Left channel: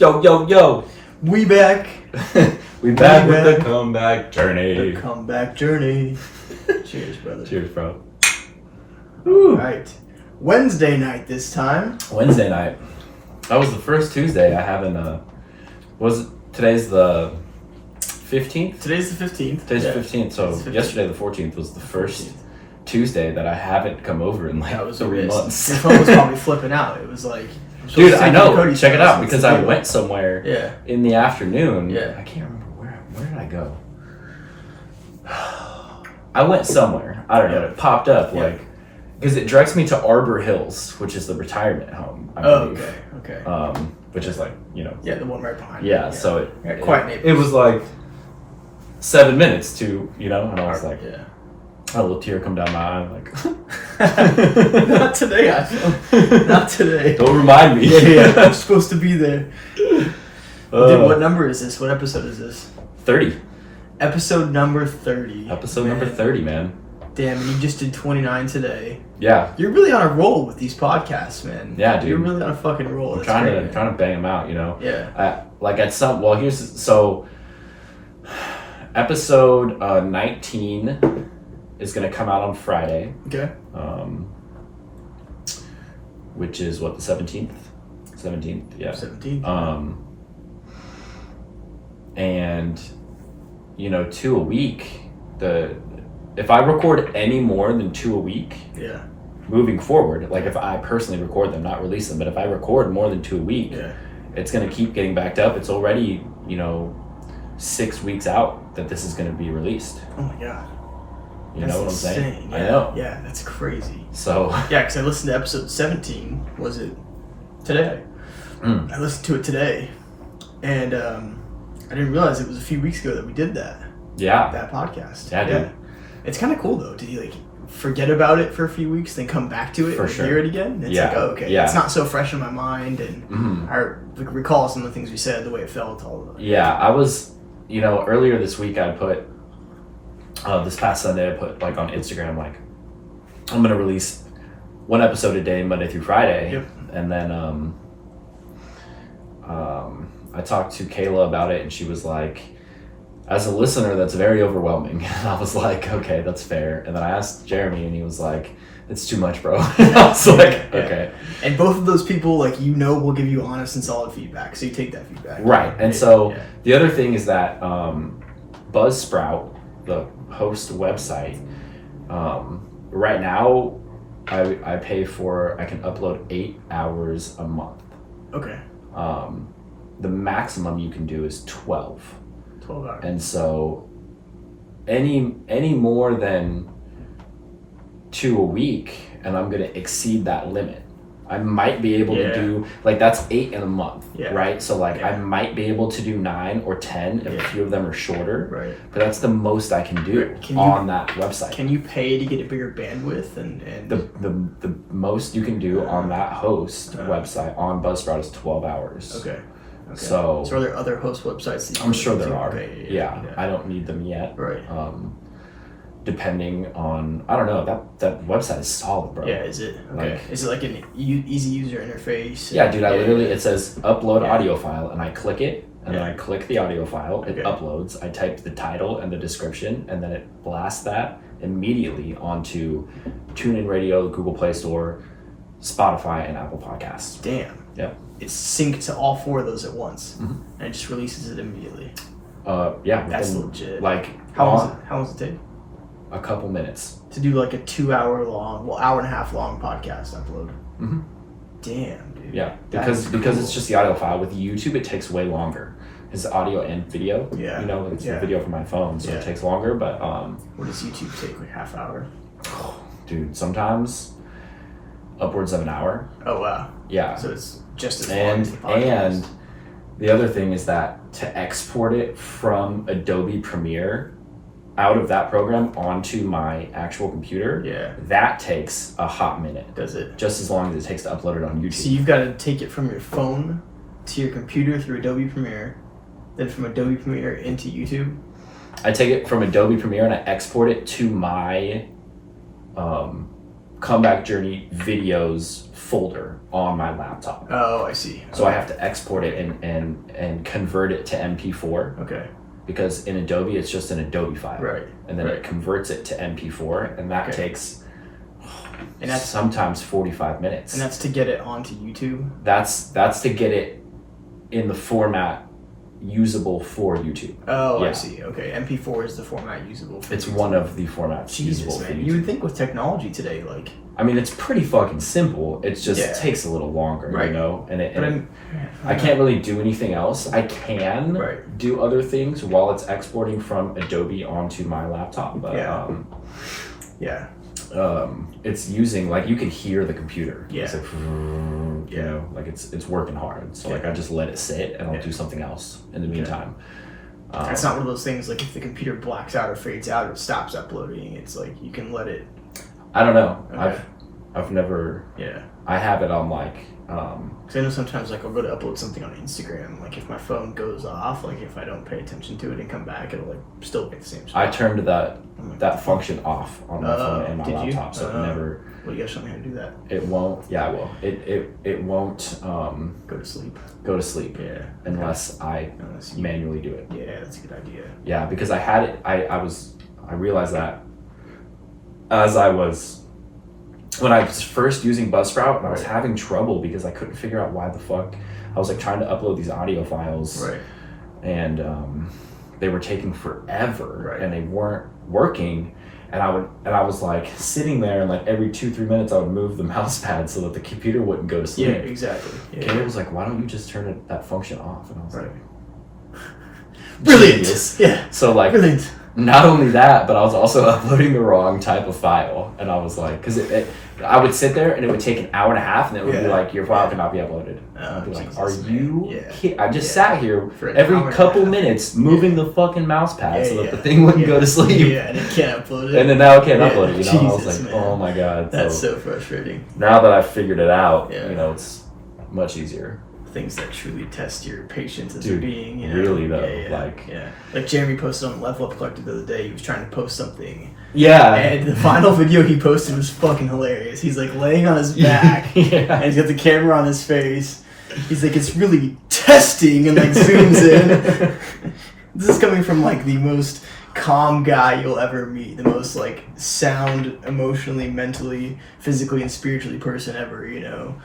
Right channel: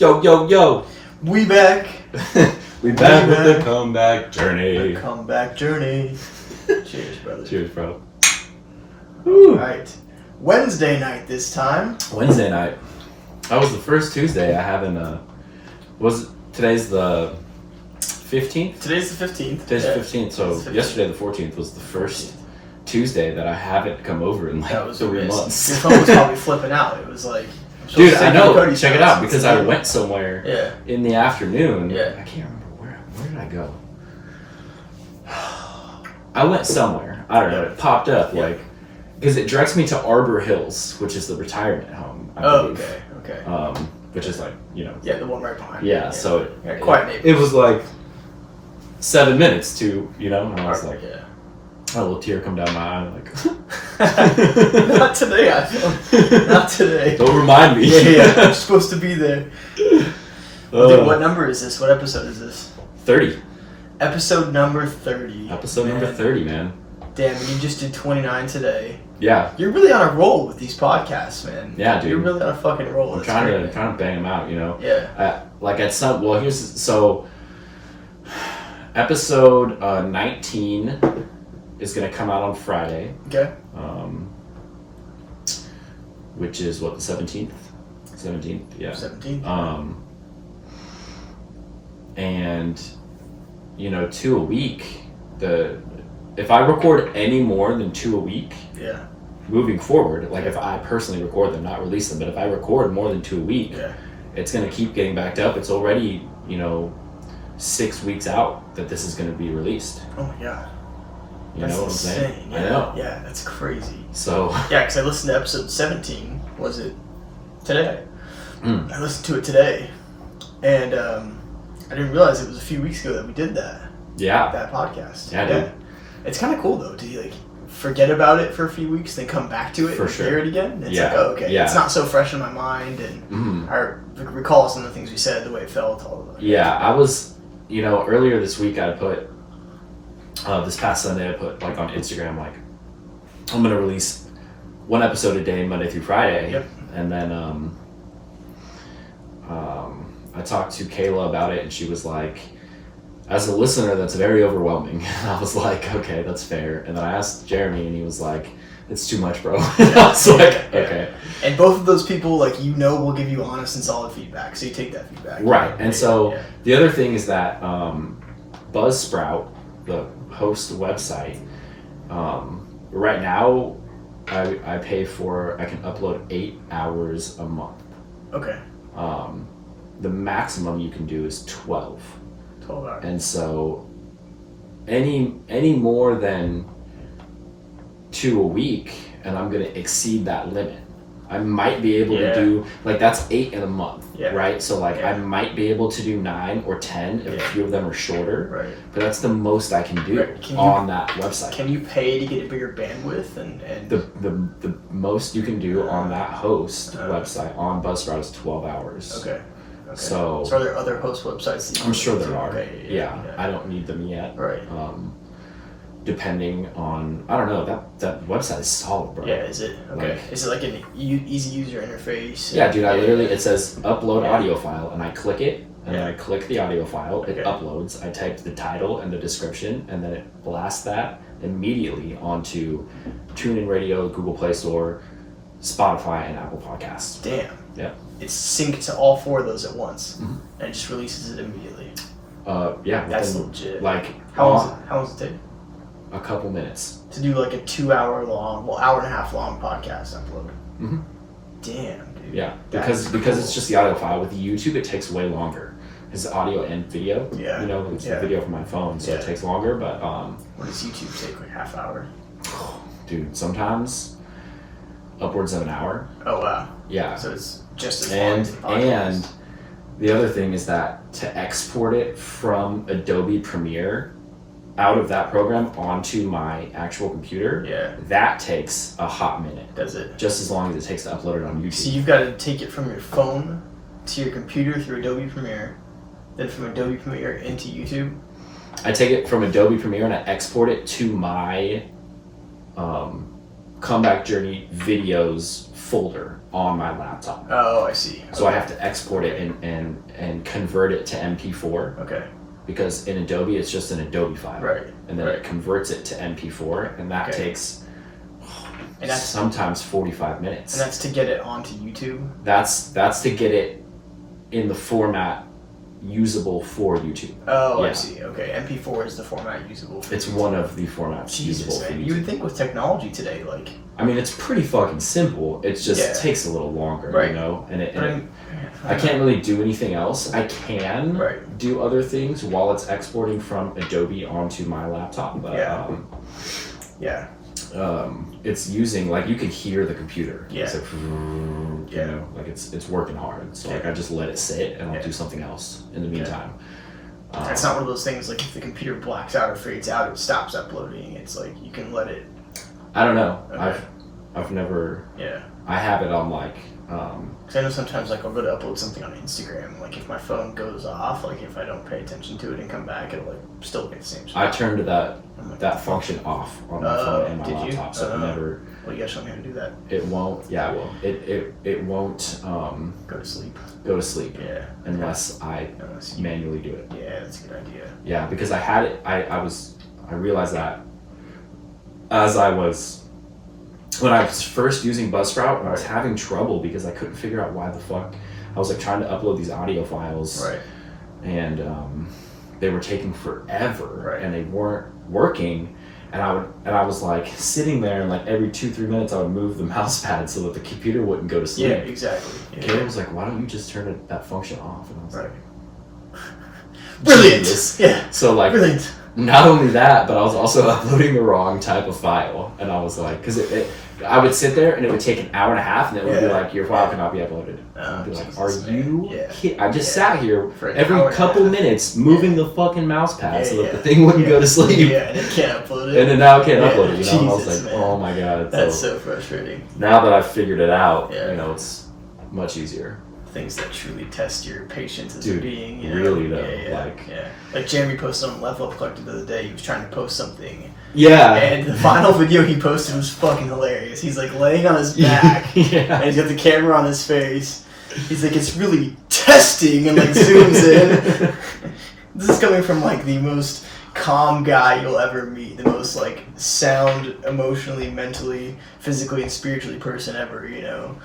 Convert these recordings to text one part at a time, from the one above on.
Yo, yo, yo. We back. we back with the comeback journey. The comeback journey. Cheers, brother. Cheers, bro. All right. Wednesday night this time. Wednesday night. That was the first Tuesday I haven't, today's the 15th? Today's the 15th. Today's the 15th, so 15th. Yesterday the 14th was the first Tuesday that I haven't come over in like That was 3 months. Your phone was probably flipping out. It was like... Dude, I know. Check it out, because I went somewhere in the afternoon. Yeah. I can't remember where did I go? I went somewhere. I don't know. It popped up because it directs me to Arbor Hills, which is the retirement home. I believe. Okay. Which is like, Yeah, the one right behind. Yeah, so quiet neighbors. it was like 7 minutes to, and I was like, yeah. a little tear come down my eye, like, Not today, I feel. Not today. Don't remind me. Yeah, I'm supposed to be there. Dude, what number is this? What episode is this? 30. Episode number 30. Episode number 30, man. Damn, you just did 29 today. Yeah. You're really on a roll with these podcasts, man. Yeah, dude. You're really on a fucking roll. I'm trying to bang them out, Yeah. Episode 19 is going to come out on Friday. Okay. Which is what, the 17th? 17th, yeah. 17th. And 2 a week, if I record any more than 2 a week, yeah, moving forward, like if I personally record them, not release them, but if I record more than 2 a week, it's going to keep getting backed up. It's already, 6 weeks out that this is going to be released. Oh my god. You know what I'm saying? Yeah. I know. Yeah, that's crazy. So. Yeah, because I listened to episode 17. Was it today? Mm. I listened to it today, and I didn't realize it was a few weeks ago that we did that. Yeah. That podcast. Yeah, dude. It's kind of cool though to forget about it for a few weeks, then come back to it and hear it again. It's like, oh, okay, it's not so fresh in my mind, and I recall some of the things we said, the way it felt, all of that. Yeah, I was, earlier this week I put, this past Sunday I put like on Instagram, like, I'm going to release 1 episode a day, Monday through Friday. Yep. And then I talked to Kayla about it, and she was like, as a listener, that's very overwhelming. And I was like, okay, that's fair. And then I asked Jeremy, and he was like, it's too much, bro. I was like, okay. And both of those people, will give you honest and solid feedback, so you take that feedback. Right. And so the other thing is that Buzzsprout, the host website, right now I pay I can upload 8 hours a month. Okay. The maximum you can do is 12. 12 hours. And so any more than 2 a week, and I'm going to exceed that limit. I might be able to do, that's 8 in a month, right? So I might be able to do 9 or 10 if a few of them are shorter, right? But that's the most I can do on that website. Can you pay to get a bigger bandwidth? And the most you can do on that host website on Buzzsprout is 12 hours. Okay. So are there other host websites that you I'm sure there are. Okay, yeah, I don't need them yet. Right. Depending on, I don't know, that website is solid, bro. Yeah, is it? Okay. Is it like an easy user interface? Yeah, dude, it says upload audio file, and I click it, and then I click the audio file, it uploads, I type the title and the description, and then it blasts that immediately onto TuneIn Radio, Google Play Store, Spotify, and Apple Podcasts. Damn. Yeah. It's synced to all 4 of those at once, and it just releases it immediately. Yeah. That's legit. How long does it take? A couple minutes. To do a 2 hour long, hour and a half long podcast upload. Mm-hmm. Damn, dude. Yeah, because it's just the audio file. With YouTube, it takes way longer. It's audio and video. Yeah. It's the video from my phone, so it takes longer. But what does YouTube take? Half hour? Dude, sometimes upwards of an hour. Oh wow. Yeah. So it's just as long as the podcast. And the other thing is that to export it from Adobe Premiere out of that program onto my actual computer, that takes a hot minute. Does it? Just as long as it takes to upload it on YouTube. So you've got to take it from your phone to your computer through Adobe Premiere, then from Adobe Premiere into YouTube? I take it from Adobe Premiere and I export it to my Comeback Journey videos folder on my laptop. Oh, I see. So I have to export it and convert it to MP4. Okay. Because in Adobe, it's just an Adobe file. Right. And then it converts it to MP4, and that takes and that's sometimes 45 minutes. And that's to get it onto YouTube? That's to get it in the format usable for YouTube. Oh, I see. Okay. MP4 is the format usable for It's YouTube. one of the formats usable for YouTube. You would think with technology today, like... I mean, it's pretty fucking simple. It just takes a little longer, you know? And I can't really do anything else. I can do other things while it's exporting from Adobe onto my laptop. But, it's using, like, you can hear the computer. Yeah. It's like, you know, like it's working hard. So like I just let it sit and I'll do something else in the meantime. It's not one of those things like if the computer blacks out or fades out, it stops uploading. It's like you can let it. I don't know. Okay. I've never. Yeah. I have it on like. Cause I know sometimes like I'll go to upload something on Instagram. Like if my phone goes off, like if I don't pay attention to it and come back, it'll like still be the same spot. I turned that function off on my phone and my laptop, so it never. Well, you guys show me how to do that. It won't. Yeah, I will. It won't. Go to sleep. Go to sleep. Yeah. Unless I manually do it. Yeah, that's a good idea. Yeah, because I had it. I realized that as I was. When I was first using Buzzsprout, I was having trouble because I couldn't figure out why the fuck I was like trying to upload these audio files, and they were taking forever, and they weren't working. And I was like sitting there, and like every 2-3 minutes I would move the mouse pad so that the computer wouldn't go to sleep. Yeah, exactly. Kayla was like, "Why don't you just turn that function off?" And I was like, "Brilliant!" Yeah. So like. Brilliant. Not only that, but I was also uploading the wrong type of file, and I was like, because I would sit there and it would take an hour and a half, and it would be like, your file cannot be uploaded. I'd be like, are you kidding? I just sat here for every couple minutes moving the fucking mouse pad so that the thing wouldn't go to sleep. Yeah, and it can't upload it. And then now I can't upload it. You know, I was like, oh my god. That's so frustrating. Now that I've figured it out, you know, it's much easier. Things that truly test your patience as a being. You know? Really though, like Jeremy posted on Level Up Collective the other day. He was trying to post something. Yeah. And the final video he posted was fucking hilarious. He's like laying on his back, and he's got the camera on his face. He's like, it's really testing, and like zooms in. This is coming from like the most calm guy you'll ever meet, the most like sound, emotionally, mentally, physically, and spiritually person ever. You know.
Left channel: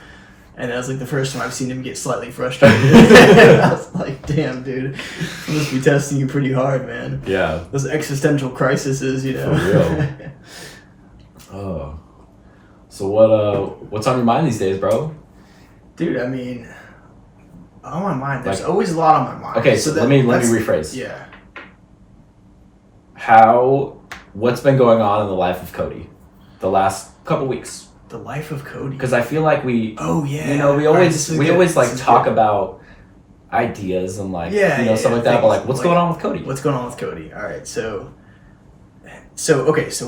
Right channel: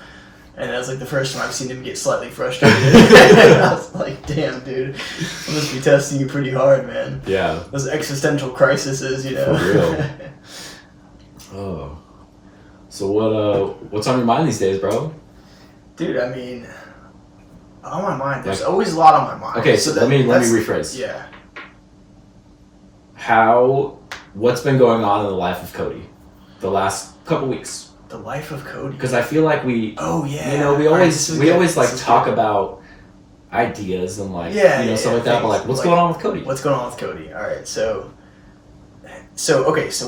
And that was like the first time I've seen him get slightly frustrated. I was like, damn, dude. I must be testing you pretty hard, man. Yeah. Those existential crises, you know. For real. Oh. So what's on your mind these days, bro? Dude, I mean, on my mind, there's always a lot on my mind. Okay, so let me rephrase. Yeah. What's been going on in the life of Kody the last couple weeks? The life of Kody. Because I feel like we always like talk about ideas and like stuff like that. But like, what's going on with Kody? What's going on with Kody? All right, so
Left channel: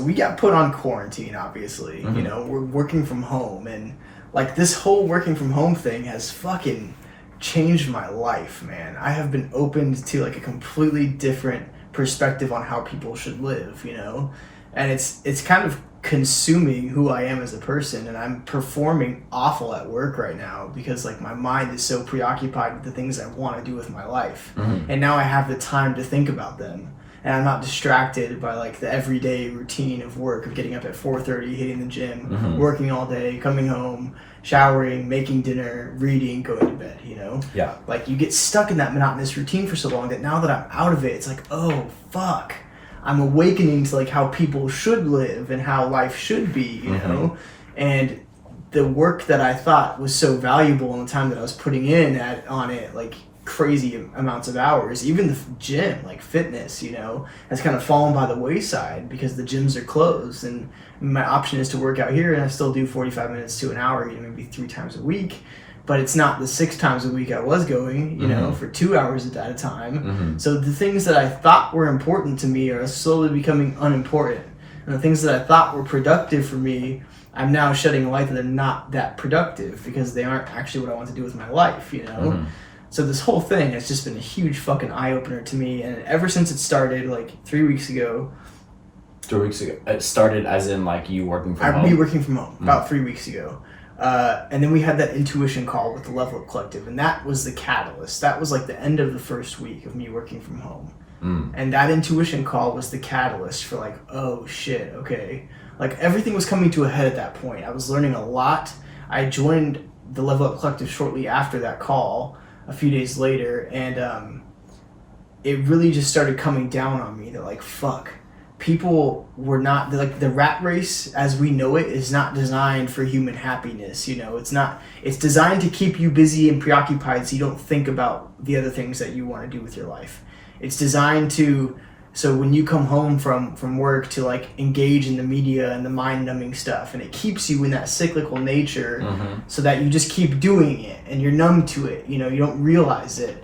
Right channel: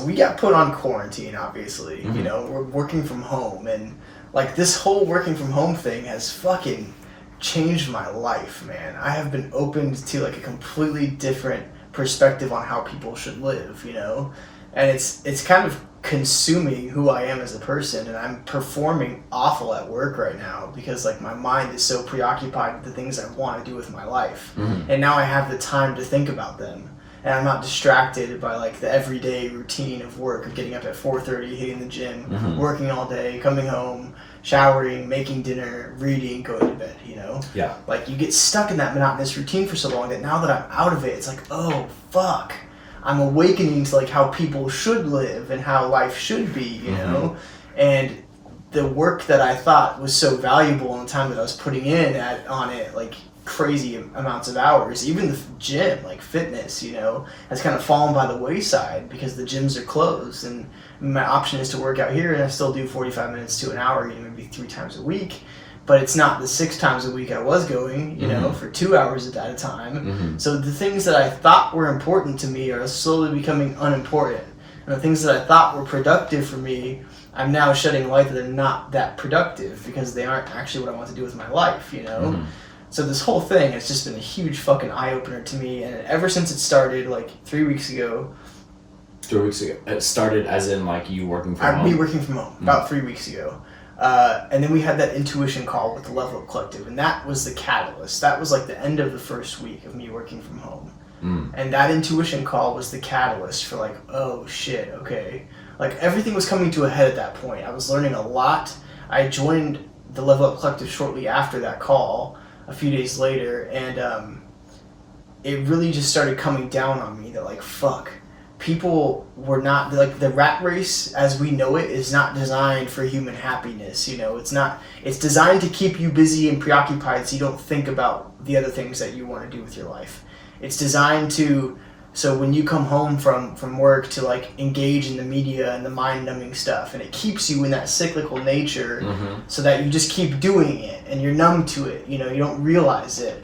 we got put on quarantine. Obviously, you know, we're working from home, and like this whole working from home thing has fucking changed my life, man. I have been opened to like a completely different perspective on how people should live, you know, and it's kind of consuming who I am as a person, and I'm performing awful at work right now because like my mind is so preoccupied with the things I want to do with my life, and now I have the time to think about them, and I'm not distracted by like the everyday routine of work, of getting up at 4:30, hitting the gym, working all day, coming home, showering, making dinner, reading, going to bed, you know? Yeah. Like you get stuck in that monotonous routine for so long that now that I'm out of it, it's like, oh fuck, I'm awakening to like how people should live and how life should be, you know? And the work that I thought was so valuable in the time that I was putting in on it, like crazy amounts of hours, even the gym, like fitness, you know, has kind of fallen by the wayside because the gyms are closed, and my option is to work out here, and I still do 45 minutes to an hour, you know, maybe 3 times a week. But it's not the 6 times a week I was going, you know, for 2 hours at a time. So the things that I thought were important to me are slowly becoming unimportant. And the things that I thought were productive for me, I'm now shedding light that they're not that productive because they aren't actually what I want to do with my life, you know? So this whole thing has just been a huge fucking eye-opener to me. And ever since it started, like 3 weeks ago, 3 weeks ago. It started as in like you working from home? Me working from home about 3 weeks ago. And then we had that intuition call with the Level Up Collective, and that was the catalyst. That was like the end of the first week of me working from home. And that intuition call was the catalyst for like, oh shit, okay. Like everything was coming to a head at that point. I was learning a lot. I joined the Level Up Collective shortly after that call, a few days later, and it really just started coming down on me that like, fuck. People were not, like, the rat race as we know it is not designed for human happiness. You know, it's designed to keep you busy and preoccupied so you don't think about the other things that you want to do with your life. It's designed so when you come home from work to like engage in the media and the mind numbing stuff, and it keeps you in that cyclical nature so that you just keep doing it and you're numb to it. You know, you don't realize it.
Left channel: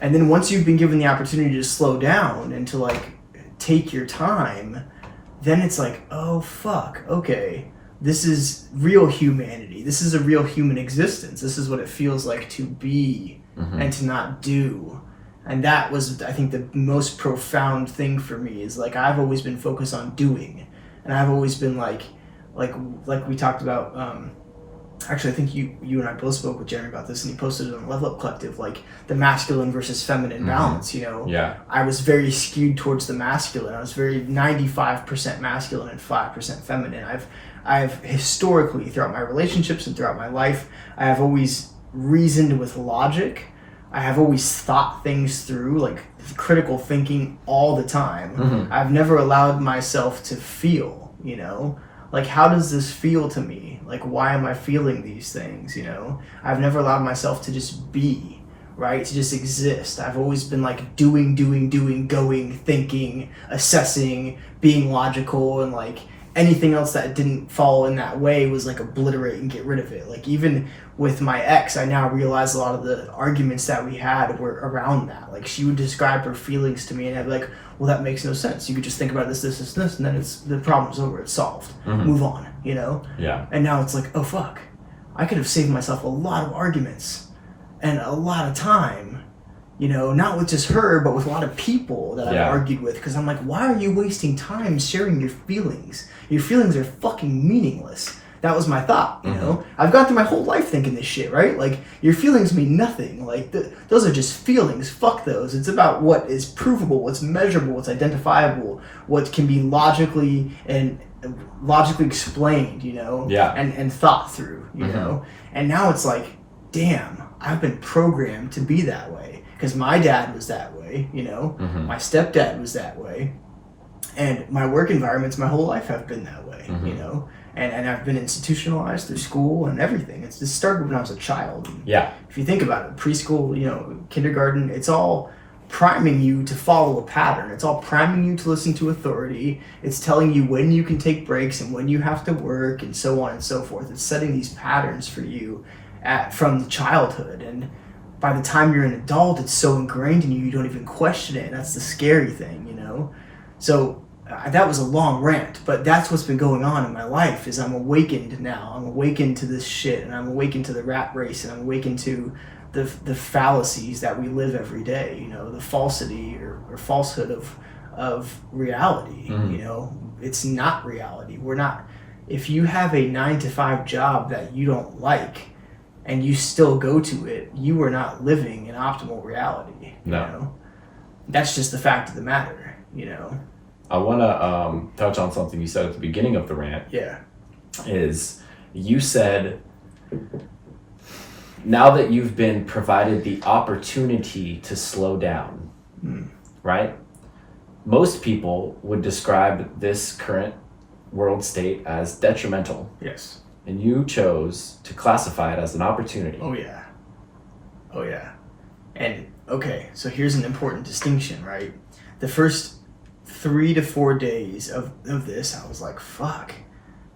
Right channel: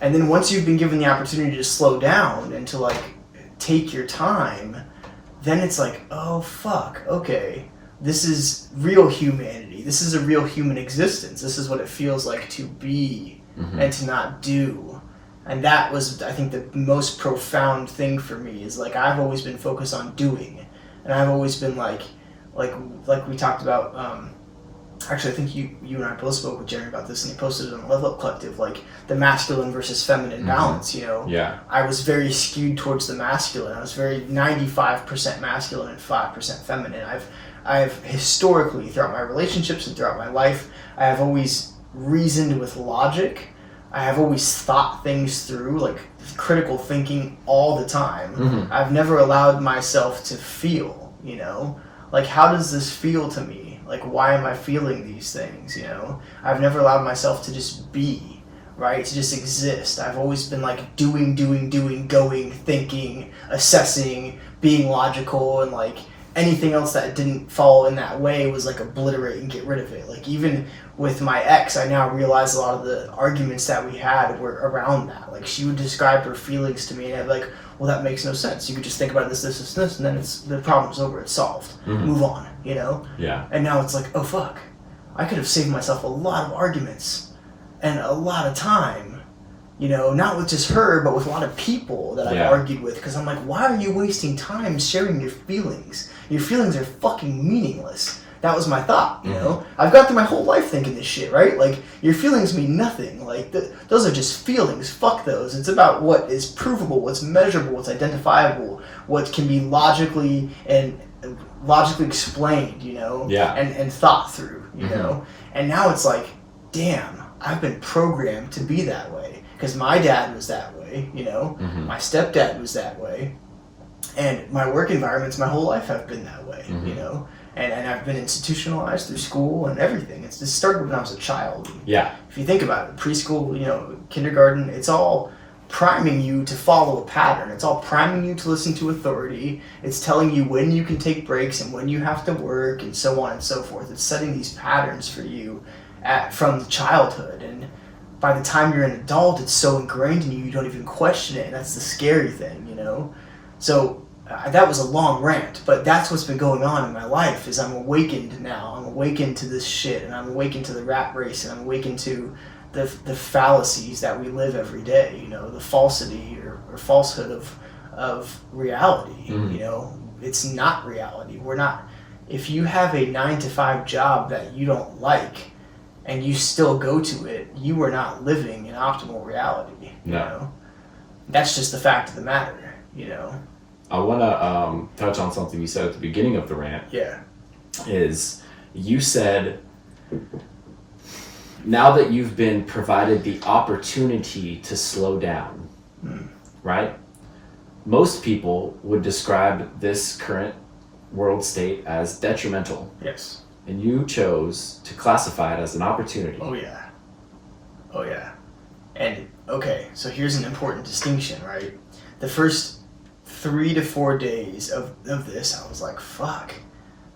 And then once you've been given the opportunity to slow down and to like take your time, then it's like, oh fuck, okay, this is real humanity, this is a real human existence, this is what it feels like to be and to not do. And that was, I think, the most profound thing for me is like I've always been focused on doing, and I've always been like we talked about, actually, I think you and I both spoke with Jeremy about this, and he posted it on the Level Up Collective, like the masculine versus feminine balance, you know? Yeah. I was very skewed towards the masculine. I was very 95% masculine and 5% feminine. I've historically, throughout my relationships and throughout my life, I have always reasoned with logic. I have always thought things through, like critical thinking all the time. I've never allowed myself to feel, you know? Like, how does this feel to me? Like, why am I feeling these things, you know? I've never allowed myself to just be, right? To just exist. I've always been like doing, going, thinking, assessing, being logical, and like anything else that didn't fall in that way was like obliterate and get rid of it. Like even with my ex, I now realize a lot of the arguments that we had were around that. Like she would describe her feelings to me and I'd be like, well, that makes no sense. You could just think about this, and then the problem's over. It's solved. Move on, you know? Yeah. And now it's like, oh, fuck. I could have saved myself a lot of arguments and a lot of time, you know, not with just her, but with a lot of people that I've argued with. Because I'm like, why are you wasting time sharing your feelings? Your feelings are fucking meaningless. That was my thought, you know? I've gone through my whole life thinking this shit, right? Like, your feelings mean nothing. Like, those are just feelings. Fuck those. It's about what is provable, what's measurable, what's identifiable, what can be logically explained, you know? Yeah. And thought through, you know? And now it's like, damn, I've been programmed to be that way. Because my dad was that way, you know? My stepdad was that way. And my work environments my whole life have been that way, you know? And I've been institutionalized through school and everything. It started when I was a child. Yeah. If you think about it, preschool, you know, kindergarten, it's all priming you to follow a pattern. It's all priming you to listen to authority. It's telling you when you can take breaks and when you have to work and so on and so forth. It's setting these patterns for you from childhood. And by the time you're an adult, it's so ingrained in you, you don't even question it. And that's the scary thing, you know? So that was a long rant, but that's what's been going on in my life is I'm awakened now. I'm awakened to this shit, and I'm awakened to the rat race, and I'm awakened to the fallacies that we live every day, you know, the falsity or falsehood of reality. You know, it's not reality. We're not, if you have a 9-to-5 job that you don't like and you still go to it, you are not living in optimal reality. No. You know? That's just the fact of the matter, you know. I want to touch on something you said at the beginning of the rant. Yeah. Is you said, now that you've been provided the opportunity to slow down, right? Most people would describe this current world state as detrimental. Yes. And you chose to classify it as an opportunity. Oh, yeah. Oh, yeah. And, okay, so here's an important distinction, right? The first 3 to 4 days of this, I was like, fuck,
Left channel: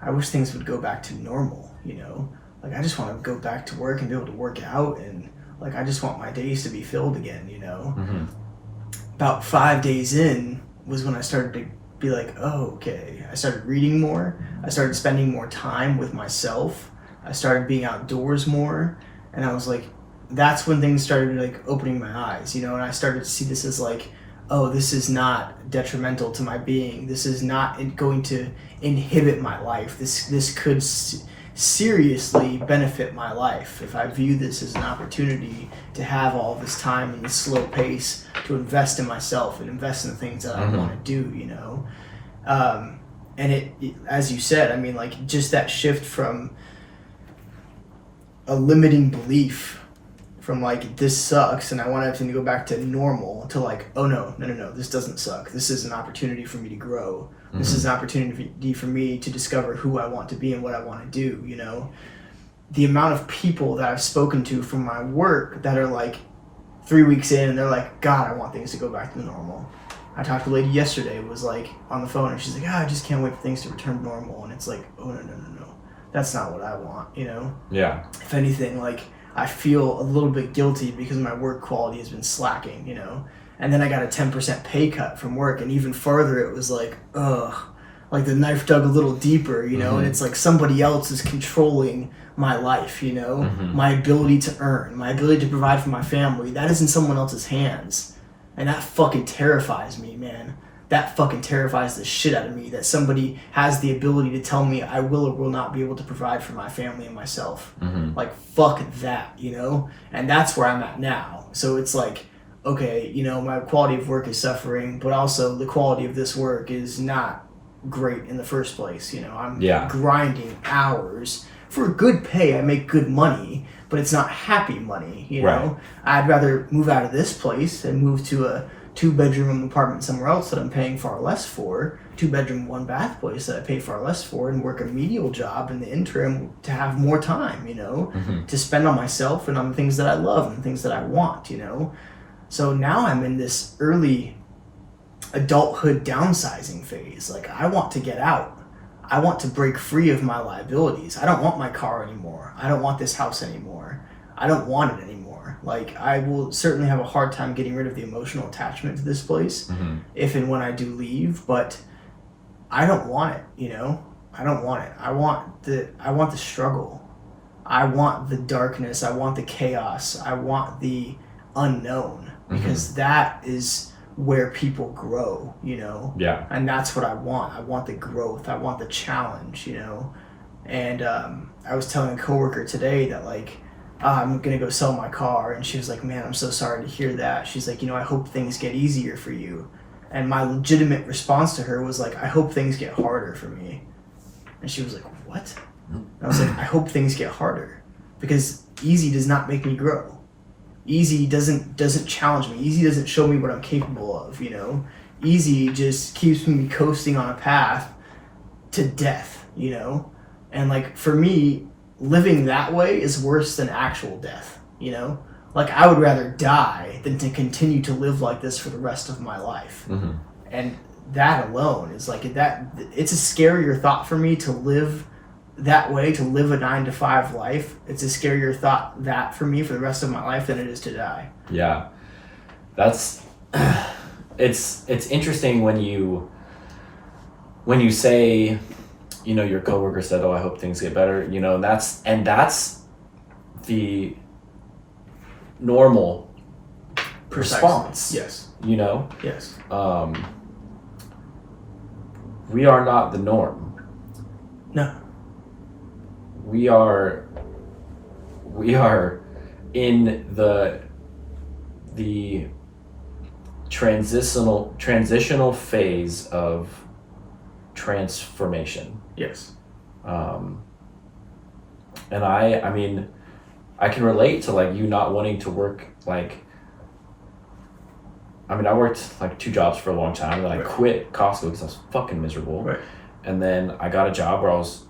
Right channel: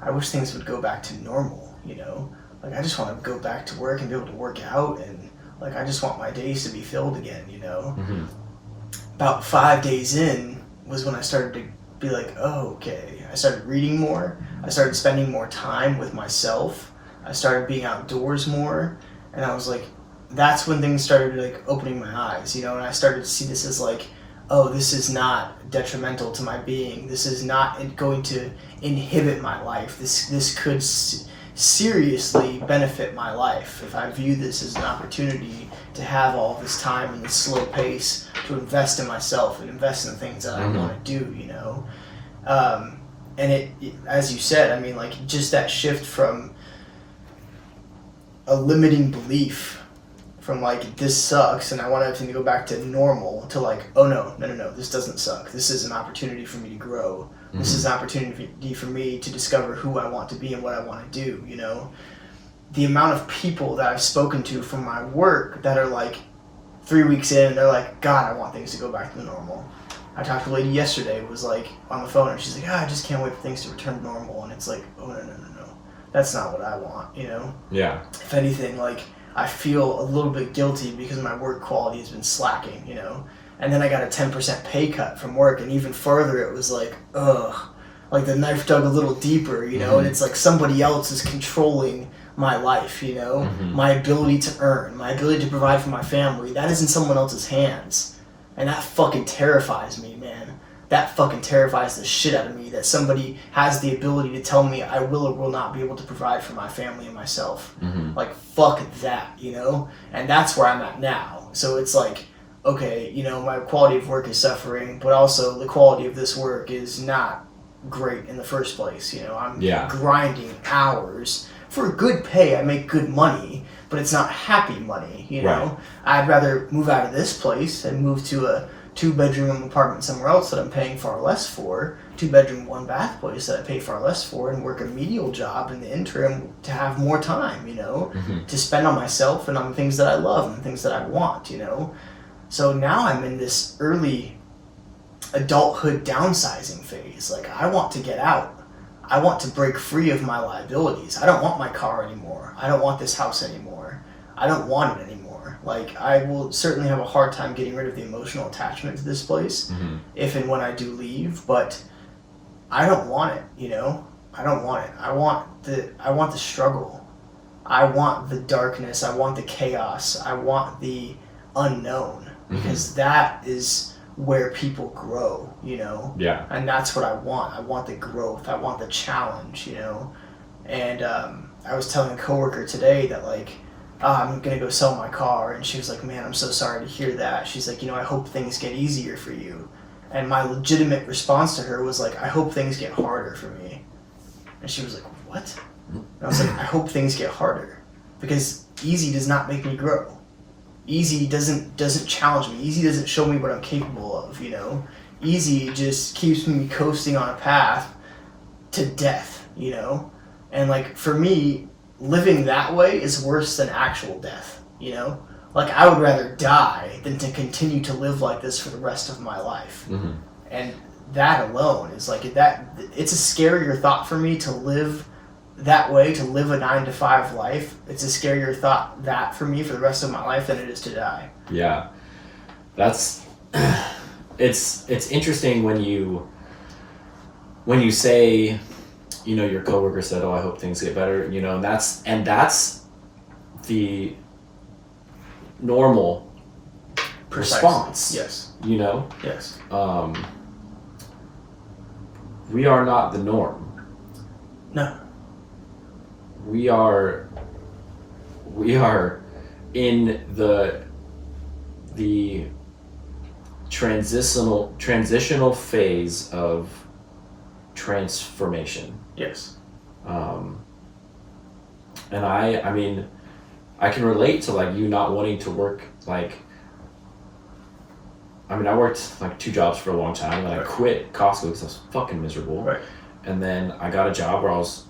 I wish things would go back to normal, you know? Like, I just want to go back to work and be able to work out, and, like, I just want my days to be filled again, you know? About 5 days in was when I started to be like, oh, okay. I started reading more. I started spending more time with myself. I started being outdoors more, and I was like, that's when things started, like, opening my eyes, you know? And I started to see this as, like, oh, this is not detrimental to my being. This is not going to inhibit my life. This could seriously benefit my life if I view this as an opportunity to have all this time and this slow pace to invest in myself and invest in the things that I want to do, you know? And it, as you said, I mean, like, just that shift from a limiting belief from, like, this sucks and I want everything to go back to normal to, like, oh, no, this doesn't suck. This is an opportunity for me to grow. This is an opportunity for me to discover who I want to be and what I want to do, you know? The amount of people that I've spoken to from my work that are, like, 3 weeks in and they're like, God, I want things to go back to normal. I talked to a lady yesterday who was, like, on the phone and she's like, I just can't wait for things to return to normal. And it's like, oh, no. That's not what I want, you know? Yeah. If anything, like, I feel a little bit guilty because my work quality has been slacking, you know? And then I got a 10% pay cut from work, and even further it was like, ugh, like the knife dug a little deeper, you know? And it's like somebody else is controlling my life, you know? My ability to earn, my ability to provide for my family, that is in someone else's hands. And that fucking terrifies me, man. That fucking terrifies the shit out of me, that somebody has the ability to tell me I will or will not be able to provide for my family and myself. Like, fuck that, you know? And that's where I'm at now. So it's like, okay, you know, my quality of work is suffering, but also the quality of this work is not great in the first place. You know, I'm grinding hours for good pay. I make good money, but it's not happy money, you know? Right. I'd rather move out of this place and move to a 2-bedroom apartment somewhere else that I'm paying far less for, 2-bedroom, 1-bath place that I pay far less for, and work a menial job in the interim to have more time, you know, to spend on myself and on the things that I love and the things that I want, you know? So now I'm in this early adulthood downsizing phase. Like, I want to get out. I want to break free of my liabilities. I don't want my car anymore. I don't want this house anymore. I don't want it anymore. Like, I will certainly have a hard time getting rid of the emotional attachment to this place if and when I do leave, but I don't want it, you know? I don't want it. I want the struggle. I want the darkness. I want the chaos. I want the unknown. Because that is where people grow, you know? Yeah. And that's what I want. I want the growth. I want the challenge, you know? And I was telling a coworker today that, like, I'm going to go sell my car. And she was like, man, I'm so sorry to hear that. She's like, you know, I hope things get easier for you. And my legitimate response to her was like, I hope things get harder for me. And she was like, what? And I was like, I hope things get harder. Because easy does not make me grow. Easy doesn't challenge me. Easy doesn't show me what I'm capable of, you know? Easy just keeps me coasting on a path to death, you know? And, like, for me, living that way is worse than actual death, you know? Like, I would rather die than to continue to live like this for the rest of my life. And that alone is, like, it's a scarier thought for me to live that way, to live a 9-to-5 life. It's a scarier thought that for me for the rest of my life than it is to die. Yeah, that's it's interesting when you say, you know, your coworker said, oh, I hope things get better, you know, that's the normal response. Yes. You know? Yes. We are not the norm. No. We are in the transitional phase of transformation. Yes. And I mean, I can relate to, like, you not wanting to work, like, I mean, I worked, like, 2 jobs for a long time, and then I quit Costco because I was fucking miserable. Right. And then I got a job where I was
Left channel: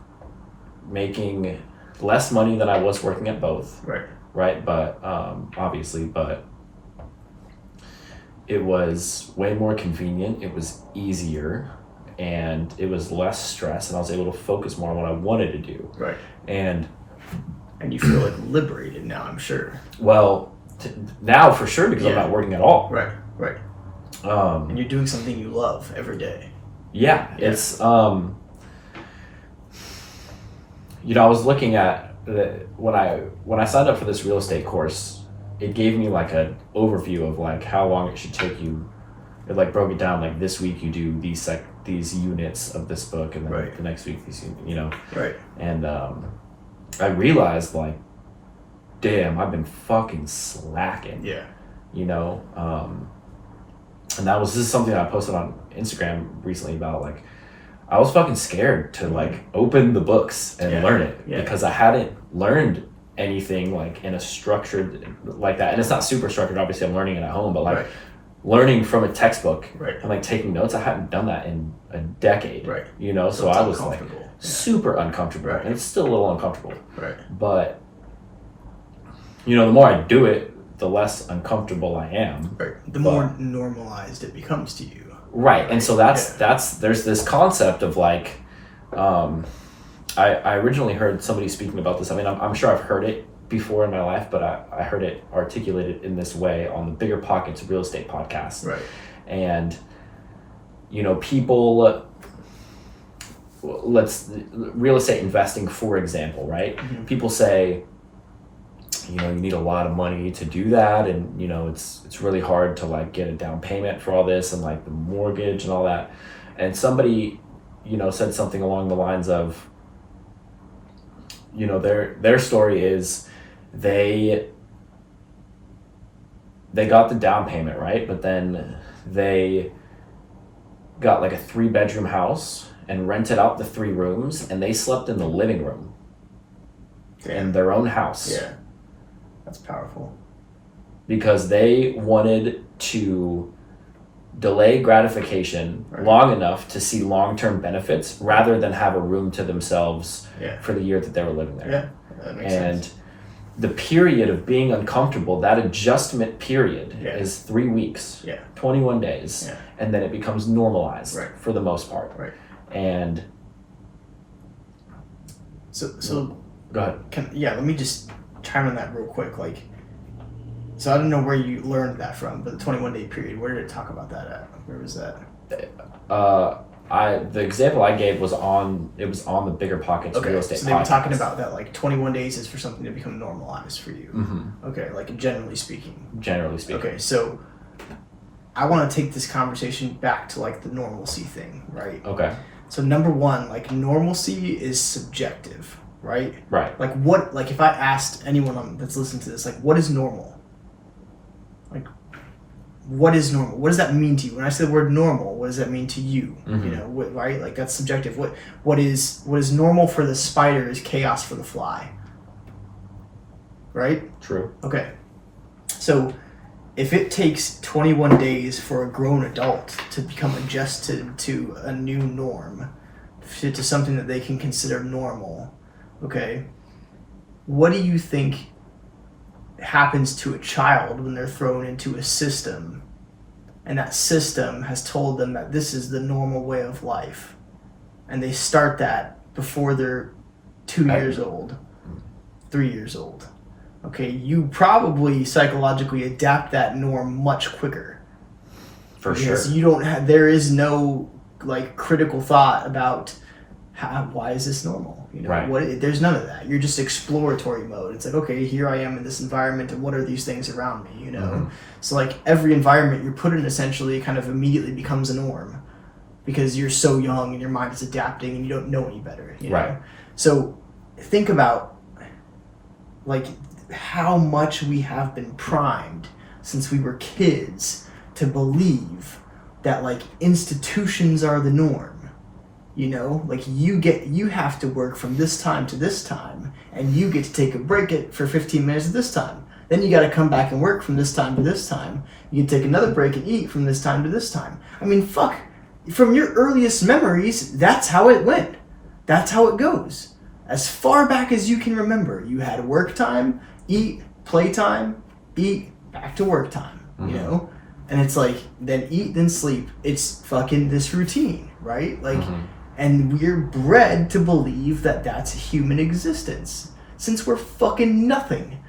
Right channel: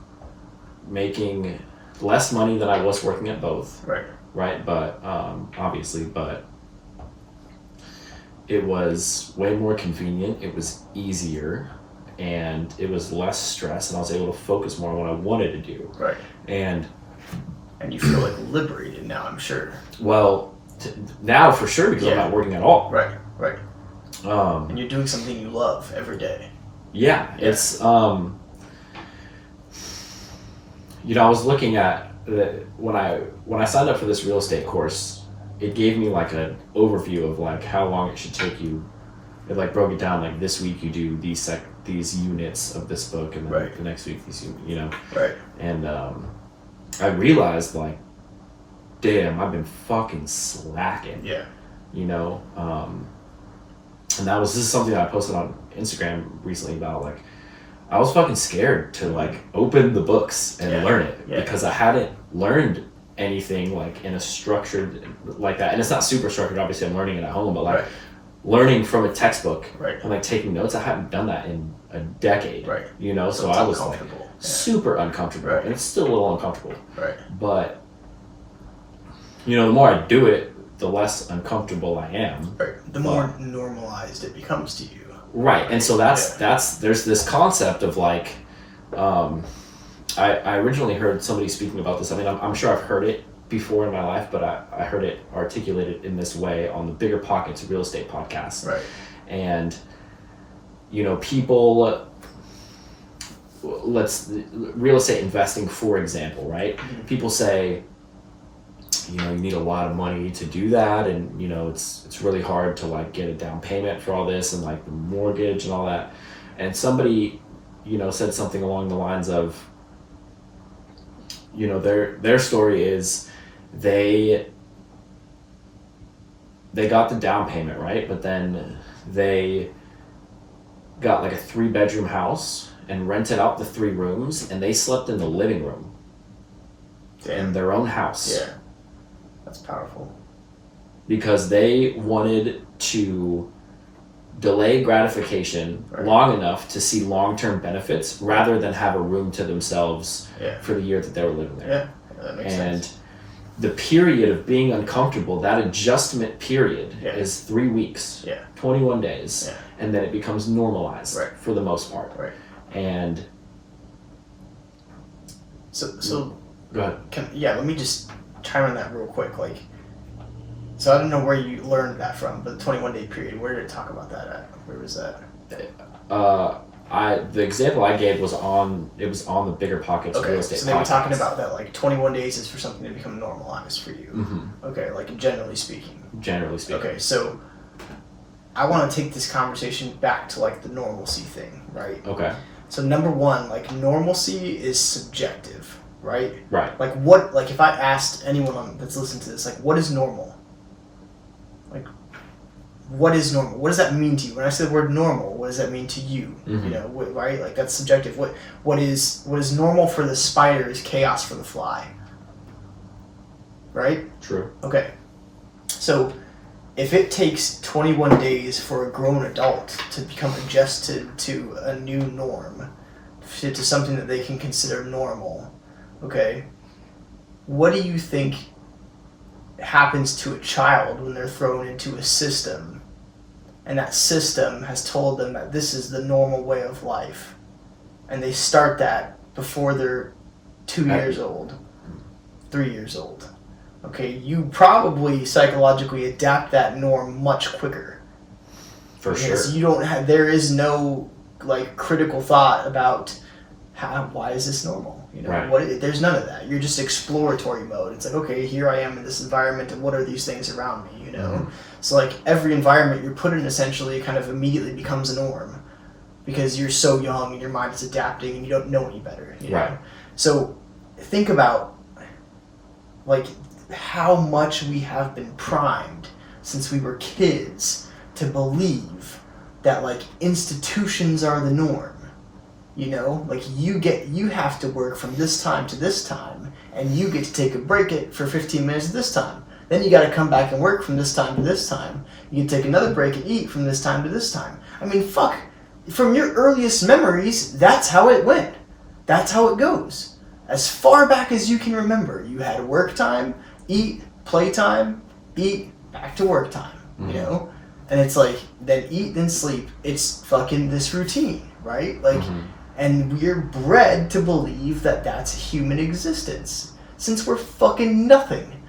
making less money than I was working at both. Right. But obviously, but it was way more convenient. It was easier, and it was less stress, and I was able to focus more on what I wanted to do. Right. And you feel, like, liberated now, I'm sure. Well, now for sure, because I'm not working at all. Right. And you're doing something you love every day. Yeah. It's you know, I was looking at when I signed up for this real estate course, it gave me, like, an overview of, like, how long it should take you it like broke it down like this week you do these units of this book, and then Right. the next week these, you know. Right. And I realized like, damn, I've been fucking slacking. Yeah. You know, and this is something I posted on Instagram recently about like, I was fucking scared to like open the books and learn it because I hadn't learned anything like in a structured like that. And it's not super structured, obviously I'm learning it at home, but like learning from a textbook and like taking notes, I hadn't done that in a decade. Right. You know, so I was like super uncomfortable. And it's still a little uncomfortable. Right. But you know, the more I do it, the less uncomfortable I am. Right. The more normalized it becomes to you. Right. And so that's there's this concept of like, I originally heard somebody speaking about this. I mean, I'm sure I've heard it before in my life, but I heard it articulated in this way on the Bigger Pockets Real Estate podcast. Right. And, you know, people, real estate investing, for example, right? Mm-hmm. People say, you know, you need a lot of money to do that, and you know it's really hard to like get a down payment for all this and like the mortgage and all that. And somebody, you know, said something along the lines of, you know, their story is they got the down payment, right? But then they got like a 3-bedroom house and rented out the 3 rooms, and they slept in the living room in their own house. Yeah. That's powerful. Because they wanted to delay gratification long enough to see long-term benefits rather than have a room to themselves for the year that they were living there. Yeah, that makes sense. The period of being uncomfortable, that adjustment period is 3 weeks, 21 days, and then it becomes normalized for the most part. Right. And so go ahead. Let me just chime on that real quick. Like, so I don't know where you learned that from, but the 21-day period, where did it talk about that at? Where was that? The example I gave was on the Bigger Pockets Real Estate podcast. So they were talking about that, like 21 days is for something to become normalized for you. Mm-hmm. Okay, like generally speaking. Okay, so I want to take this conversation back to like the normalcy thing, right? Okay. So number one, like normalcy is subjective. Right? Right. Like what? Like if I asked anyone that's listening to this, like what is normal? Like, what is normal? What does that mean to you? When I say the word normal, what does that mean to you? Mm-hmm. You know, right? Like that's subjective. What is normal for the spider is chaos for the fly. Right? True. Okay. So, if it takes 21 days for a grown adult to become adjusted to a new norm, to something that they can consider normal. Okay, what do you think happens to a child when they're thrown into a system and that system has told them that this is the normal way of life, and they start that before they're 2 years old, 3 years old? Okay, you probably psychologically adapt that norm much quicker. For sure. Because you don't have, there is no like critical thought about why is this normal? You know, there's none of that. You're just exploratory mode. It's like, okay, here I am in this environment, and what are these things around me? You know, mm-hmm. So like every environment you're put in, essentially, kind of immediately becomes a norm, because you're so young and your mind is adapting and you don't know any better. You know? So think about like how much we have been primed since we were kids to believe that like institutions are the norm. You know, like you have to work from this time to this time, and you get to take a break for 15 minutes at this time. Then you got to come back and work from this time to this time. You can take another break and eat from this time to this time. I mean, fuck, from your earliest memories, that's how it went. That's how it goes. As far back as you can remember, you had work time, eat, play time, eat, back to work time, you know? And it's like, then eat, then sleep. It's fucking this routine, right? Like, and we're bred to believe that that's human existence. Since we're fucking nothing,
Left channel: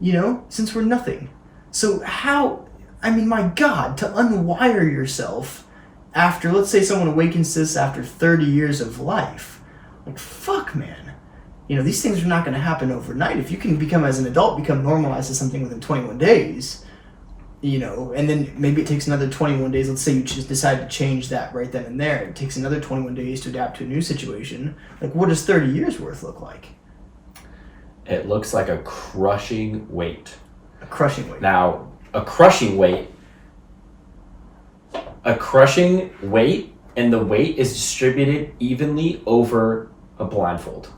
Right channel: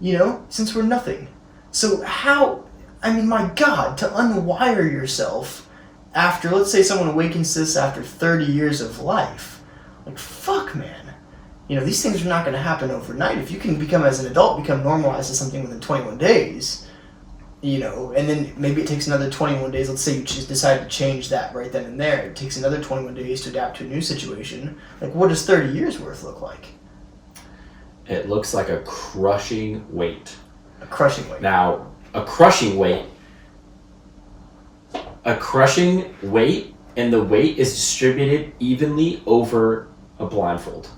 you know? Since we're nothing. So how, I mean, my God, to unwire yourself after, let's say someone awakens to this after 30 years of life. Like, fuck, man. You know, these things are not going to happen overnight. If you can become, as an adult, become normalized to something within 21 days, you know, and then maybe it takes another 21 days. Let's say you just decide to change that right then and there. It takes another 21 days to adapt to a new situation. Like, what does 30 years worth look like? It looks like a crushing weight. A crushing weight. Now, a crushing weight, and the weight is distributed evenly over a blindfold.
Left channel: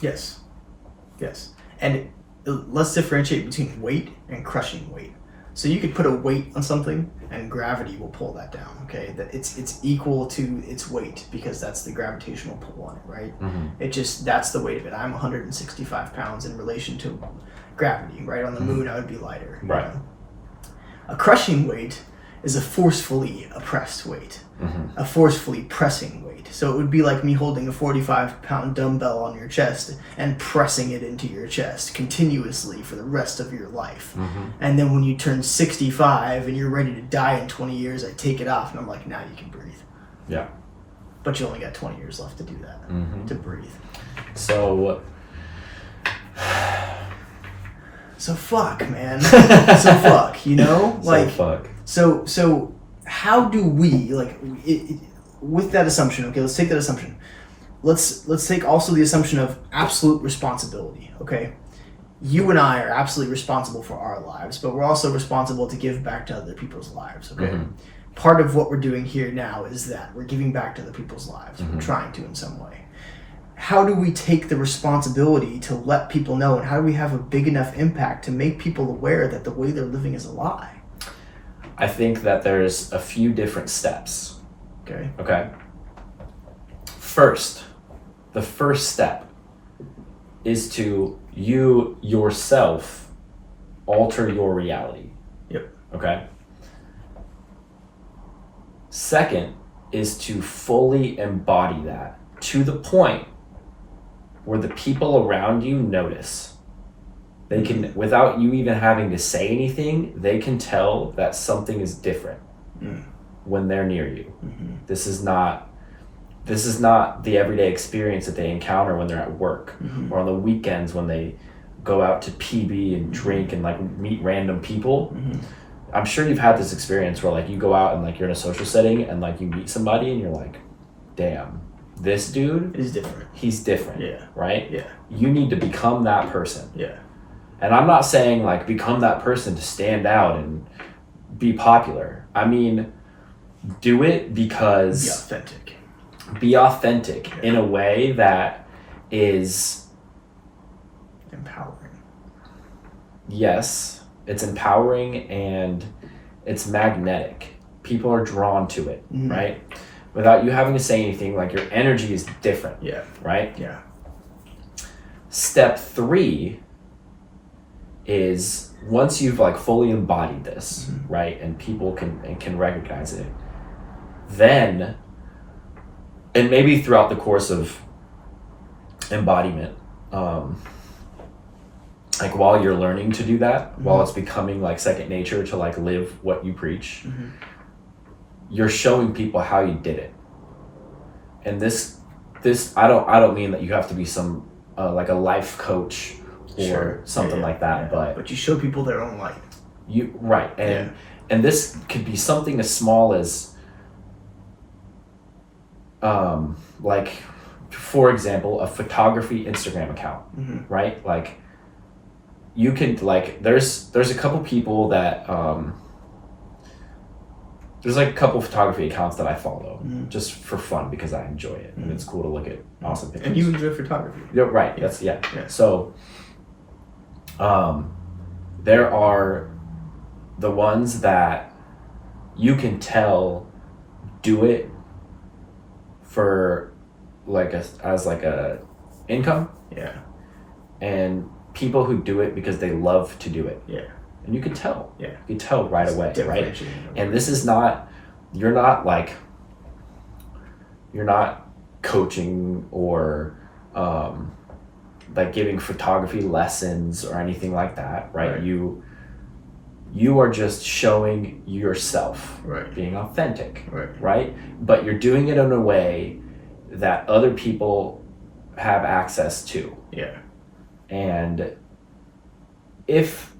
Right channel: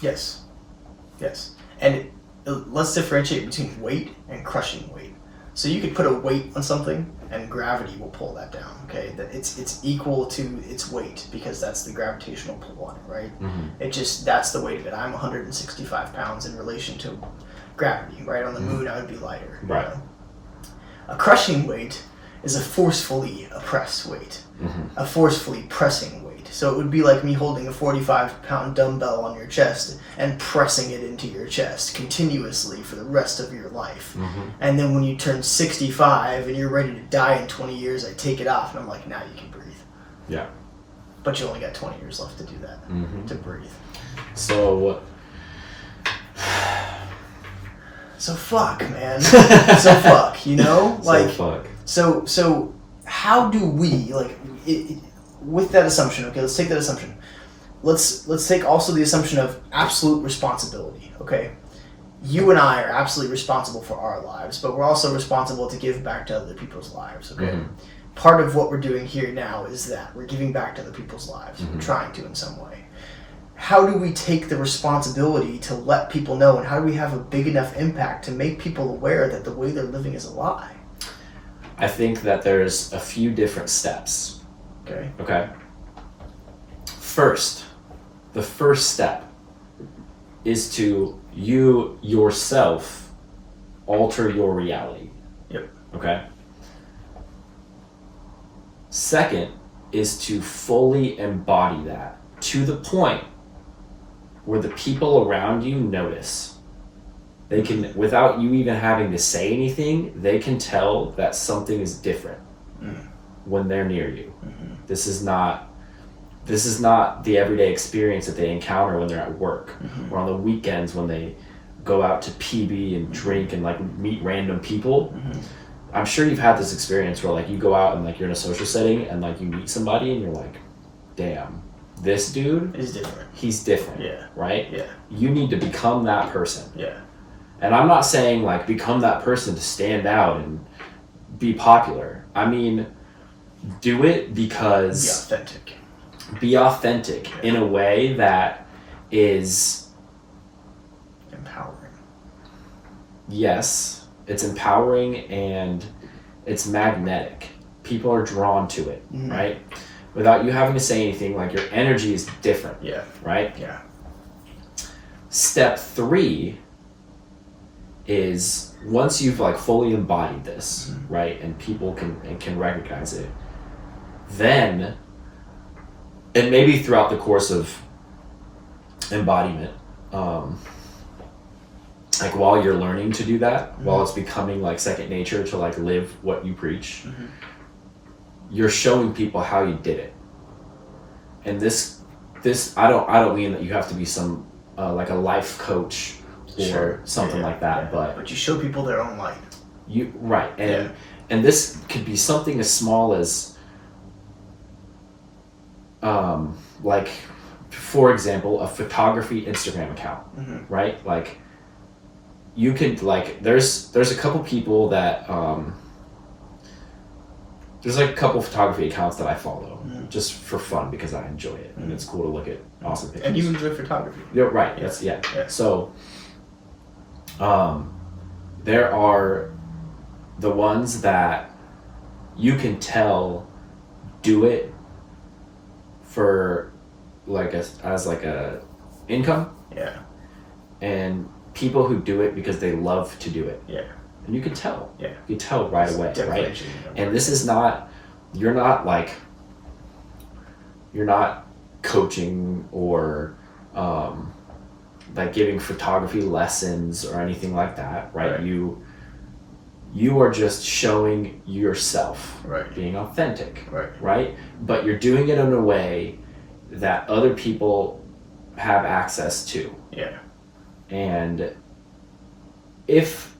Yes. And let's differentiate between weight and crushing weight. So you could put a weight on something and gravity will pull that down, okay? That it's equal to its weight because that's the gravitational pull on it, right? Mm-hmm. That's the weight of it. I'm 165 pounds in relation to gravity, right? On the moon, I would be lighter. Right. You know? A crushing weight is a forcefully oppressed weight, a forcefully pressing weight. So it would be like me holding a 45-pound dumbbell on your chest and pressing it into your chest continuously for the rest of your life. And then when you turn 65 and you're ready to die in 20 years, I take it off and I'm like, now you can breathe. Yeah. But you only got 20 years left to do that, to breathe. So fuck, man. So fuck, you know? Like, fuck. So how do we, like, with that assumption, okay, let's take that assumption. Let's take also the assumption of absolute responsibility, okay? You and I are absolutely responsible for our lives, but we're also responsible to give back to other people's lives, okay? Part of what we're doing here now is that we're giving back to other people's lives. We're trying to in some way. How do we take the responsibility to let people know, and how do we have a big enough impact to make people aware that the way they're living is a lie? I think that there's a few different steps. Okay. First, the first step is to you yourself alter your reality. Yep. Okay. Second is to fully embody that to the point where the people around you notice. They can, without you even having to say anything, they can tell that something is different when they're near you. This is not the everyday experience that they encounter when they're at work or on the weekends when they go out to PB and drink and like meet random people. I'm sure you've had this experience where like you go out and like you're in a social setting and like you meet somebody and you're like, damn, this dude is different. He's different. Yeah. Right? Yeah. You need to become that person. Yeah. And I'm not saying like become that person to stand out and be popular. I mean, do it because be authentic in a way that is empowering. Yes, it's empowering and it's magnetic. People are drawn to it, right? Without you having to say anything, like your energy is different. Yeah. Right? Yeah. Step 3 is once you've like fully embodied this, right, and people can recognize it, then, and maybe throughout the course of embodiment, like while you're learning to do that, while it's becoming like second nature to like live what you preach, you're showing people how you did it. And this I don't mean that you have to be some like a life coach or something like that, but you show people their own light. You right, and this could be something as small as like, for example, a photography Instagram account, right? Like you could like there's a couple people that there's like a couple photography accounts that I follow just for fun because I enjoy it and it's cool to look at awesome pictures. And you enjoy photography. Yeah, right. Yeah. That's yeah. Yeah. So there are the ones that you can tell do it for like as like a income. Yeah. And people who do it because they love to do it. Yeah. And you can tell. Yeah. You can tell right away, right? And this is not, you're not coaching or like giving photography lessons or anything like that, right? You are just showing yourself, being authentic, right? But you're doing it in a way that other people have access to. Yeah. And if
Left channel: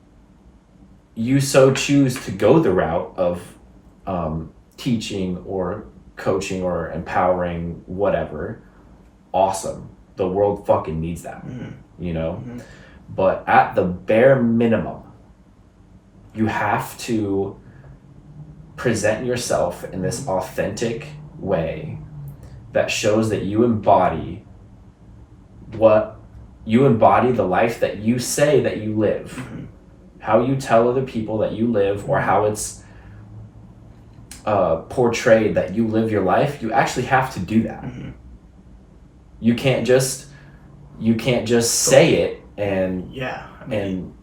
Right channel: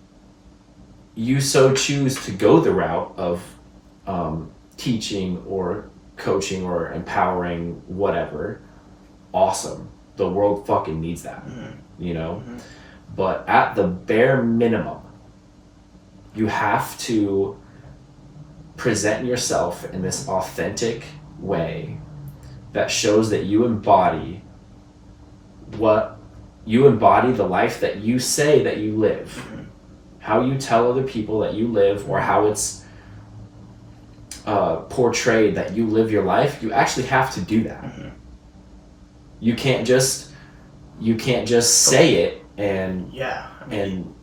you so choose to go the route of teaching or coaching or empowering, whatever, awesome. The world fucking needs that, you know? But at the bare minimum, you have to present yourself in this authentic way that shows that you embody the life that you say that you live. How you tell other people that you live, or how it's portrayed that you live your life, you actually have to do that. You can't just say it and and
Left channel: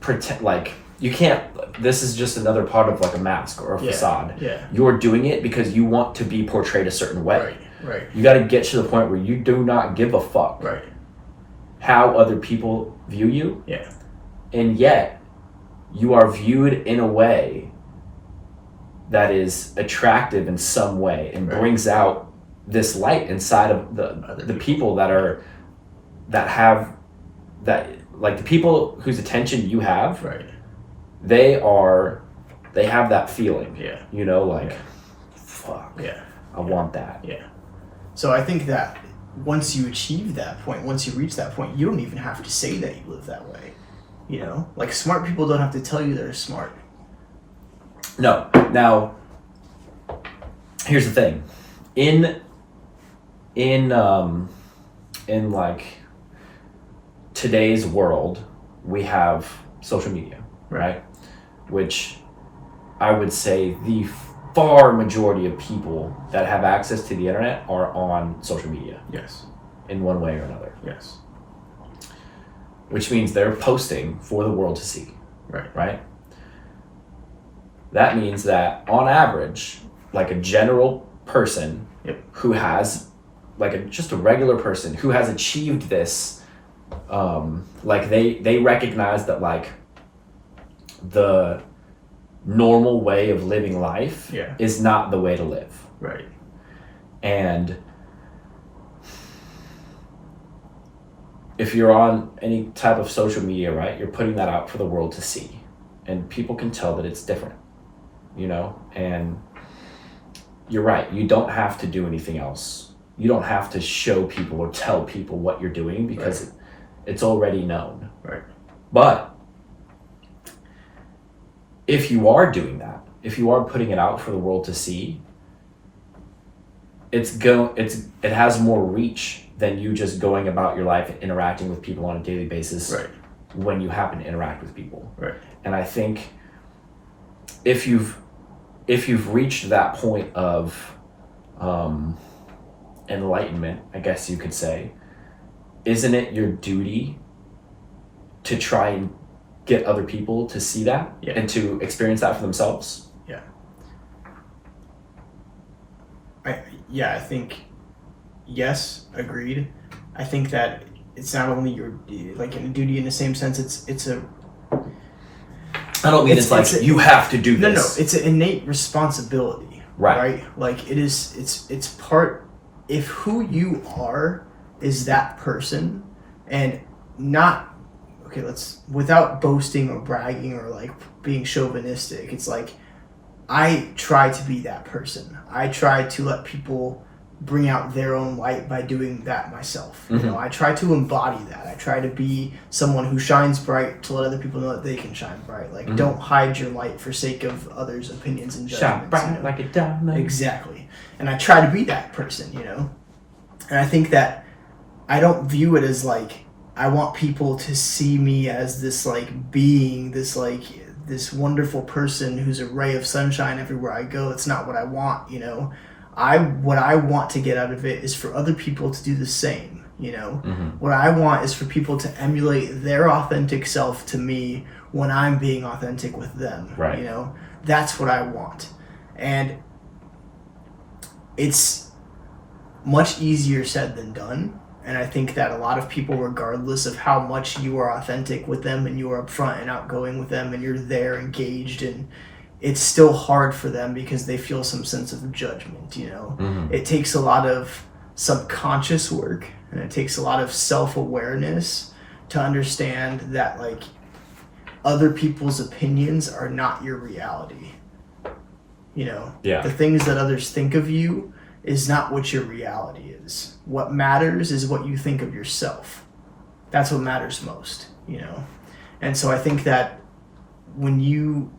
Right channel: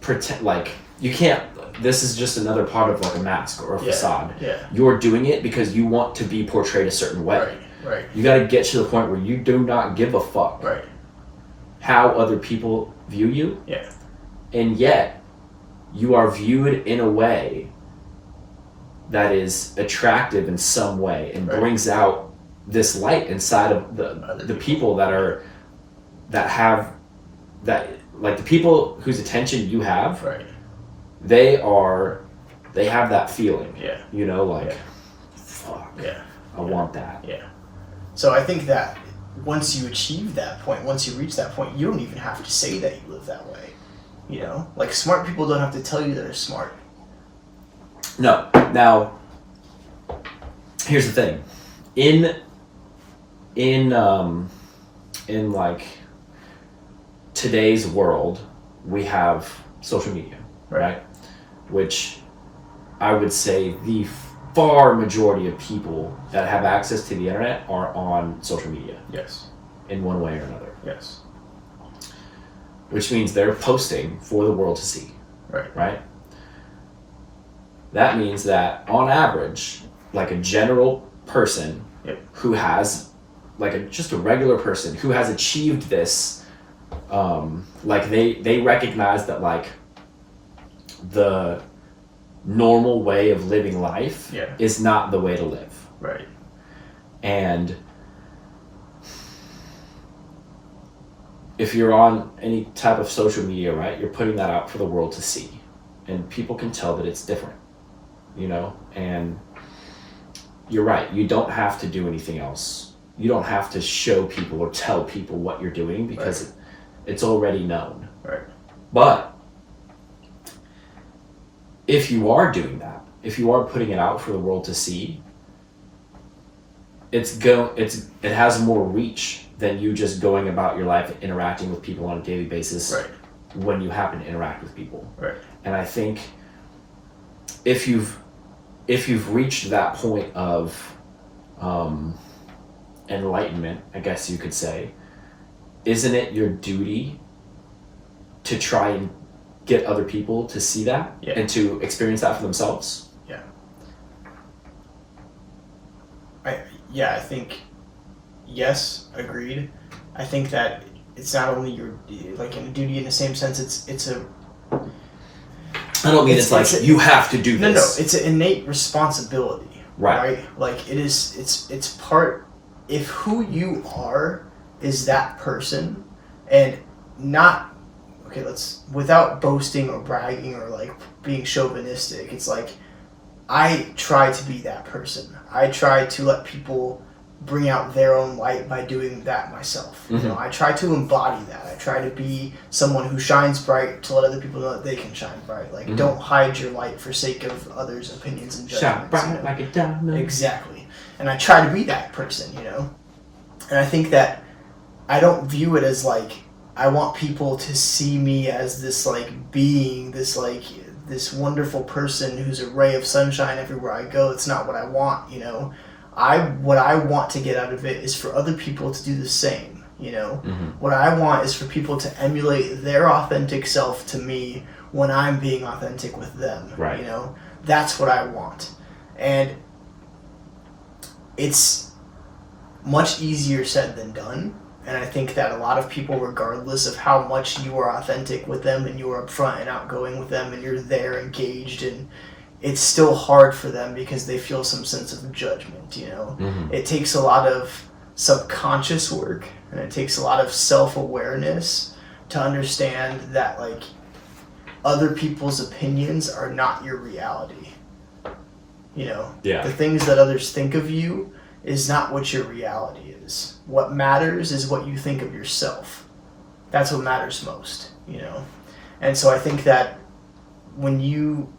pretend like you can't. This is just another part of like a mask or a facade. You're doing it because you want to be portrayed a certain way. Right. You got to get to the point where you do not give a fuck how other people view you. And yet you are viewed in a way that is attractive in some way and brings out this light inside of the people that have the people whose attention you have. They have that feeling. You know, like fuck. I want that. So I think that once you achieve that point, once you reach that point, you don't even have to say that you live that way. You know, like smart people don't have to tell you they're smart. No. Now, here's the thing. In like today's world, we have social media, right? Which I would say the far majority of people that have access to the internet are on social media. In one way or another. Which means they're posting for the world to see. Right? That means that on average, like a general person who has, like just a regular person who has achieved this, like they recognize that like the normal way of living life is not the way to live. And if you're on any type of social media, right, you're putting that out for the world to see, and people can tell that it's different, you know. And you're right, you don't have to do anything else. You don't have to show people or tell people what you're doing because it's already known. But if you are doing that, if you are putting it out for the world to see, it has more reach than you just going about your life and interacting with people on a daily basis when you happen to interact with people. And I think if you've reached that point of enlightenment, I guess you could say, isn't it your duty to try and get other people to see that and to experience that for themselves? I think yes, agreed. I think that it's not only your like in a duty in the same sense. It's a. I don't mean it's like you have to do this. No, it's an innate responsibility. Right. Like it is. It's part. If who you are is that person, and not. Okay, without boasting or bragging or like being chauvinistic, it's like I try to be that person. I try to let people bring out their own light by doing that myself. You know, I try to embody that. I try to be someone who shines bright to let other people know that they can shine bright. Like don't hide your light for sake of others' opinions and judgments. Shine bright like a diamond. Exactly. And I try to be that person, you know? And I think that I don't view it as like I want people to see me as this like being, this wonderful person who's a ray of sunshine everywhere I go. It's not what I want, you know. What I want to get out of it is for other people to do the same, you know. What I want is for people to emulate their authentic self to me when I'm being authentic with them, you know. That's what I want. And it's much easier said than done. And I think that a lot of people, regardless of how much you are authentic with them and you are upfront and outgoing with them and you're there engaged, and it's still hard for them because they feel some sense of judgment, you know. It takes a lot of subconscious work and it takes a lot of self-awareness to understand that like other people's opinions are not your reality. You know, Yeah. the things that others think of you is not what your reality is. What matters is what you think of yourself. That's what matters most, you know? And so I think that when you,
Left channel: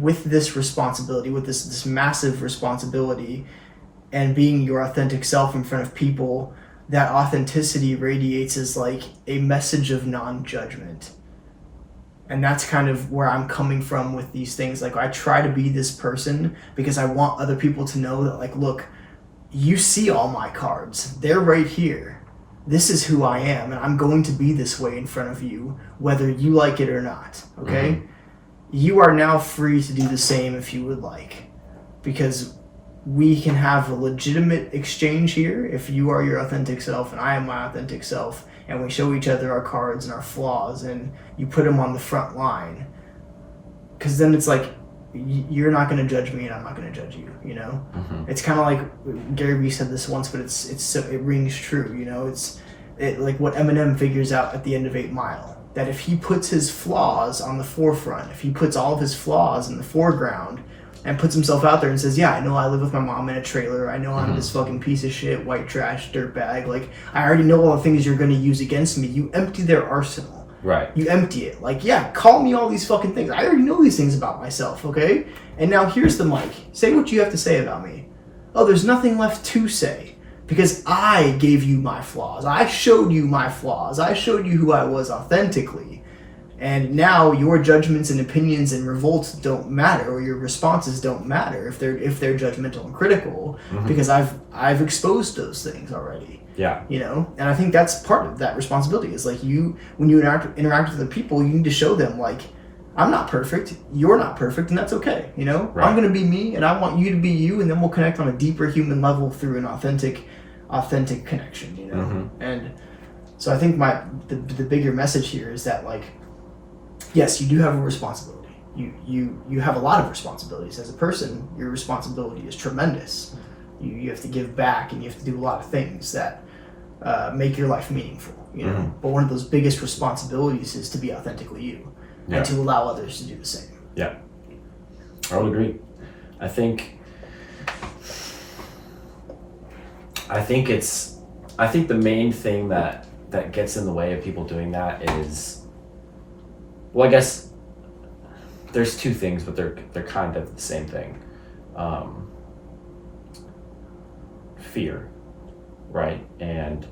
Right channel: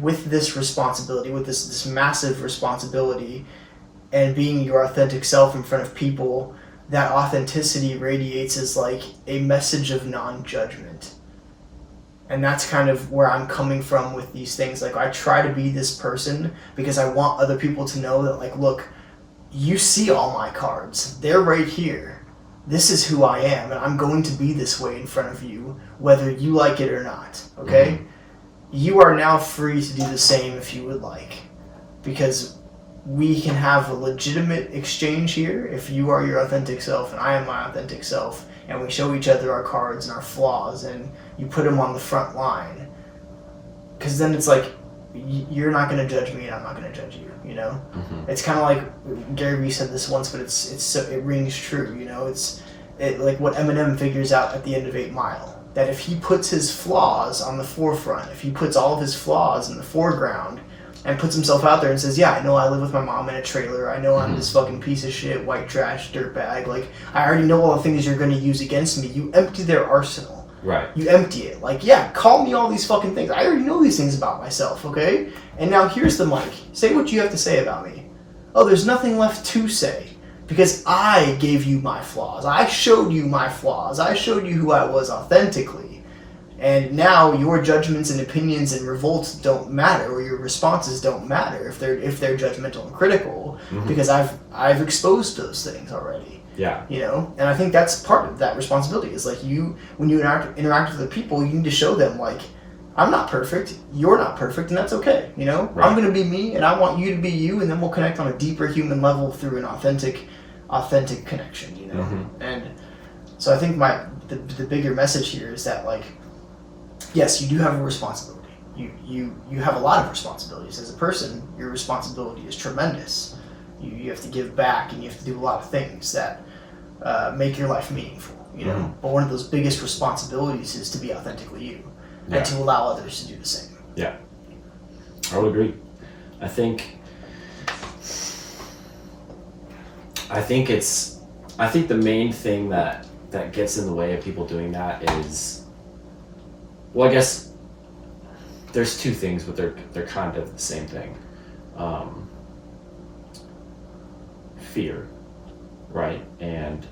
with this responsibility, with this massive responsibility and being your authentic self in front of people, that authenticity radiates as like a message of non-judgment. And that's kind of where I'm coming from with these things. Like, I try to be this person because I want other people to know that, like, look, you see all my cards. They're right here. This is who I am, and I'm going to be this way in front of you, whether you like it or not, okay? Mm-hmm. You are now free to do the same if you would like, because we can have a legitimate exchange here if you are your authentic self and I am my authentic self, and we show each other our cards and our flaws, and you put them on the front line. Because then it's like, you're not going to judge me and I'm not going to judge you, you know? Mm-hmm. It's kind of like, Gary Vee said this once, but it rings true, you know? It's like what Eminem figures out at the end of 8 Mile. That if he puts his flaws on the forefront, if he puts all of his flaws in the foreground, and puts himself out there and says, yeah, I know I live with my mom in a trailer. I know I'm this fucking piece of shit, white trash, dirtbag. Like, I already know all the things you're going to use against me. You empty their arsenal. Right. You empty it. Like, yeah, call me all these fucking things. I already know these things about myself, okay? And now here's the mic. Say what you have to say about me. Oh, there's nothing left to say. Because I gave you my flaws. I showed you my flaws. I showed you who I was authentically. And now your judgments and opinions and revolts don't matter, or your responses don't matter if they're judgmental and critical, because I've exposed those things already. Yeah. You know, and I think that's part of that responsibility. Is like, when you interact with the people, you need to show them, like, I'm not perfect, you're not perfect, and that's okay. You know, right. I'm gonna be me, and I want you to be you, and then we'll connect on a deeper human level through an authentic connection. You know, and so I think the bigger message here is that, like, yes, you do have a responsibility. You have a lot of responsibilities as a person. Your responsibility is tremendous. You have to give back, and you have to do a lot of things that make your life meaningful. You know, but one of those biggest responsibilities is to be authentically you, and to allow others to do the same. Yeah, I would agree. I think the main thing that gets in the way of people doing that is, well, I guess there's two things, but they're kind of the same thing. Fear, right? And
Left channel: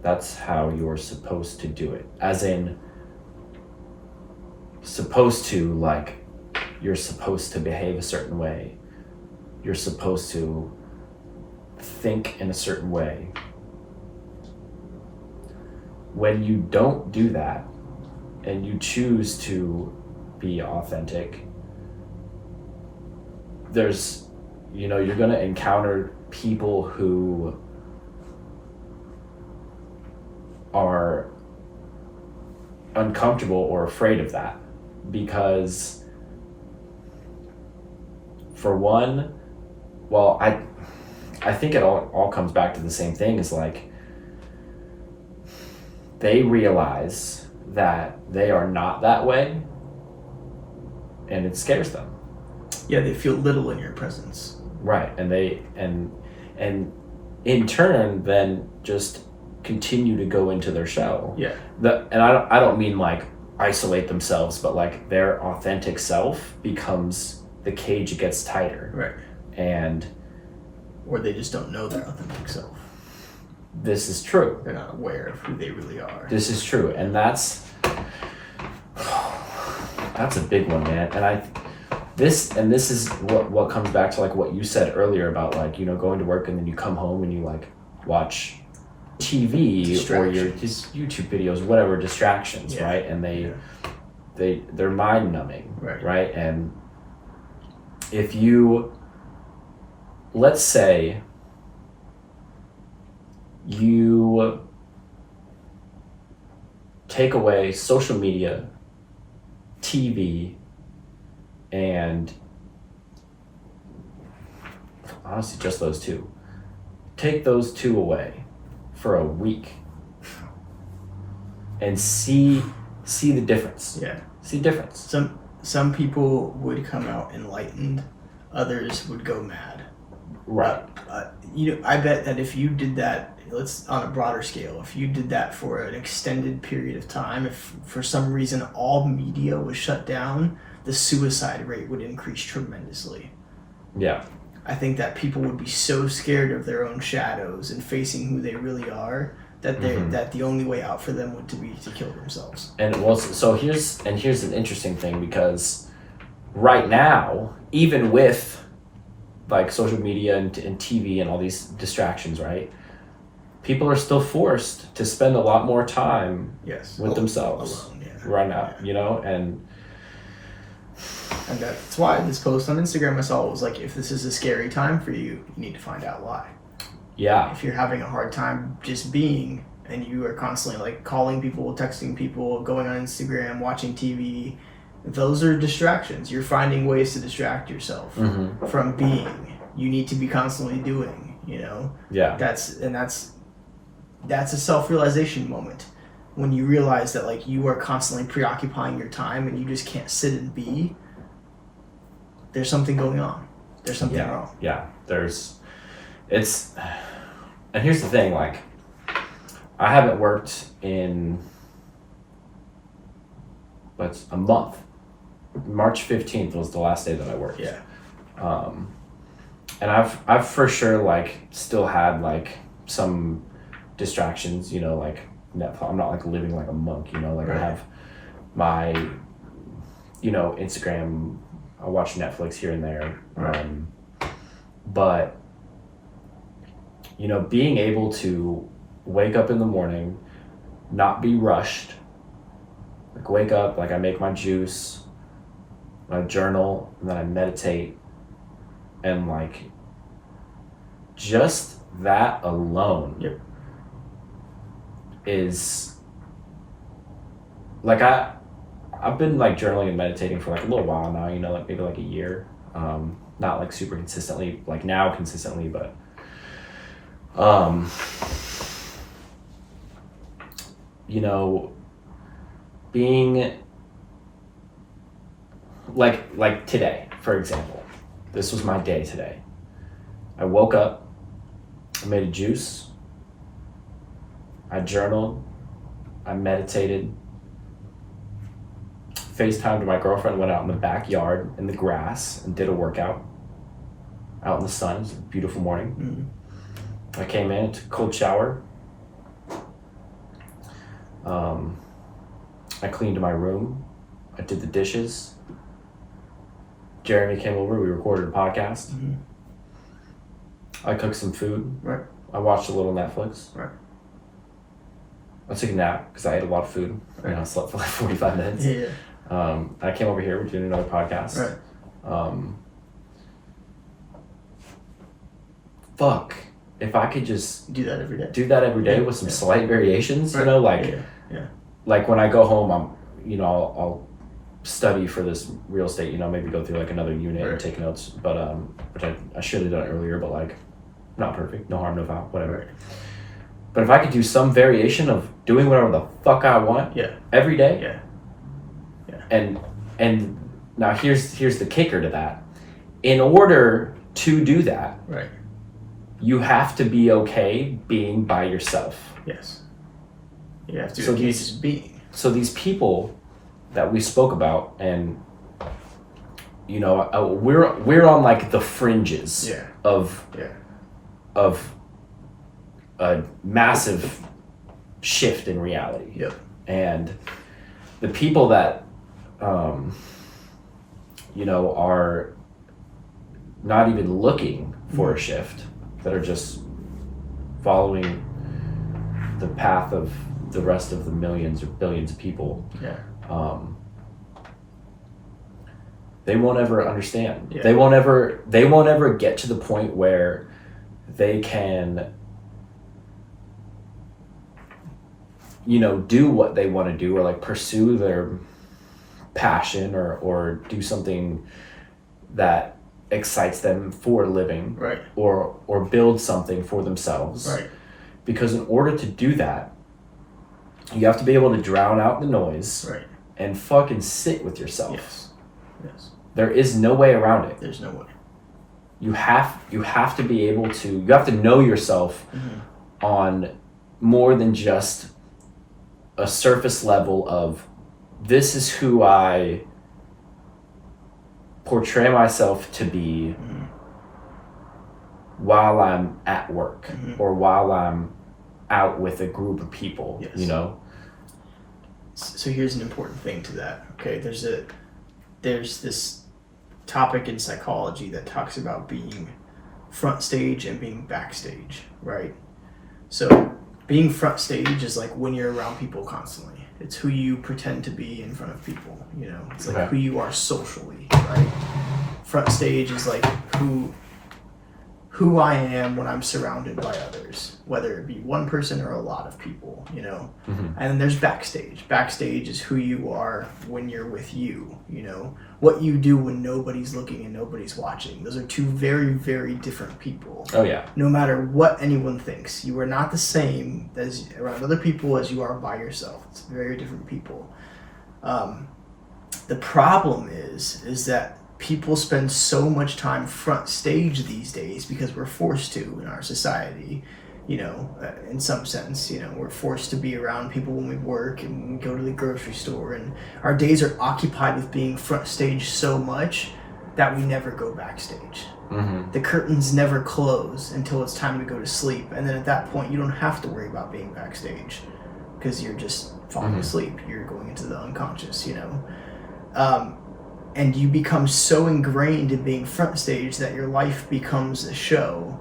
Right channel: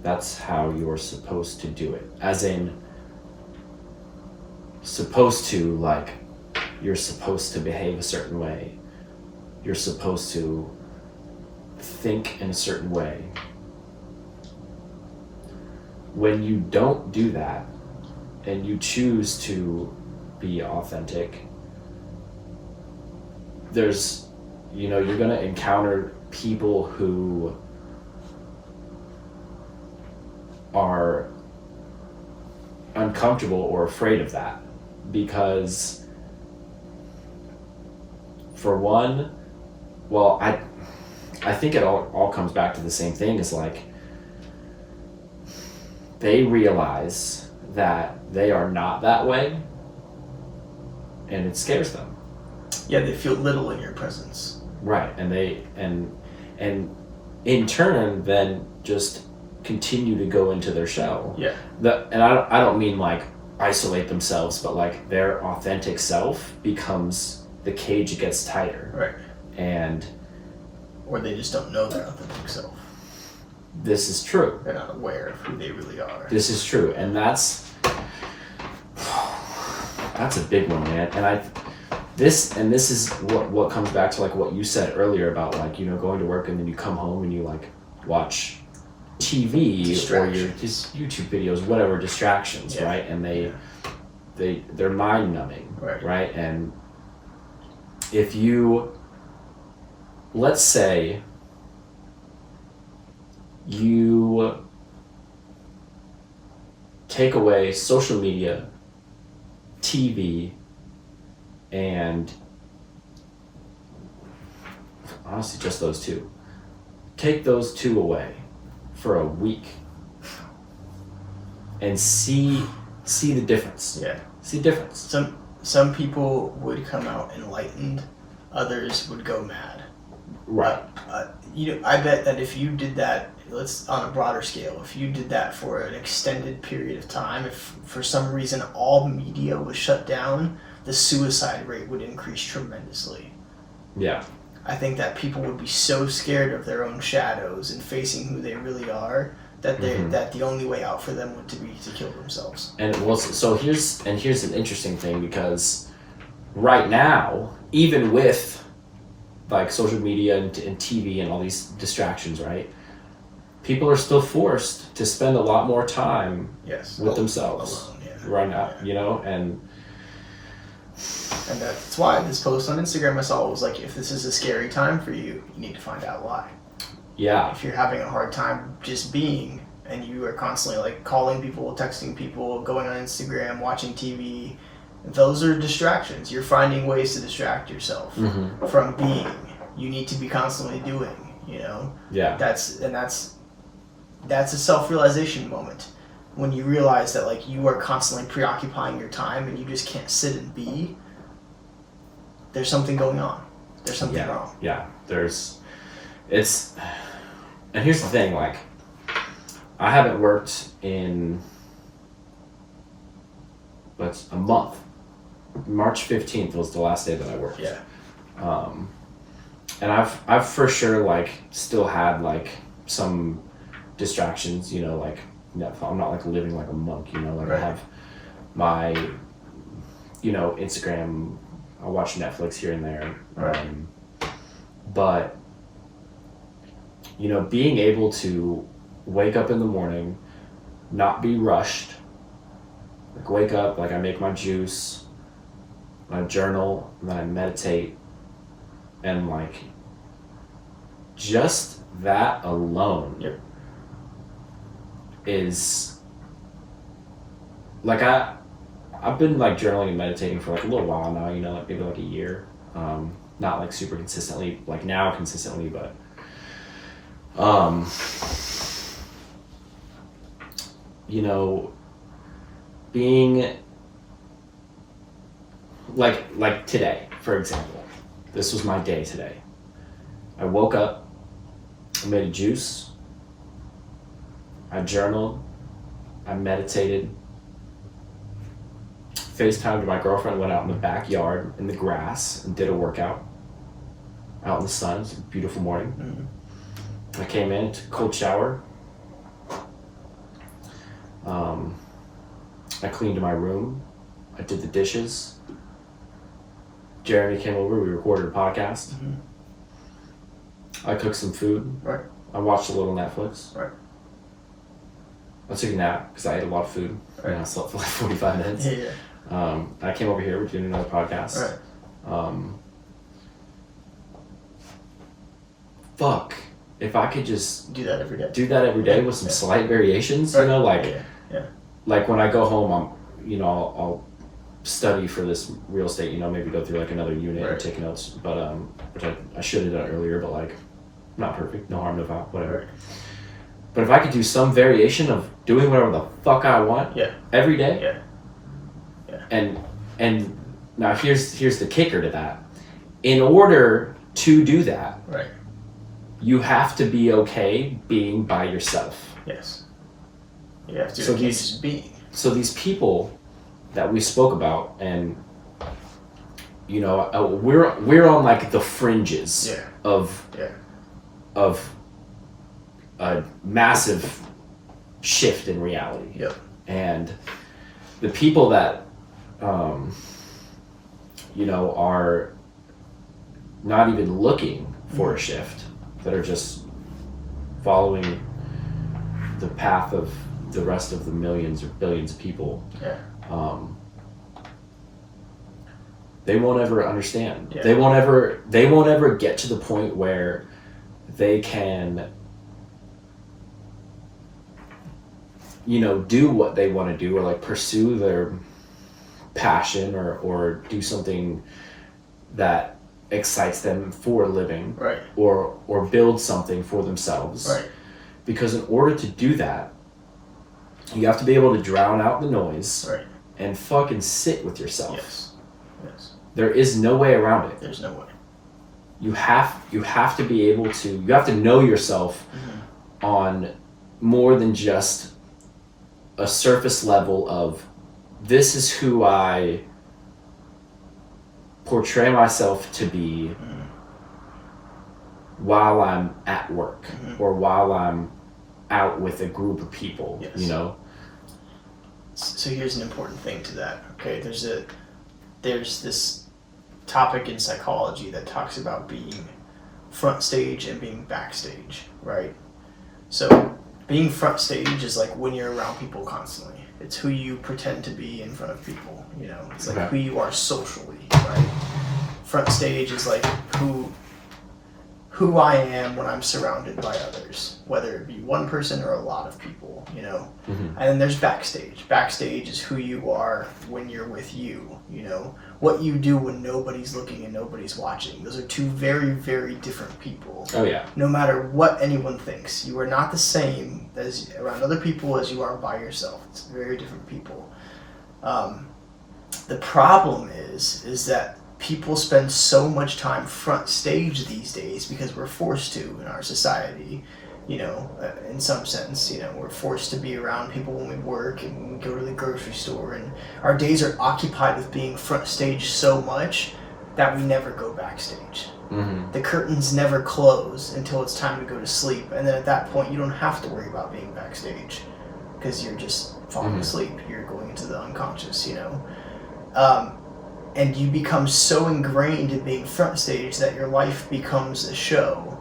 that's how you're supposed to do it. As in, supposed to, like, you're supposed to behave a certain way. You're supposed to think in a certain way. When you don't do that, and you choose to be authentic, there's, you know, you're going to encounter people who are uncomfortable or afraid of that, because for one, well, I think it all comes back to the same thing. Is like, they realize that they are not that way, and it scares them. Yeah, they feel little in your presence. Right, and they and in turn then just continue to go into their shell. Yeah. And I don't mean like isolate themselves, but like their authentic self becomes, the cage gets tighter. Right. Or they just don't know their authentic self. This is true. They're not aware of who they really are. This is true, and that's a big one, man. And this is what comes back to, like, what you said earlier about, like, you know, going to work and then you come home and you, like, watch TV or your just YouTube videos, whatever, distractions, right? And they're mind numbing, right? And if you, let's say you take away social media, TV, and honestly just those two. Take those two away for a week and see the difference. Yeah. See the difference. Some people would come out enlightened, others would go mad. Right. I bet that if you did that, let's on a broader scale, if you did that for an extended period of time, if for some reason all media was shut down, the suicide rate would increase tremendously. Yeah. I think that people would be so scared of their own shadows and facing who they really are that that the only way out for them would be to kill themselves. And so here's an interesting thing, because right now, even with like social media and TV and all these distractions, right? People are still forced to spend a lot more time with themselves right now, you know, and that's why this post on Instagram I saw was like, if this is a scary time for you, you need to find out why. Yeah. If you're having a hard time just being, and you are constantly like calling people, texting people, going on Instagram, watching TV, those are distractions. You're finding ways to distract yourself from being. You need to be constantly doing, you know? Yeah. That's a self-realization moment. When you realize that like you are constantly preoccupying your time and you just can't sit and be, there's something going on. There's something wrong. Yeah. And here's the thing, like, I haven't worked in a month. March 15th was the last day that I worked. Yeah. And I've for sure like still had like some distractions, you know, like Netflix. I'm not like living like a monk, you know, like I have my, you know, Instagram, I watch Netflix here and there. But, you know, being able to wake up in the morning, not be rushed, like wake up, like I make my juice, I journal, and then I meditate, and like just that alone is like I've been like journaling and meditating for like a little while now, you know, like maybe like a year, not like super consistently, like now consistently, but you know, being like today, for example, this was my day today. I woke up, I made a juice, I journaled, I meditated, FaceTimed my girlfriend, went out in the backyard in the grass and did a workout out in the sun. It was a beautiful morning. I came in, took a cold shower. I cleaned my room. I did the dishes. Jeremy came over, we recorded a podcast. I cooked some food. Right. I watched a little Netflix. Right. I took a nap because I ate a lot of food. Right. I slept for like 45 minutes. Yeah. I came over here, we're doing another podcast. Right. Fuck. If I could just do that every day with some slight variations, you know, like like when I go home, I'll study for this real estate, you know, maybe go through like another unit and take notes, but which I should have done earlier, but like not perfect, no harm, no foul, whatever. But if I could do some variation of doing whatever the fuck I want every day, and now here's the kicker to that. In order to do that, you have to be okay being by yourself. Yes. You have to be. So these people that we spoke about, and you know, we're on like the fringes of a massive shift in reality. And the people that you know, are not even looking for a shift, that are just following the path of the rest of the millions or billions of people, they won't ever understand. They won't ever get to the point where they can, you know, do what they want to do, or like pursue their passion, or do something that excites them for a living, or build something for themselves, because in order to do that, you have to be able to drown out the noise and fucking sit with yourself. Yes. There is no way around it. There's no way. You have to be able to, you have to know yourself on more than just a surface level of, this is who I portray myself to be while I'm at work or while I'm out with a group of people, you know? So here's an important thing to that. Okay, there's this topic in psychology that talks about being front stage and being backstage, right? So being front stage is like when you're around people constantly. It's who you pretend to be in front of people, you know? It's like who you are socially, right? Front stage is like who I am when I'm surrounded by others, whether it be one person or a lot of people, you know? And then there's backstage. Backstage is who you are when you're with you, you know? What you do when nobody's looking and nobody's watching. Those are two very, very different people. Oh, yeah. No matter what anyone thinks, you are not the same as around other people as you are by yourself. It's very different people. The problem is that people spend so much time front stage these days because we're forced to in our society, you know, in some sense, you know, we're forced to be around people when we work and when we go to the grocery store, and our days are occupied with being front stage so much that we never go backstage. The curtains never close until it's time to go to sleep, and then at that point you don't have to worry about being backstage because you're just falling asleep, you're going into the unconscious, you know. And you become so ingrained in being front stage that your life becomes a show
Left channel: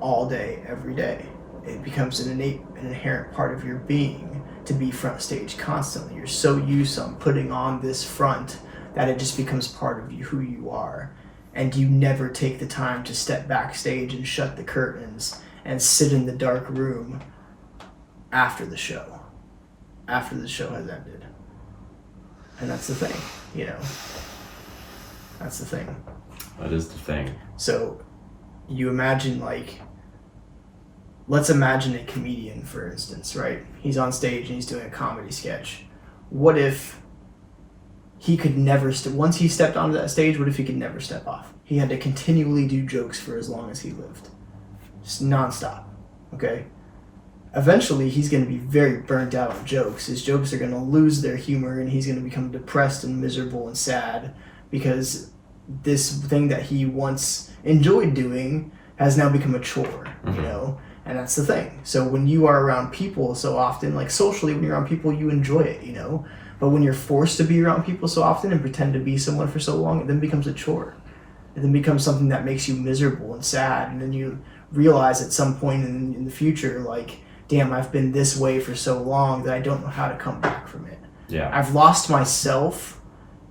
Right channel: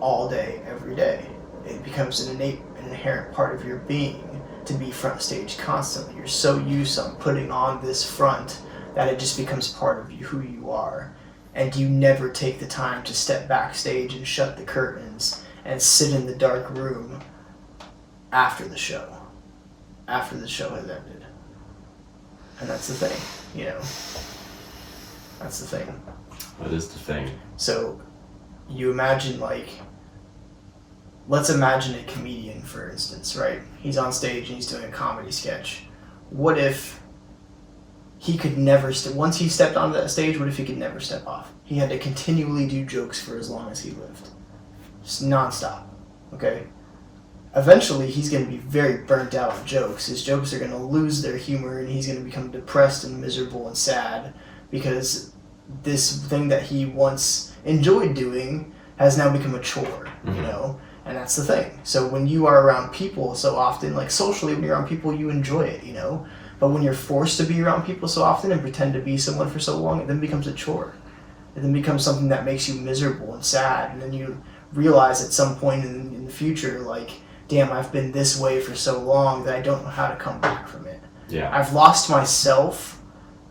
all day, every day. It becomes an inherent part of your being to be front stage constantly. You're so used to putting on this front that it just becomes part of you, who you are. And you never take the time to step backstage and shut the curtains and sit in the dark room after the show has ended. And that's the thing, you know. That's the thing. That is the thing. So you imagine, like, let's imagine a comedian, for instance, right? He's on stage and he's doing a comedy sketch. What if he could never, once he stepped onto that stage, what if he could never step off? He had to continually do jokes for as long as he lived. Just nonstop, okay? Eventually, he's going to be very burnt out on jokes. His jokes are going to lose their humor, and he's going to become depressed and miserable and sad because this thing that he once enjoyed doing has now become a chore, you know? And that's the thing. So when you are around people so often, like socially, when you're around people, you enjoy it, you know? But when you're forced to be around people so often and pretend to be someone for so long, it then becomes a chore. It then becomes something that makes you miserable and sad, and then you realize at some point in the future, like, damn, I've been this way for so long that I don't know how to come back from it. Yeah. I've lost myself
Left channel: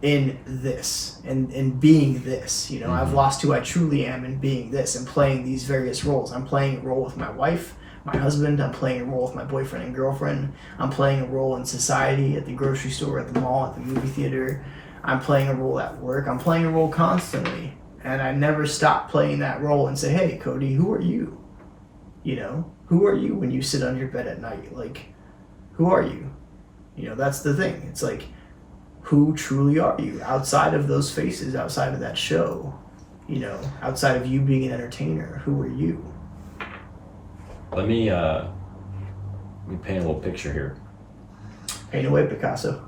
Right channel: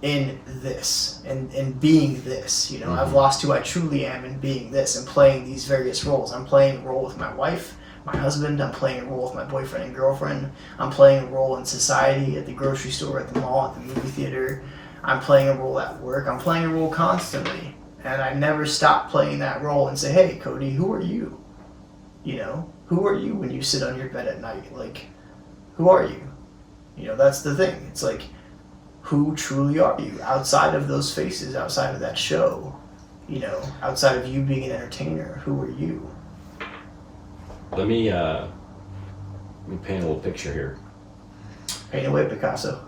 in this, in being this, you know. I've lost who I truly am in being this and playing these various roles. I'm playing a role with my wife, my husband, I'm playing a role with my boyfriend and girlfriend, I'm playing a role in society, at the grocery store, at the mall, at the movie theater, I'm playing a role at work, I'm playing a role constantly. And I never stop playing that role and say, hey, Kody, who are you? You know, who are you when you sit on your bed at night? Like, who are you? You know, that's the thing. It's like, who truly are you outside of those faces, outside of that show? You know, outside of you being an entertainer, who are you? Let me paint a little picture here. Paint away, Picasso.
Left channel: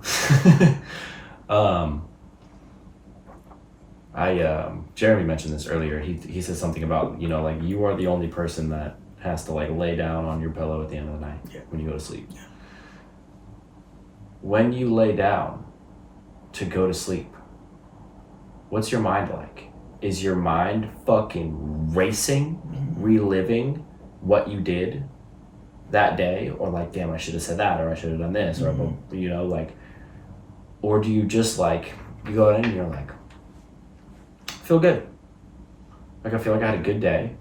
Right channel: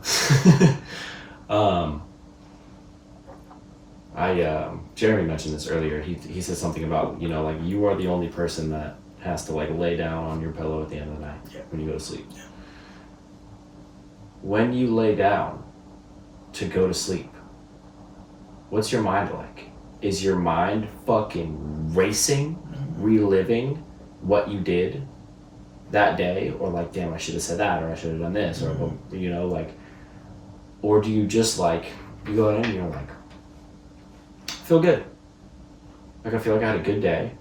Jeremy mentioned this earlier. He said something about, you know, like, you are the only person that has to, like, lay down on your pillow at the end of the night when you go to sleep. Yeah. When you lay down to go to sleep, what's your mind like? Is your mind fucking racing, reliving what you did that day? Or like, damn, I should have said that, or I should have done this, or, you know, like, or do you just, like, you go in and you're like, I feel good. Like, I feel like I had a good day.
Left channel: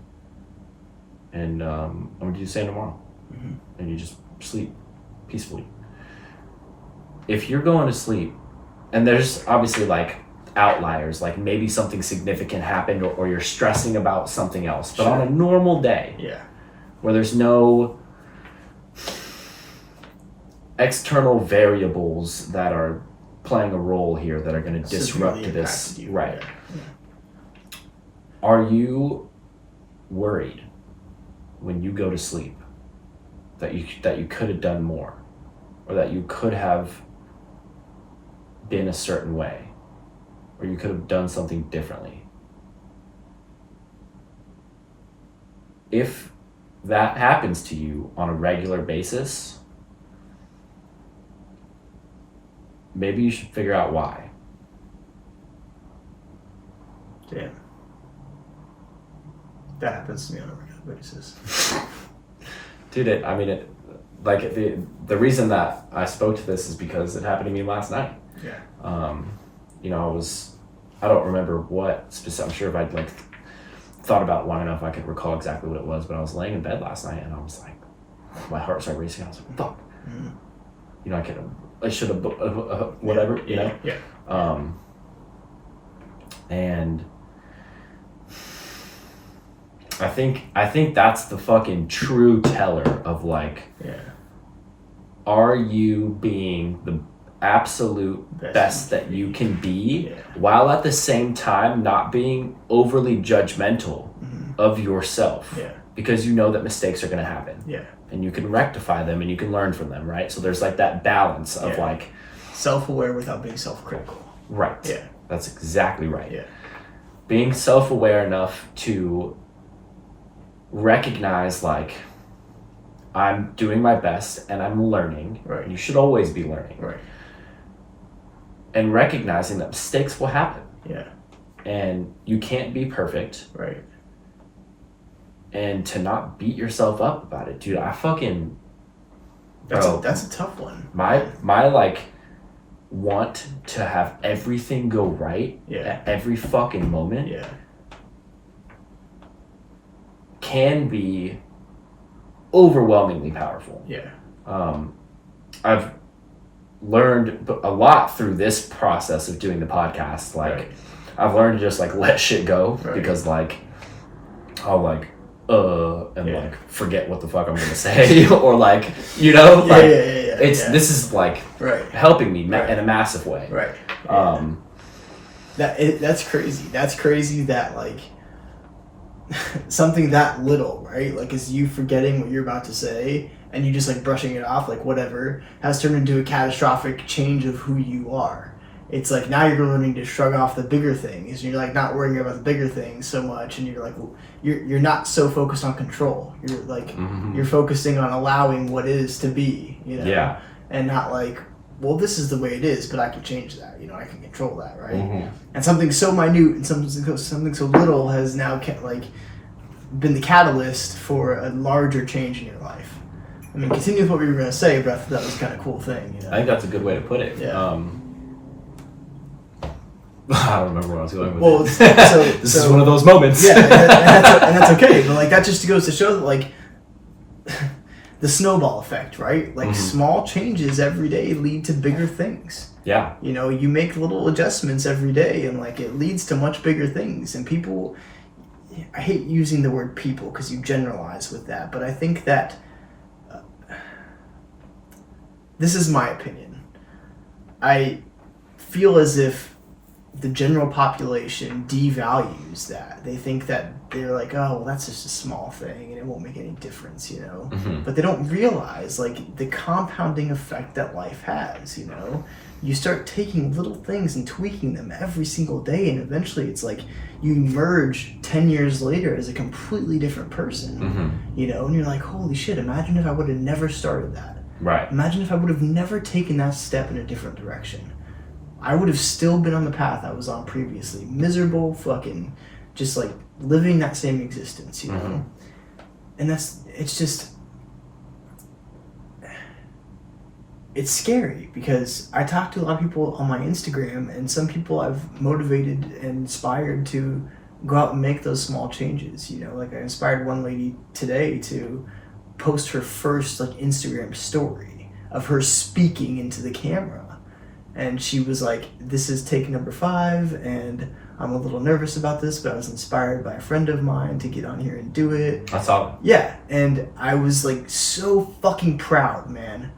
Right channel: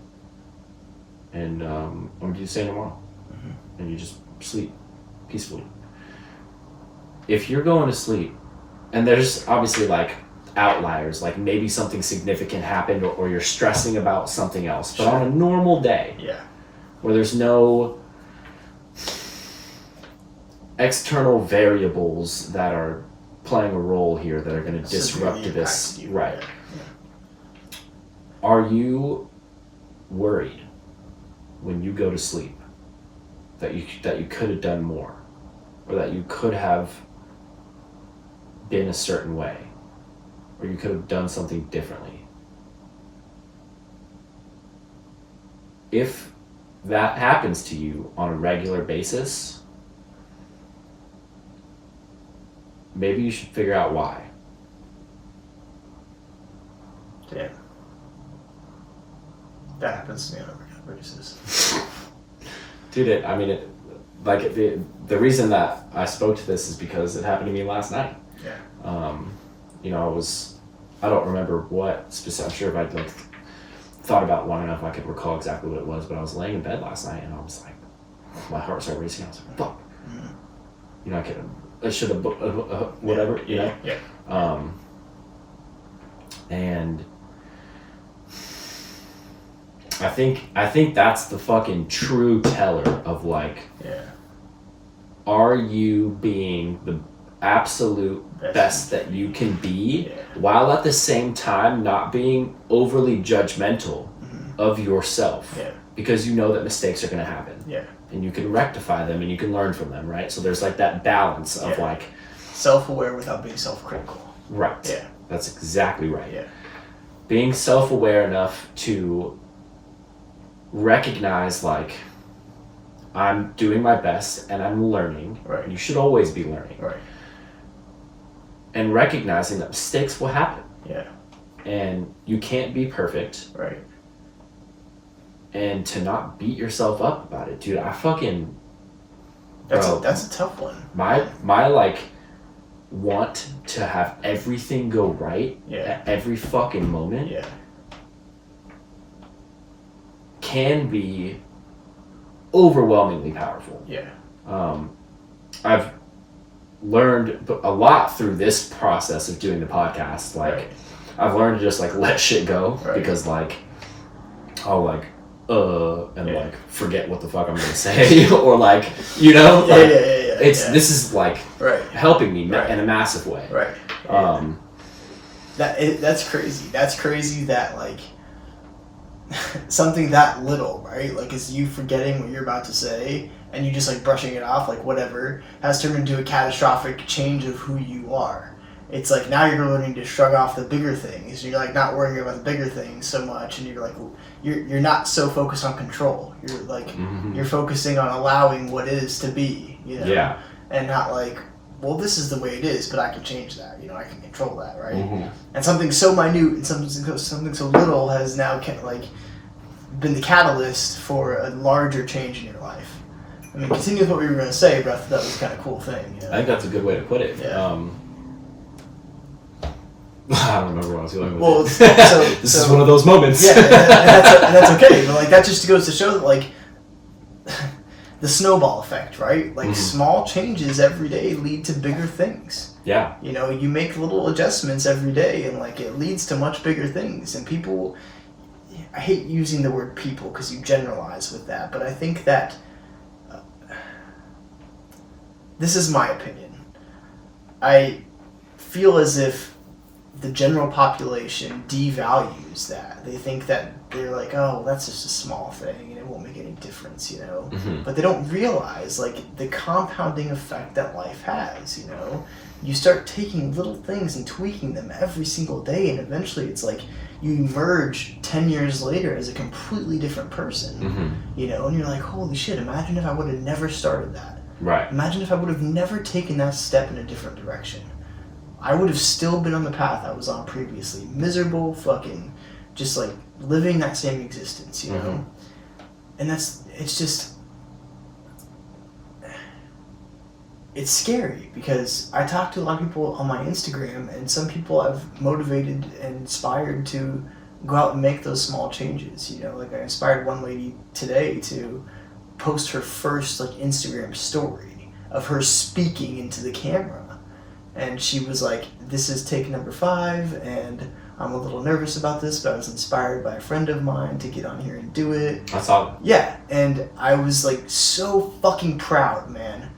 And I'm going to do the same tomorrow. And you just sleep peacefully. If you're going to sleep, and there's obviously, like, outliers, like maybe something significant happened, or you're stressing about something else. But on a normal day, where there's no external variables that are playing a role here that are going to disrupt this. Right. Yeah. Are you worried when you go to sleep that you could have done more, or that you could have been a certain way, or you could have done something differently? If that happens to you on a regular basis, maybe you should figure out why. Damn. That happens to me on a regular basis. Dude, the reason that I spoke to this is because it happened to me last night. Yeah. I don't remember what specific, I'm sure if I'd thought about it long enough I could recall exactly what it was, but I was laying in bed last night and I was like, my heart started racing. I was like, fuck. Mm-hmm. I should have whatever, Yeah. And I think that's the fucking true teller of are you being the absolute best that you can be, while at the same time not being overly judgmental of yourself, because you know that mistakes are going to happen, and you can rectify them and you can learn from them, right? So there's that balance of self-aware without being self-critical. Right. Yeah. That's exactly right. Yeah. Being self-aware enough to recognize I'm doing my best and I'm learning. Right. And you should always be learning. Right. And recognizing that mistakes will happen. Yeah. And you can't be perfect. Right. And to not beat yourself up about it, dude. That's a tough one. My want to have everything go right at every fucking moment can be overwhelmingly powerful. Yeah. I've learned a lot through this process of doing the podcast. I've learned to just let shit go, because I'll forget what the fuck I'm gonna say or this is helping me in a massive way. Right. That's crazy. That's crazy that something that little, right? Is you forgetting what you're about to say and you just brushing it off, whatever, has turned into a catastrophic change of who you are. It's now you're learning to shrug off the bigger things, and you're not worrying about the bigger things so much, and you're not so focused on control. You're you're focusing on allowing what is to be, Yeah. And not well, this is the way it is, but I can change that, I can control that, right? Mm-hmm. And something so minute and something so little has now been the catalyst for a larger change in your life. I mean, continue with what we were going to say, but that was kind of cool thing. I think that's a good way to put it. Yeah. I don't remember what I was going with. Well, this is one of those moments. Yeah, and that's okay. But that just goes to show that the snowball effect, right? Small changes every day lead to bigger things. Yeah. You make little adjustments every day, and it leads to much bigger things. And people, I hate using the word people because you generalize with that, but I think that this is my opinion. I feel as if the general population devalues that. They think that they're oh, that's just a small thing and it won't make any difference, Mm-hmm. But they don't realize the compounding effect that life has, You start taking little things and tweaking them every single day, and eventually it's you emerge 10 years later as a completely different person, mm-hmm. And you're holy shit, imagine if I would have never started that. Right. Imagine if I would have never taken that step in a different direction. I would have still been on the path I was on previously. Miserable, fucking, just living that same existence, Mm-hmm. And it's just, it's scary because I talk to a lot of people on my Instagram, and some people I've motivated and inspired to go out and make those small changes, I inspired one lady today to post her first Instagram story of her speaking into the camera. And she was this is take number 5, and I'm a little nervous about this, but I was inspired by a friend of mine to get on here and do it. I saw it. Yeah, and I was so fucking proud, man.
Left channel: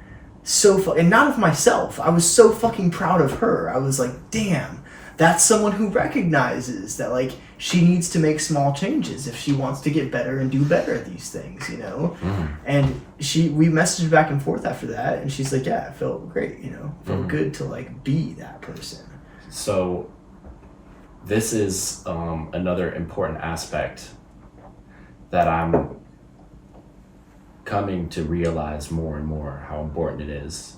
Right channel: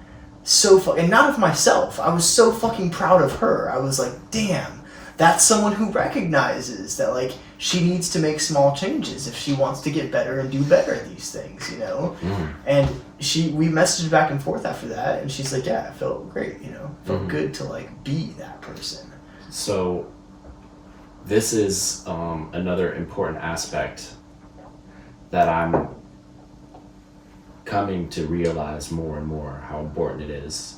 and not of myself. I was so fucking proud of her. I was like, damn, that's someone who recognizes that, like, she needs to make small changes if she wants to get better and do better at these things, you know? Mm-hmm. And we messaged back and forth after that, and she's like, yeah, it felt great, you know? It felt good to, like, be that person. So this is another important aspect that I'm coming to realize more and more how important it is.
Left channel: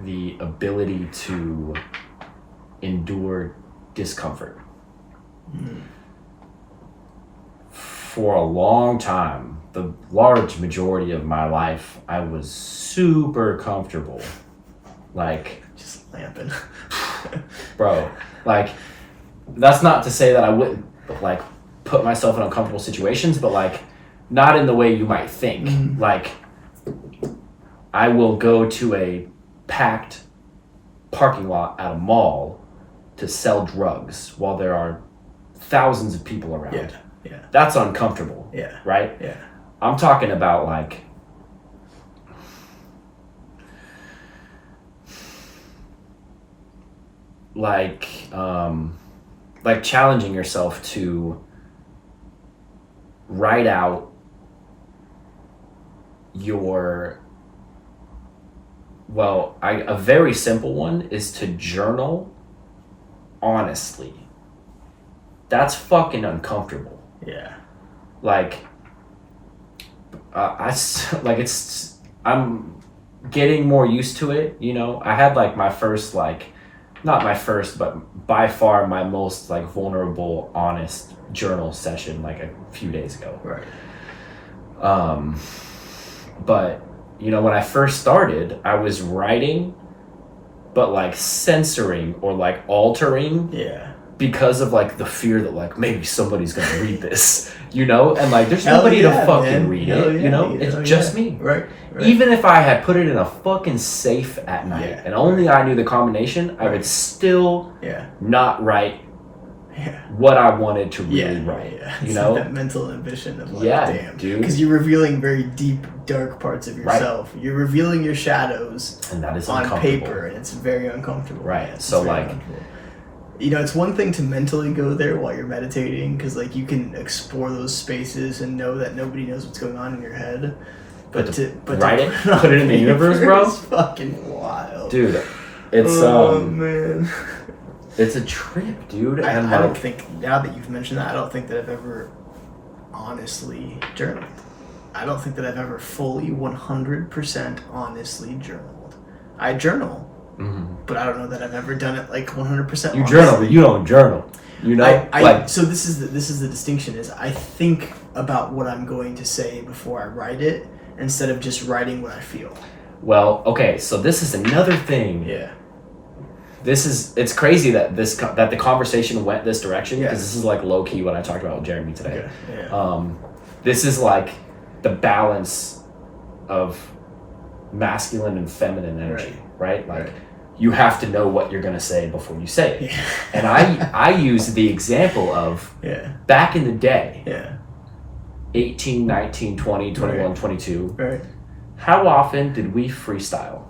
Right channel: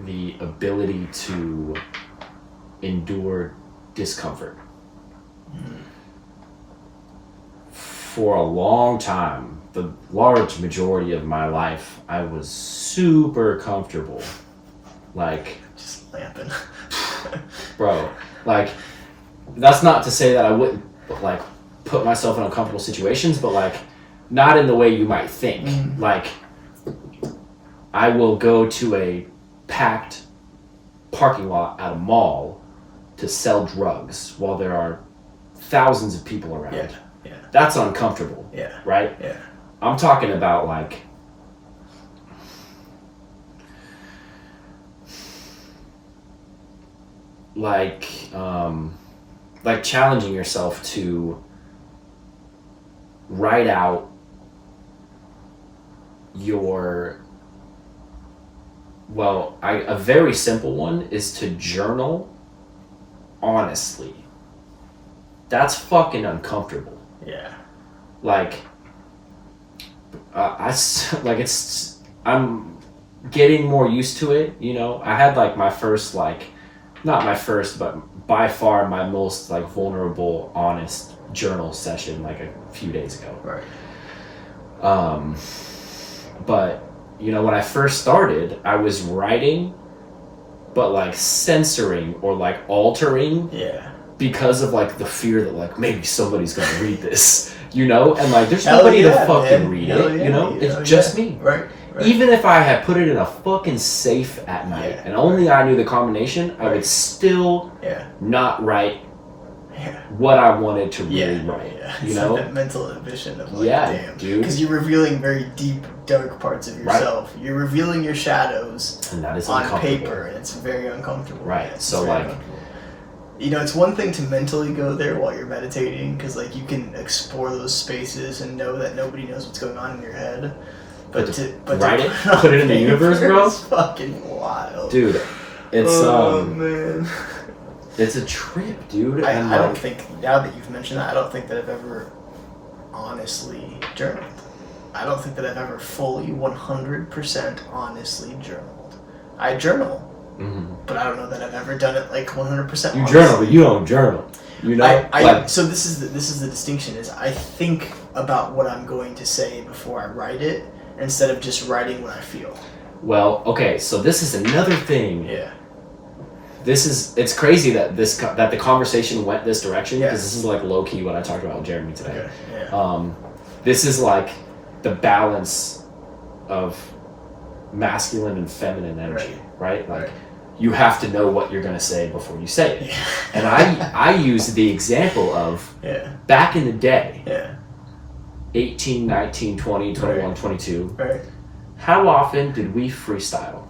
The ability to endure discomfort. For a long time, the large majority of my life, I was super comfortable. Like, just lamping. bro, like, that's not to say that I wouldn't, like, put myself in uncomfortable situations, but, like, not in the way you might think. Like, I will go to a packed parking lot at a mall to sell drugs while there are thousands of people around. Yeah. That's uncomfortable. Yeah. Right? Yeah. I'm talking about, like challenging yourself to write out a very simple one is to journal honestly. That's fucking uncomfortable. Yeah. Like, I'm getting more used to it, you know? I had, like, my first, like, not my first, but by far my most, like, vulnerable, honest journal session, like, a few days ago. Right. But, you know, when I first started, I was writing, but, like, censoring or, like, altering. Yeah. Because of, like, the fear that, like, maybe somebody's gonna read this, you know? And, like, there's nobody to fucking read it, you know? It's just me. Right. Even if I had put it in a fucking safe at night and only I knew the combination, I would still not write what I wanted to really write. Yeah. You it's know? Like that mental inhibition of, like, damn. Dude. Because you're revealing very deep, dark parts of yourself. Right. You're revealing your shadows and that is on paper, and it's very uncomfortable. Right. Yeah, so, like... You know, it's one thing to mentally go there while you're meditating, because, like, you can explore those spaces and know that nobody knows what's going on in your head. But write it, put it in the universe, bro. It's fucking wild, dude. It's man, it's a trip, dude. I don't think, now that you've mentioned that, I don't think that I've ever honestly journaled. I don't think that I've ever fully 100% honestly journaled. I journal. Mm-hmm. But I don't know that I've ever done it like 100%. You journal, but you don't journal. You know, so this is the distinction: is I think about what I'm going to say before I write it, instead of just writing what I feel. Well, okay, so this is another thing. Yeah. It's crazy that that the conversation went this direction, because this is, like, low key what I talked about with Jeremy today. Okay. Yeah. This is, like, the balance of masculine and feminine energy, right? Like, you have to know what you're going to say before you say it. Yeah. And I use the example of back in the day, 18, 19, 20, 21, 22. Right. How often did we freestyle?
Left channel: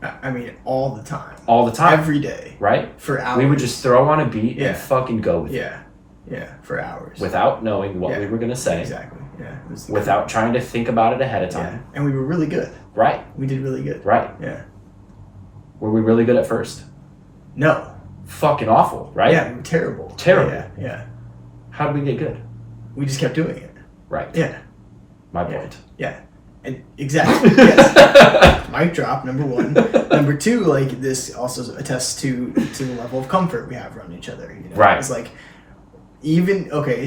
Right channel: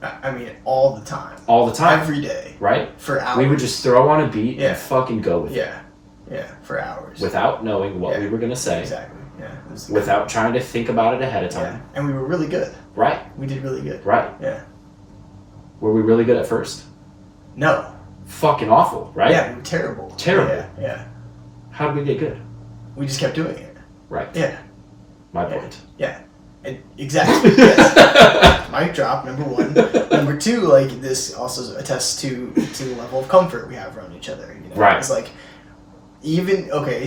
I mean, all the time. All the time. Every day. Right? For hours. We would just throw on a beat and fucking go with it. Yeah, for hours. Without knowing what we were going to say. Exactly. Yeah. Without trying to think about it ahead of time. Yeah. And we were really good. Right. We did really good. Right. Yeah. Were we really good at first? No. Fucking awful, right? Yeah, we were terrible. Terrible. Yeah. How did we get good? We just kept doing it. Right. Yeah. My point. Yeah. Exactly. Yes. Mic drop, number one. Number two, like, this also attests to the level of comfort we have around each other. You know? Right. It's like,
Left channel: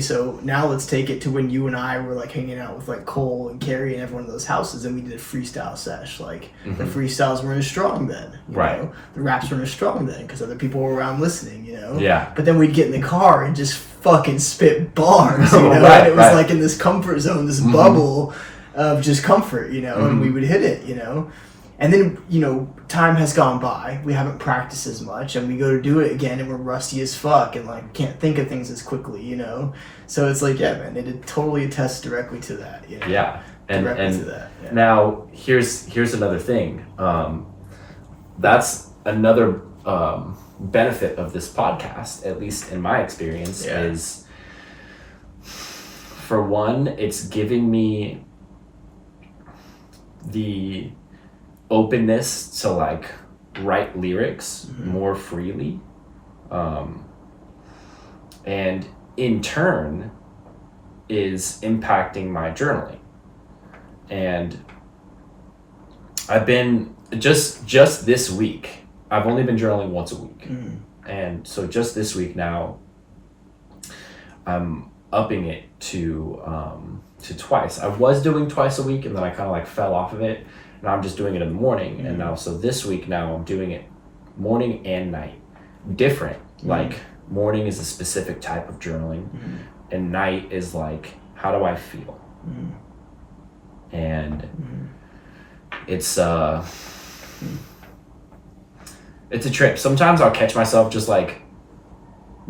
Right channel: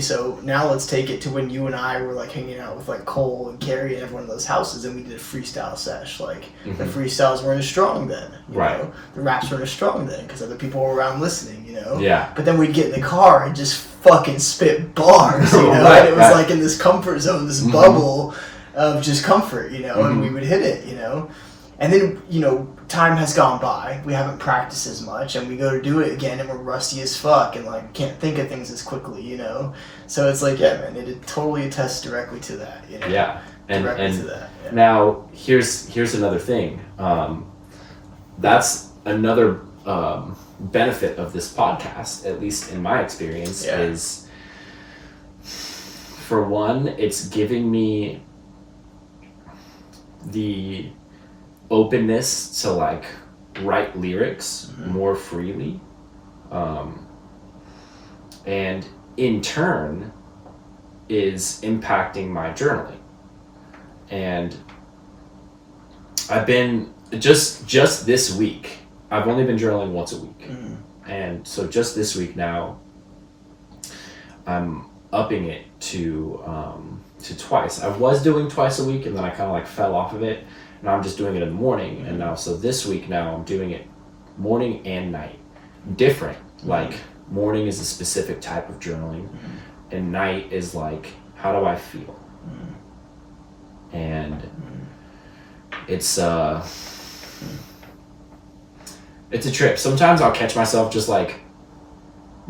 so now let's take it to when you and I were, like, hanging out with, like, Cole and Carrie and everyone in those houses, and we did a freestyle sesh. Like, the freestyles weren't as strong then. You know? The raps weren't as strong then because other people were around listening, you know? Yeah. But then we'd get in the car and just fucking spit bars, you know? And it was like in this comfort zone, this bubble of just comfort, you know? And we would hit it, you know? And then, you know, time has gone by. We haven't practiced as much, and we go to do it again, and we're rusty as fuck, and, like, can't think of things as quickly, you know? So it's like, yeah, man, it totally attests directly to that, you know? Yeah. And that, yeah. Now here's another thing. That's another benefit of this podcast, at least in my experience, is, for one, it's giving me the openness to like write lyrics more freely, and in turn is impacting my journaling. And I've been just this week, I've only been journaling once a week, and so just this week now I'm upping it to twice. I was doing twice a week, and then I kind of like fell off of it. Now I'm just doing it in the morning, and now so this week now I'm doing it morning and night. Different. Like morning is a specific type of journaling, and night is like, how do I feel? And it's a trip. Sometimes I'll catch myself just like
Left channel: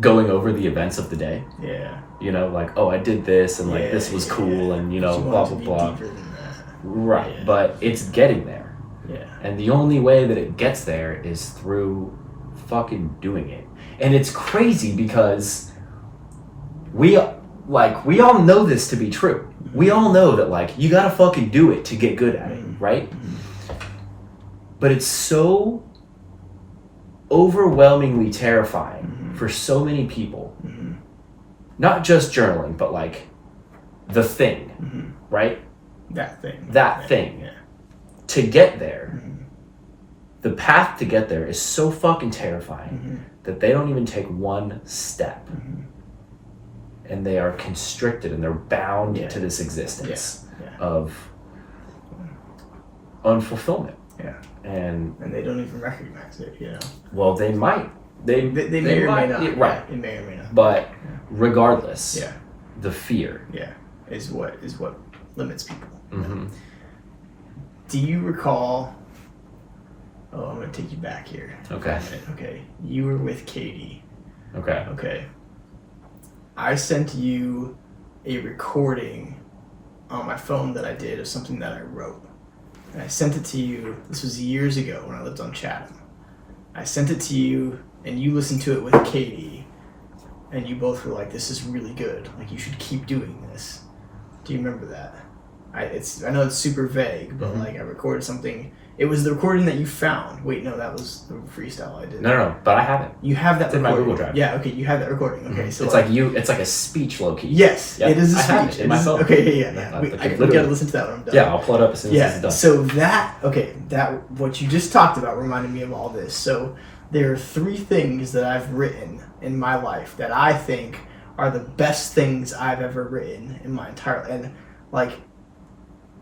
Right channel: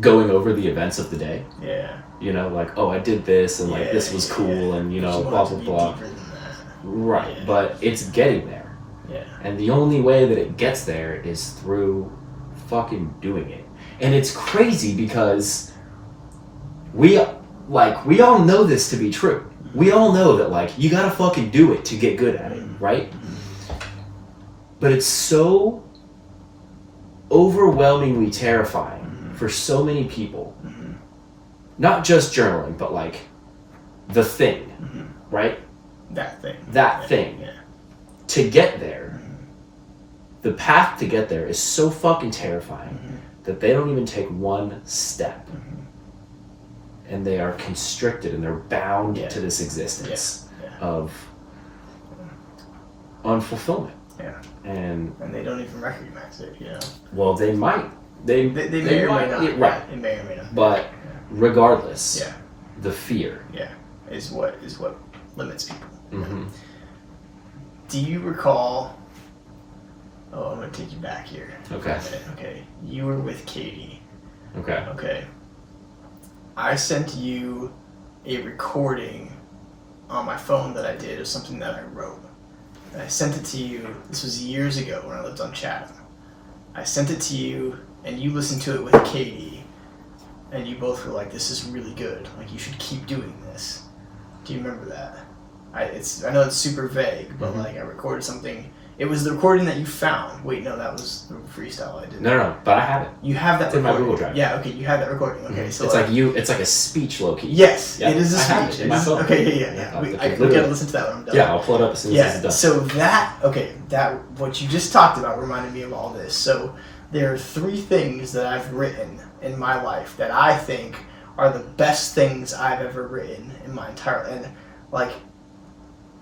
going over the events of the day. Yeah. You know, like, oh, I did this, and like this was cool, and you know, blah blah blah. Right, but it's getting there. Yeah. And the only way that it gets there is through fucking doing it. And it's crazy because we all know this to be true. We all know that like you gotta fucking do it to get good at it, right? But it's so overwhelmingly terrifying for so many people. Not just journaling, but like the thing, right? That thing. Yeah. To get there, the path to get there is so fucking terrifying that they don't even take one step. And they are constricted and they're bound to this existence of unfulfillment. Yeah. And they don't even recognize it, you know. Well, they might. They may or may not. Right. It may or may not. But regardless, the fear is what limits people. Do you recall? Oh, I'm gonna take you back here. Okay. Okay. You were with Kody. Okay. Okay. I sent you a recording on my phone that I did of something that I wrote. And I sent it to you. This was years ago when I lived on Chatham. I sent it to you, and you listened to it with Kody, and you both were like, "This is really good. Like, you should keep doing this." Do you remember that? I know it's super vague, but like I recorded something. It was the recording that you found. Wait, no, that was the freestyle I did. No, but I have it. You have that. It's in my Google Drive. Yeah, okay, you have that recording. Okay, so it's like a speech, low-key. Yes, it is a speech. I have it in my phone. Okay, yeah. We gotta listen to that when I'm done. Yeah, I'll pull it up as soon as it's done. So that what you just talked about reminded me of all this. So there are 3 things that I've written in my life that I think are the best things I've ever written in my entire, and like,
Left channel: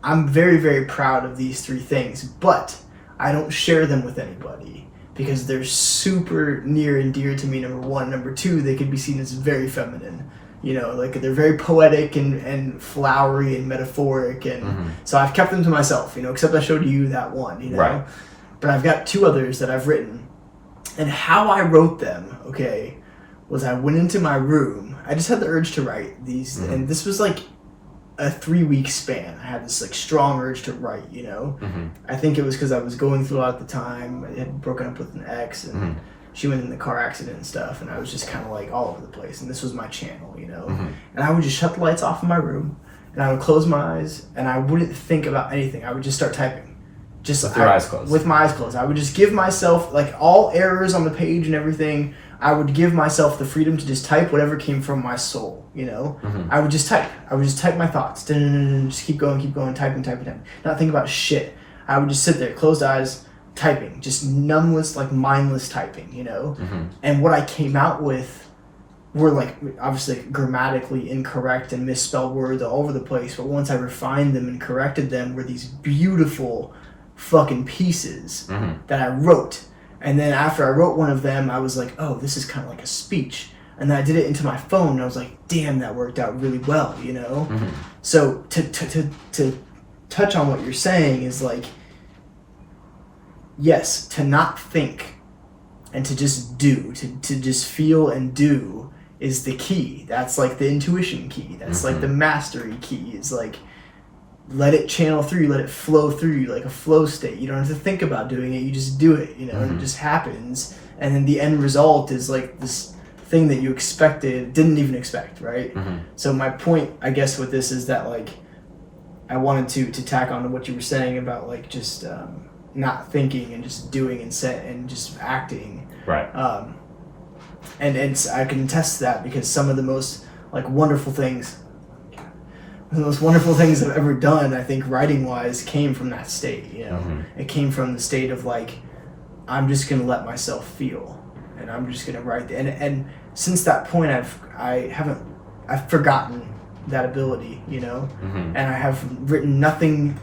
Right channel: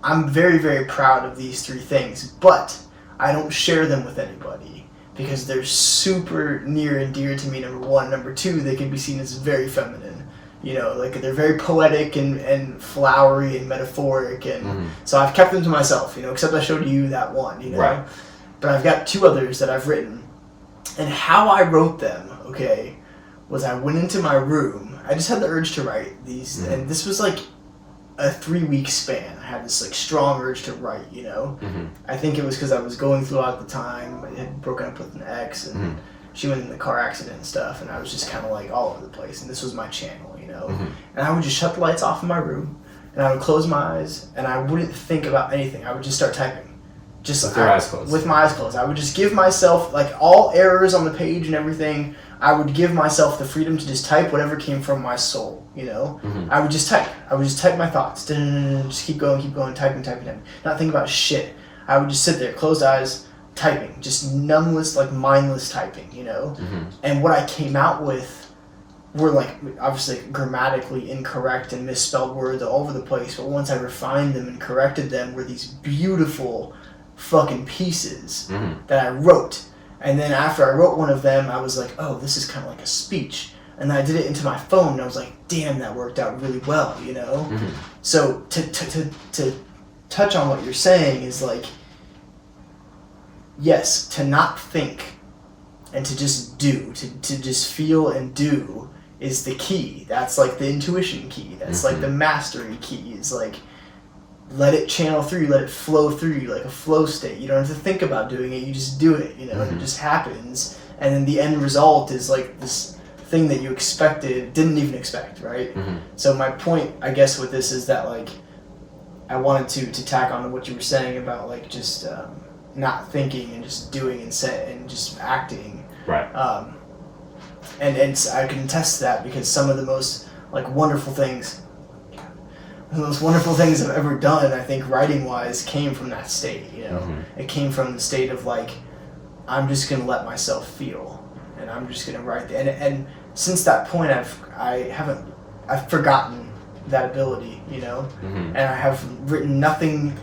I'm very, very proud of these 3 things, but I don't share them with anybody because they're super near and dear to me, number 1. Number 2, they could be seen as very feminine. You know, like they're very poetic and flowery and metaphoric, and so I've kept them to myself, you know, except I showed you that one, you know. Right. But I've got 2 others that I've written. And how I wrote them, okay, was I went into my room. I just had the urge to write these, and this was like a 3-week span. I had this like strong urge to write, you know. I think it was because I was going through a lot at the time. I had broken up with an ex, and she went in the car accident and stuff, and I was just kind of like all over the place. And this was my channel, you know. And I would just shut the lights off in my room, and I would close my eyes, and I wouldn't think about anything. I would just start typing. Just with your eyes closed. With my eyes closed. I would just give myself, like, all errors on the page and everything, I would give myself the freedom to just type whatever came from my soul, you know? I would just type. I would just type my thoughts. Just keep going, typing. Not think about shit. I would just sit there, closed eyes, typing. Just numbless, like, mindless typing, you know? And what I came out with were, like, obviously grammatically incorrect and misspelled words all over the place, but once I refined them and corrected them were these beautiful fucking pieces that I wrote. And then after I wrote one of them, I was like, oh, this is kind of like a speech. And then I did it into my phone, and I was like, damn, that worked out really well, you know? So to touch on what you're saying is like, yes, to not think and to just do, to just feel and do is the key. That's like the intuition key. That's like the mastery key. Is like, let it channel through you, let it flow through you like a flow state. You don't have to think about doing it, you just do it, you know, and it just happens. And then the end result is like this thing that you didn't even expect, right? So my point, I guess, with this is that like I wanted to tack on to what you were saying about like just not thinking and just doing and just acting. Right. And I can attest to that because some of the most like wonderful things I've ever done, I think writing wise, came from that state. You know, it came from the state of like, I'm just gonna let myself feel, and I'm just gonna write. And since that point, I've forgotten that ability. You know, and I have written nothing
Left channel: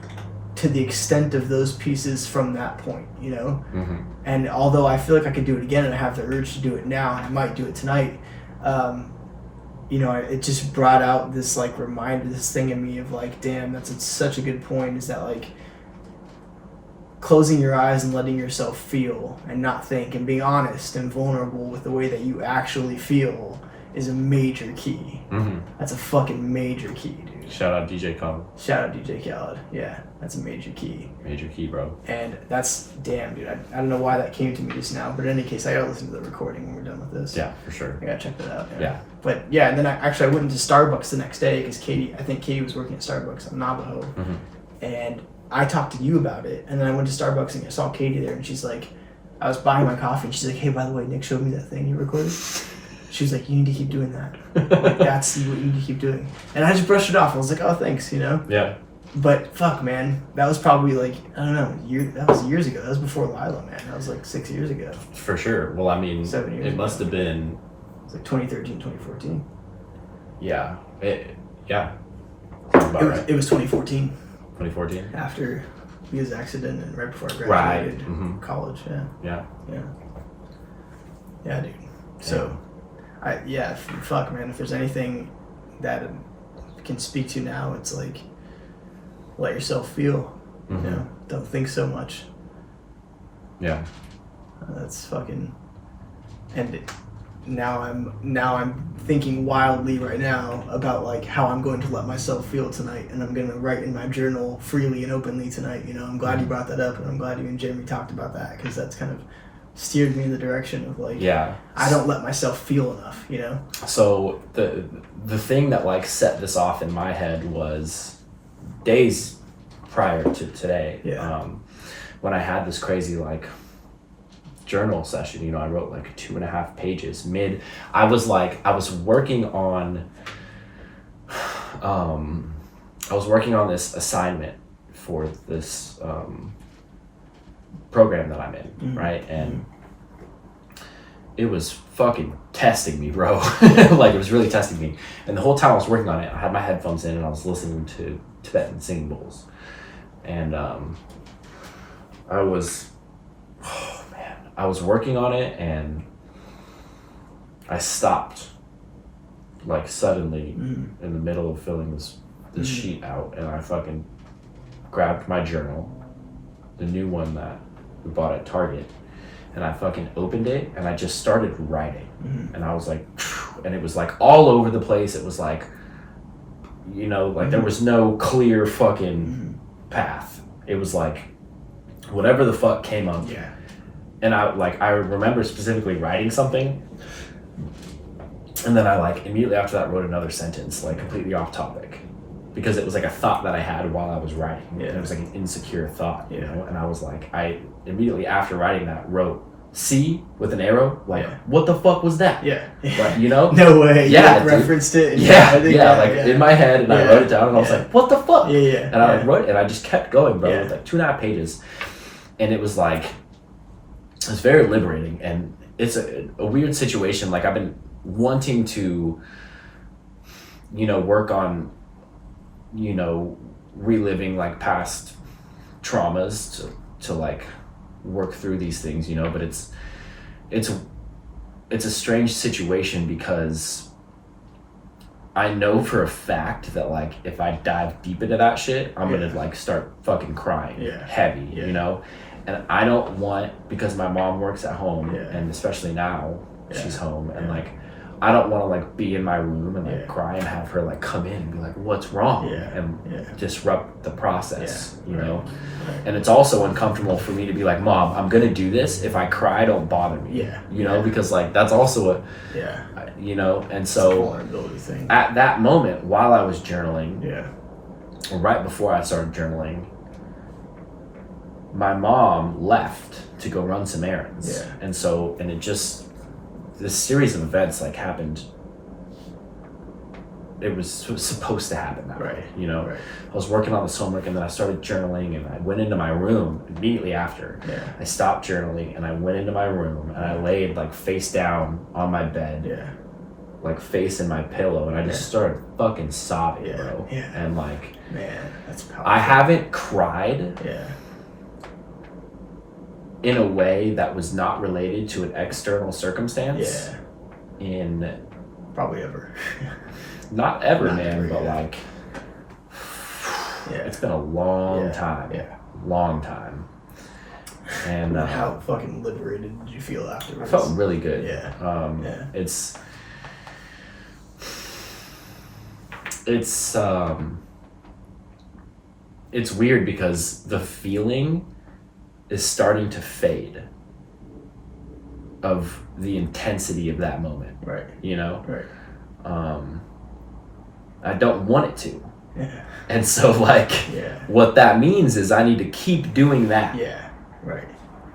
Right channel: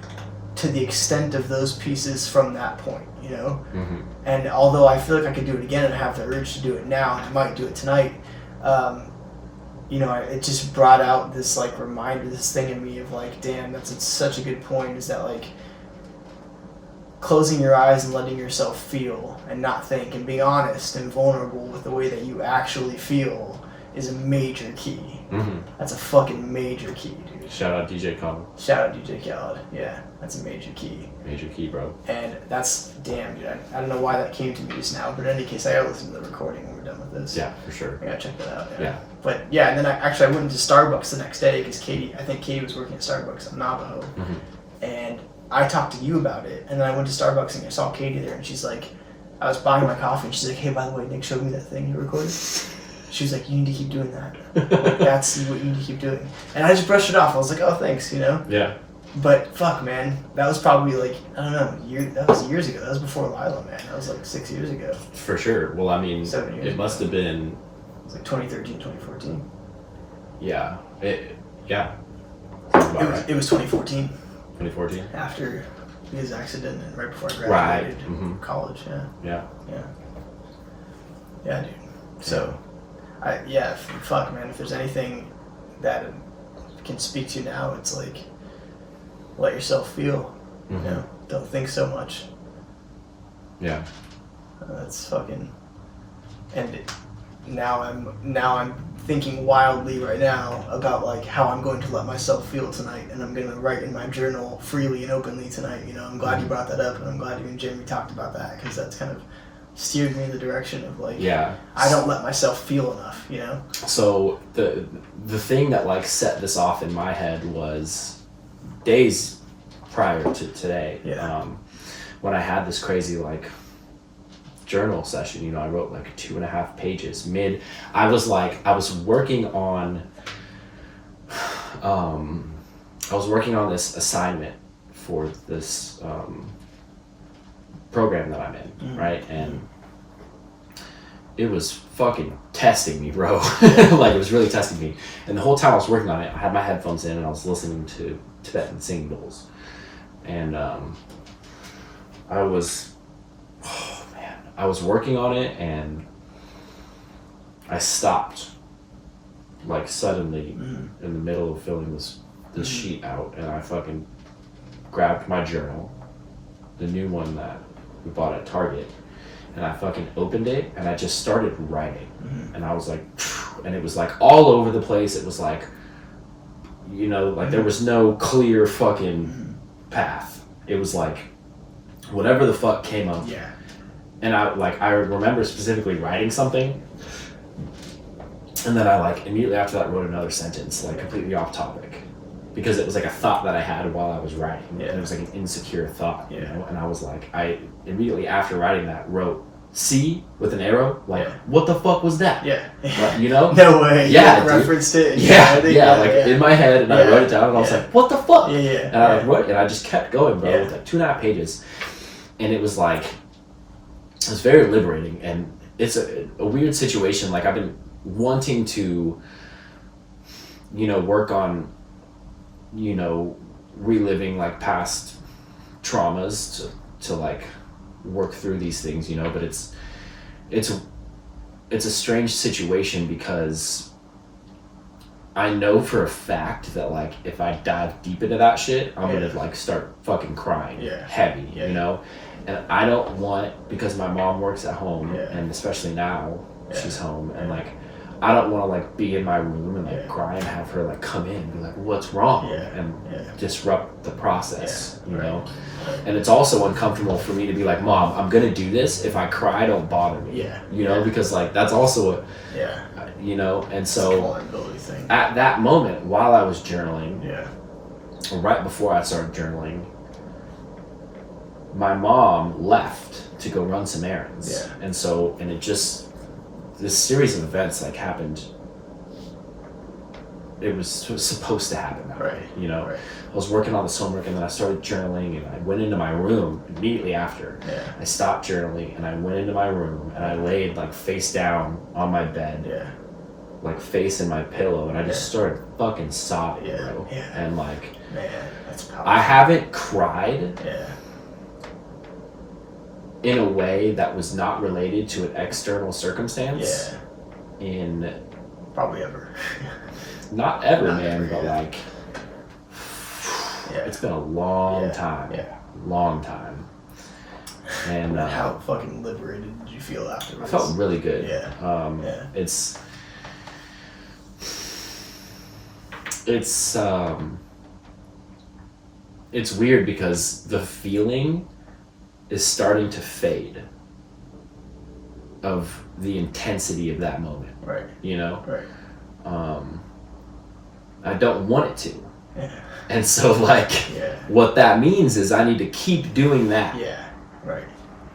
to the extent of those pieces from that point. You know, and although I feel like I could do it again, and I have the urge to do it now, and I might do it tonight. You know, it just brought out this like reminder, this thing in me of like, damn, it's such a good point, is that like closing your eyes and letting yourself feel and not think and being honest and vulnerable with the way that you actually feel is a major key. That's a fucking major key, dude. Shout out DJ Khaled. Shout out DJ Khaled. Yeah, that's a major key. Major key, bro. And that's, damn, dude. I don't know why that came to me just now, but in any case, I gotta listen to the recording when we're done with this. Yeah, for sure. I gotta check that out. Yeah. But yeah, and then I went into Starbucks the next day because I think Katie was working at Starbucks on Navajo. And I talked to you about it, and then I went to Starbucks and I saw Katie there, and she's like, I was buying my coffee, and she's like, hey, by the way, Nick showed me that thing you recorded. She was like, you need to keep doing that. Like, that's what you need to keep doing. And I just brushed it off. I was like, oh, thanks, you know? Yeah. But fuck, man, that was probably like, I don't know, that was years ago. That was before Lila, man. That was like 6 years ago. For sure. Well, I mean, 7 years it must have been... It was like 2013, 2014. Yeah. Yeah. It was 2014. 2014? After his accident and right before I graduated college, Yeah. Yeah, dude. So, fuck, man, if there's anything that can speak to now, it's like, let yourself feel, you know, don't think so much. Yeah. That's fucking, and now I'm thinking wildly right now about like how I'm going to let myself feel tonight, and I'm going to write in my journal freely and openly tonight. You know, I'm glad you brought that up, and I'm glad you and Jeremy talked about that, because that's kind of steered me in the direction of like, I don't let myself feel enough, you know? So the thing that like set this off in my head was days prior to today, when I had this crazy like journal session. You know, I wrote like 2.5 pages I was working on this assignment for this program that I'm in, right? And it was fucking testing me, bro. Like, it was really testing me. And the whole time I was working on it, I had my headphones in and I was listening to Tibetan singing bowls. And I was working on it, and I stopped like suddenly in the middle of filling this sheet out, and I fucking grabbed my journal, the new one that we bought at Target, and I fucking opened it, and I just started writing. And I was like, and it was like all over the place. It was like, you know, like there was no clear fucking path. It was like whatever the fuck came up. Yeah. And I remember specifically writing something, and then I like immediately after that wrote another sentence, like completely off topic, because it was like a thought that I had while I was writing. And it was like an insecure thought, you know? And I was like, I immediately after writing that wrote C with an arrow, like, what the fuck was that? Yeah. But, you know? No way. Yeah, you referenced it. In my head, and I wrote it down, and I was like, what the fuck? And I wrote it, and I just kept going, bro, with like 2.5 pages. And it was like, it was very liberating, and it's a weird situation. Like, I've been wanting to, you know, work on, you know, reliving like past traumas to like work through these things, you know, but it's a strange situation, because I know for a fact that like if I dive deep into that shit, I'm gonna like start fucking crying heavy, you know? And I don't want, because my mom works at home, and especially now she's home, and like I don't want to like be in my room and like cry and have her like come in and be like, what's wrong? And disrupt the process, you know? And it's also uncomfortable for me to be like, Mom, I'm going to do this. If I cry, don't bother me. You know, because like that's also you know, and so at that moment while I was journaling, or right before I started journaling, my mom left to go run some errands. And so, and it just, this series of events like happened, it was supposed to happen that way, you know? I was working on this homework and then I started journaling and I went into my room immediately after. I stopped journaling and I went into my room and I laid like face down on my bed, like face in my pillow, and I just started fucking sobbing, bro. And like, man, that's powerful. I haven't cried in a way that was not related to an external circumstance in probably ever. Not ever, man, but like it's been a long time. Long time. And how fucking liberated did you feel afterwards? I felt really good. It's weird because the feeling is starting to fade of the intensity of that moment. You know? I don't want it to. And so like what that means is I need to keep doing that.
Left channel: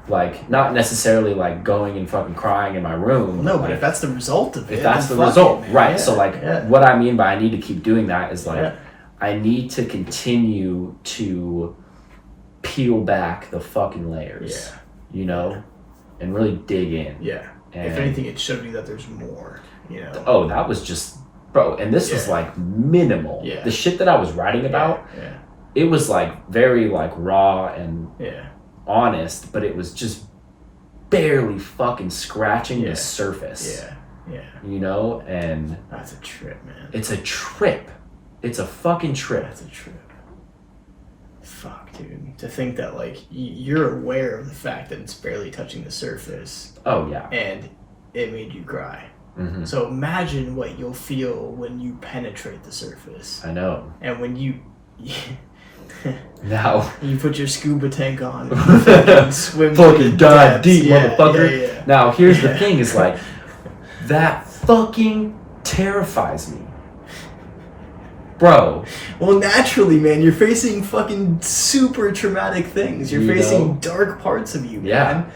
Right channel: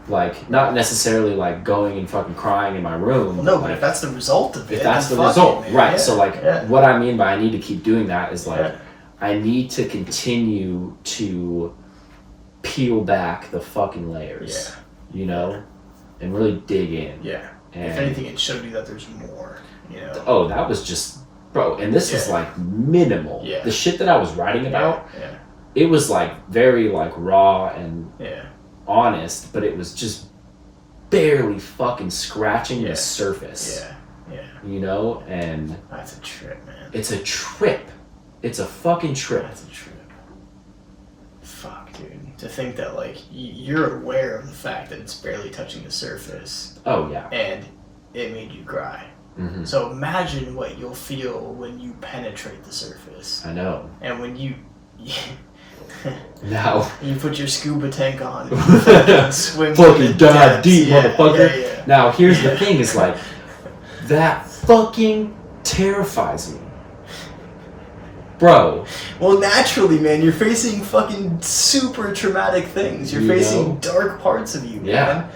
Like not necessarily like going and fucking crying in my room. No, but like, if that's the result of it. If that's the result, right. So like what I mean by I need to keep doing that is like I need to continue to peel back the fucking layers. You know? And really dig in. And if anything, it showed you that there's more, you know. Oh, that was just, bro, and this was like minimal. The shit that I was writing about, it was like very like raw and honest, but it was just barely fucking scratching the surface. You know, and that's a trip, man. It's a trip. It's a fucking trip. That's a trip. Fuck, dude. To think that like you're aware of the fact that it's barely touching the surface. Oh yeah. And it made you cry. So imagine what you'll feel when you penetrate the surface. I know. And when you now you put your scuba tank on, and swim fucking dive deep, motherfucker. Now here's the thing: is like that fucking terrifies me, bro. Well, naturally, man, you're facing fucking super traumatic things. You're facing dark parts of you, man.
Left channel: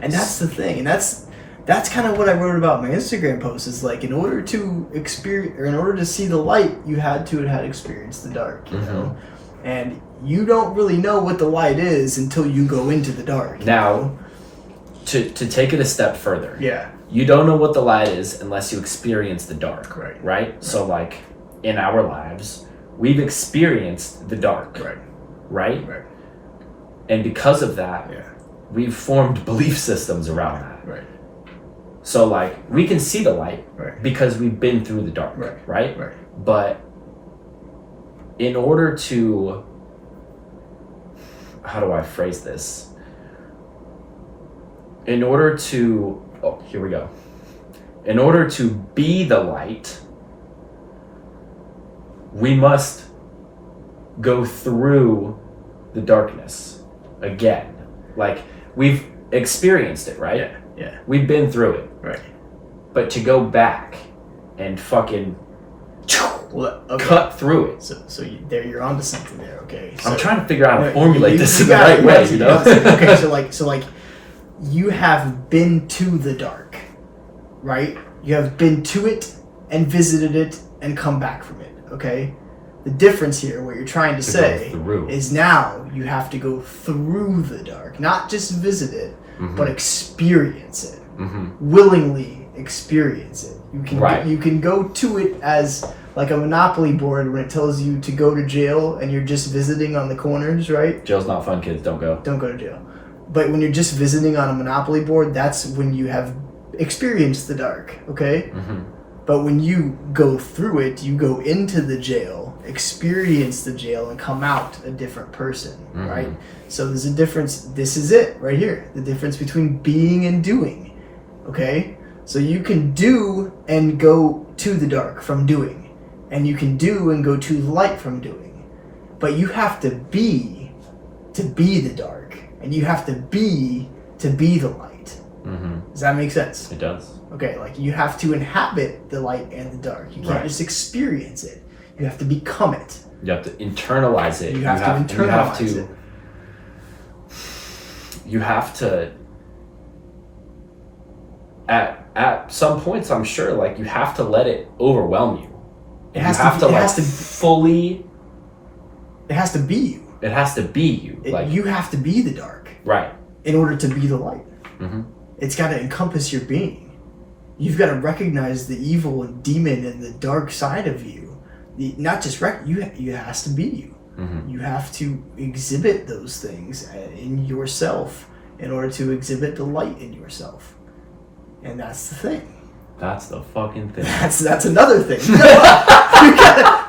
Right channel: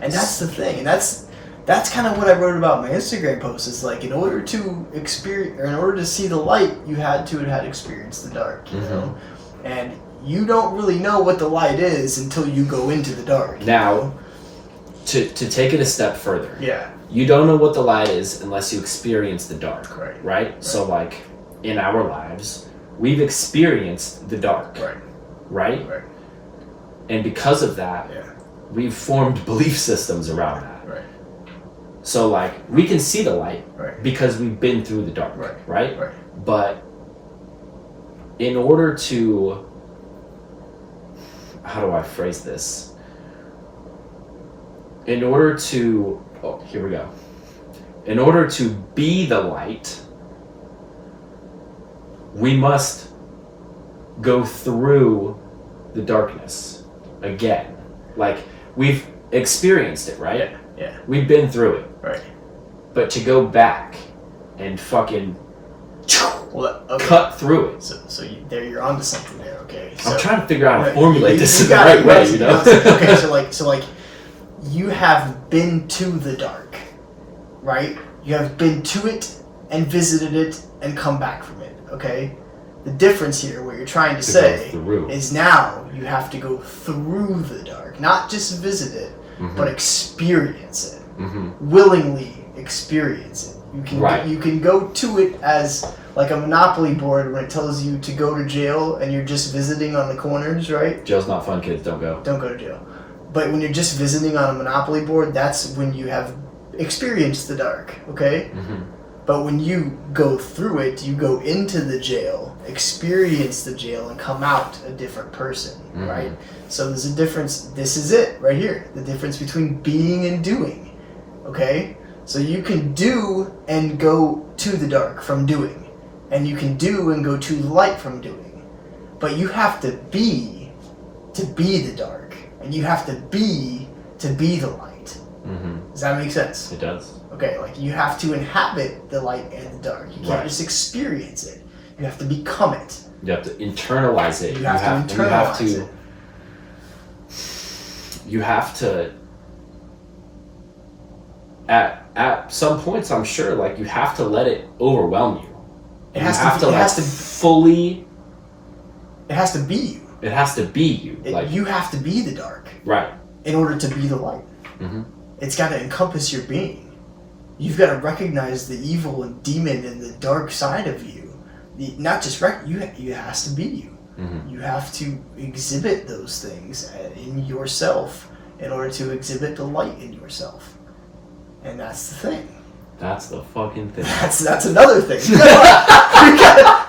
And that's the thing, and that's kind of what I wrote about in my Instagram post. Is like in order to experience, or in order to see the light, you had experienced the dark, you know. And you don't really know what the light is until you go into the dark. Now, to take it a step further, you don't know what the light is unless you experience the dark, right? So like in our lives, we've experienced the dark, right? And because of that, we've formed belief systems around that. So like we can see the light because we've been through the dark, right? But in order to, how do I phrase this? In order to, here we go. In order to be the light, we must go through the darkness again. Like we've experienced it, right? We've been through it. But to go back and fucking cut through it. So you're onto something there, okay? So, I'm trying to figure out how to formulate this in the right way, you know? Okay, so like you have been to the dark, right? You have been to it and visited it and come back from it, okay? The difference here, what you're trying to say, is now you have to go through the dark, not just visit it, but experience it, willingly experience it. You can go to it as like a Monopoly board when it tells you to go to jail and you're just visiting on the corners, right? Jail's not fun, kids. Don't go. Don't go to jail. But when you're just visiting on a Monopoly board, that's when you have experienced the dark, okay? But when you go through it, you go into the jail, experience the jail, and come out a different person, right? So there's a difference. This is it right here. The difference between being and doing, okay? So you can do and go to the dark from doing, and you can do and go to the light from doing, but you have to be the dark, and you have to be the light. Mm-hmm. Does that make sense? It does. Okay, like you have to inhabit the light and the dark. You can't just experience it. You have to become it. You have to internalize it. You have to internalize it. You have to. At some points, I'm sure, like you have to let it overwhelm you. It has to fully. It has to be you. It has to be you. You have to be the dark. Right. In order to be the light. Mm-hmm. It's got to encompass your being. You've got to recognize the evil and demon and the dark side of you. Not just it has to be you. Mm-hmm. You have to exhibit those things in yourself in order to exhibit the light in yourself. And that's the thing. That's the fucking thing. That's another thing.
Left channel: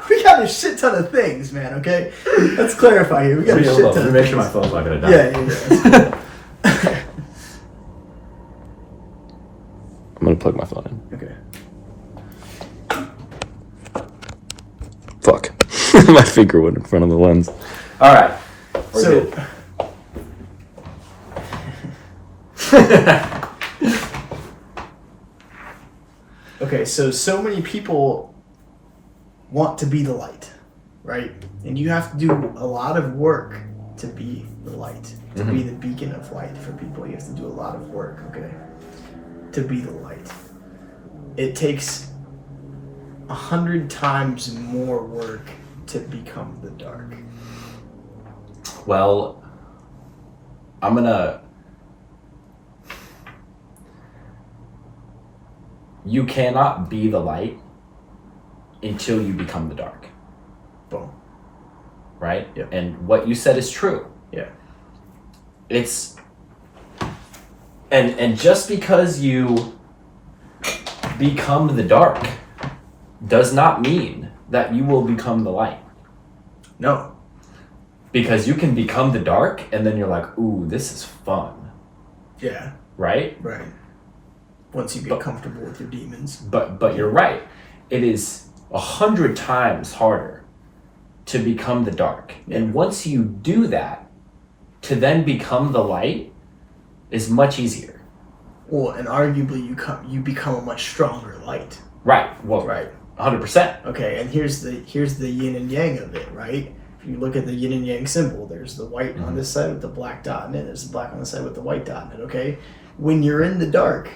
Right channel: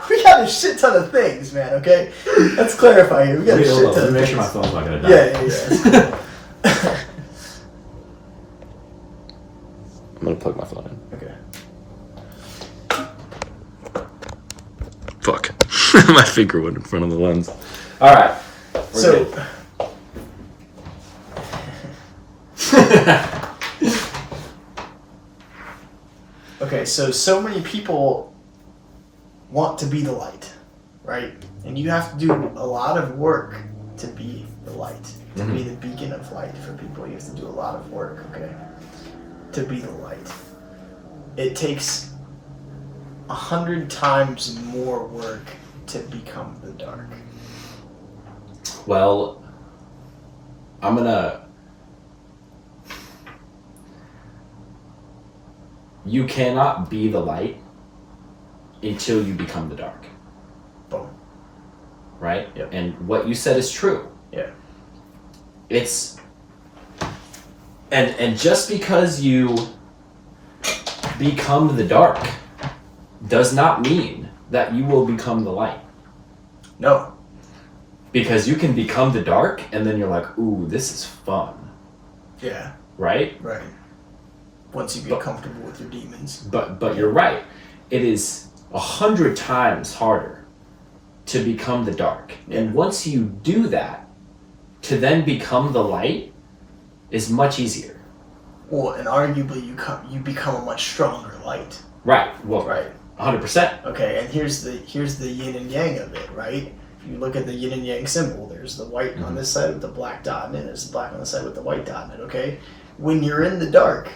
we got a shit ton of things, man, okay? Let's clarify here. We got a shit ton of things. Make sure my phone's not going to die. Yeah. I'm going to plug my phone in. Okay. Fuck. My finger went in front of the lens. All right. We're good. Okay, so many people want to be the light, right? And you have to do a lot of work to be the light, to be the beacon of light for people. You have to do a lot of work, okay, to be the light. It takes 100 times more work to become the dark. Well, I'm gonna... You cannot be the light until you become the dark. Boom. Right? Yep. And what you said is true. Yeah. It's... And just because you become the dark does not mean that you will become the light. No. Because you can become the dark and then you're like, ooh, this is fun. Yeah. Right? Right. Once you get comfortable with your demons. But you're right. It is 100 times harder to become the dark. Yeah. And once you do that, to then become the light is much easier. Well, and arguably you become a much stronger light. Right. Well, right. 100%. Okay, and here's the yin and yang of it, right? If you look at the yin and yang symbol, there's the white on this side with the black dot in it, there's the black on the side with the white dot in it, okay? When you're in the dark,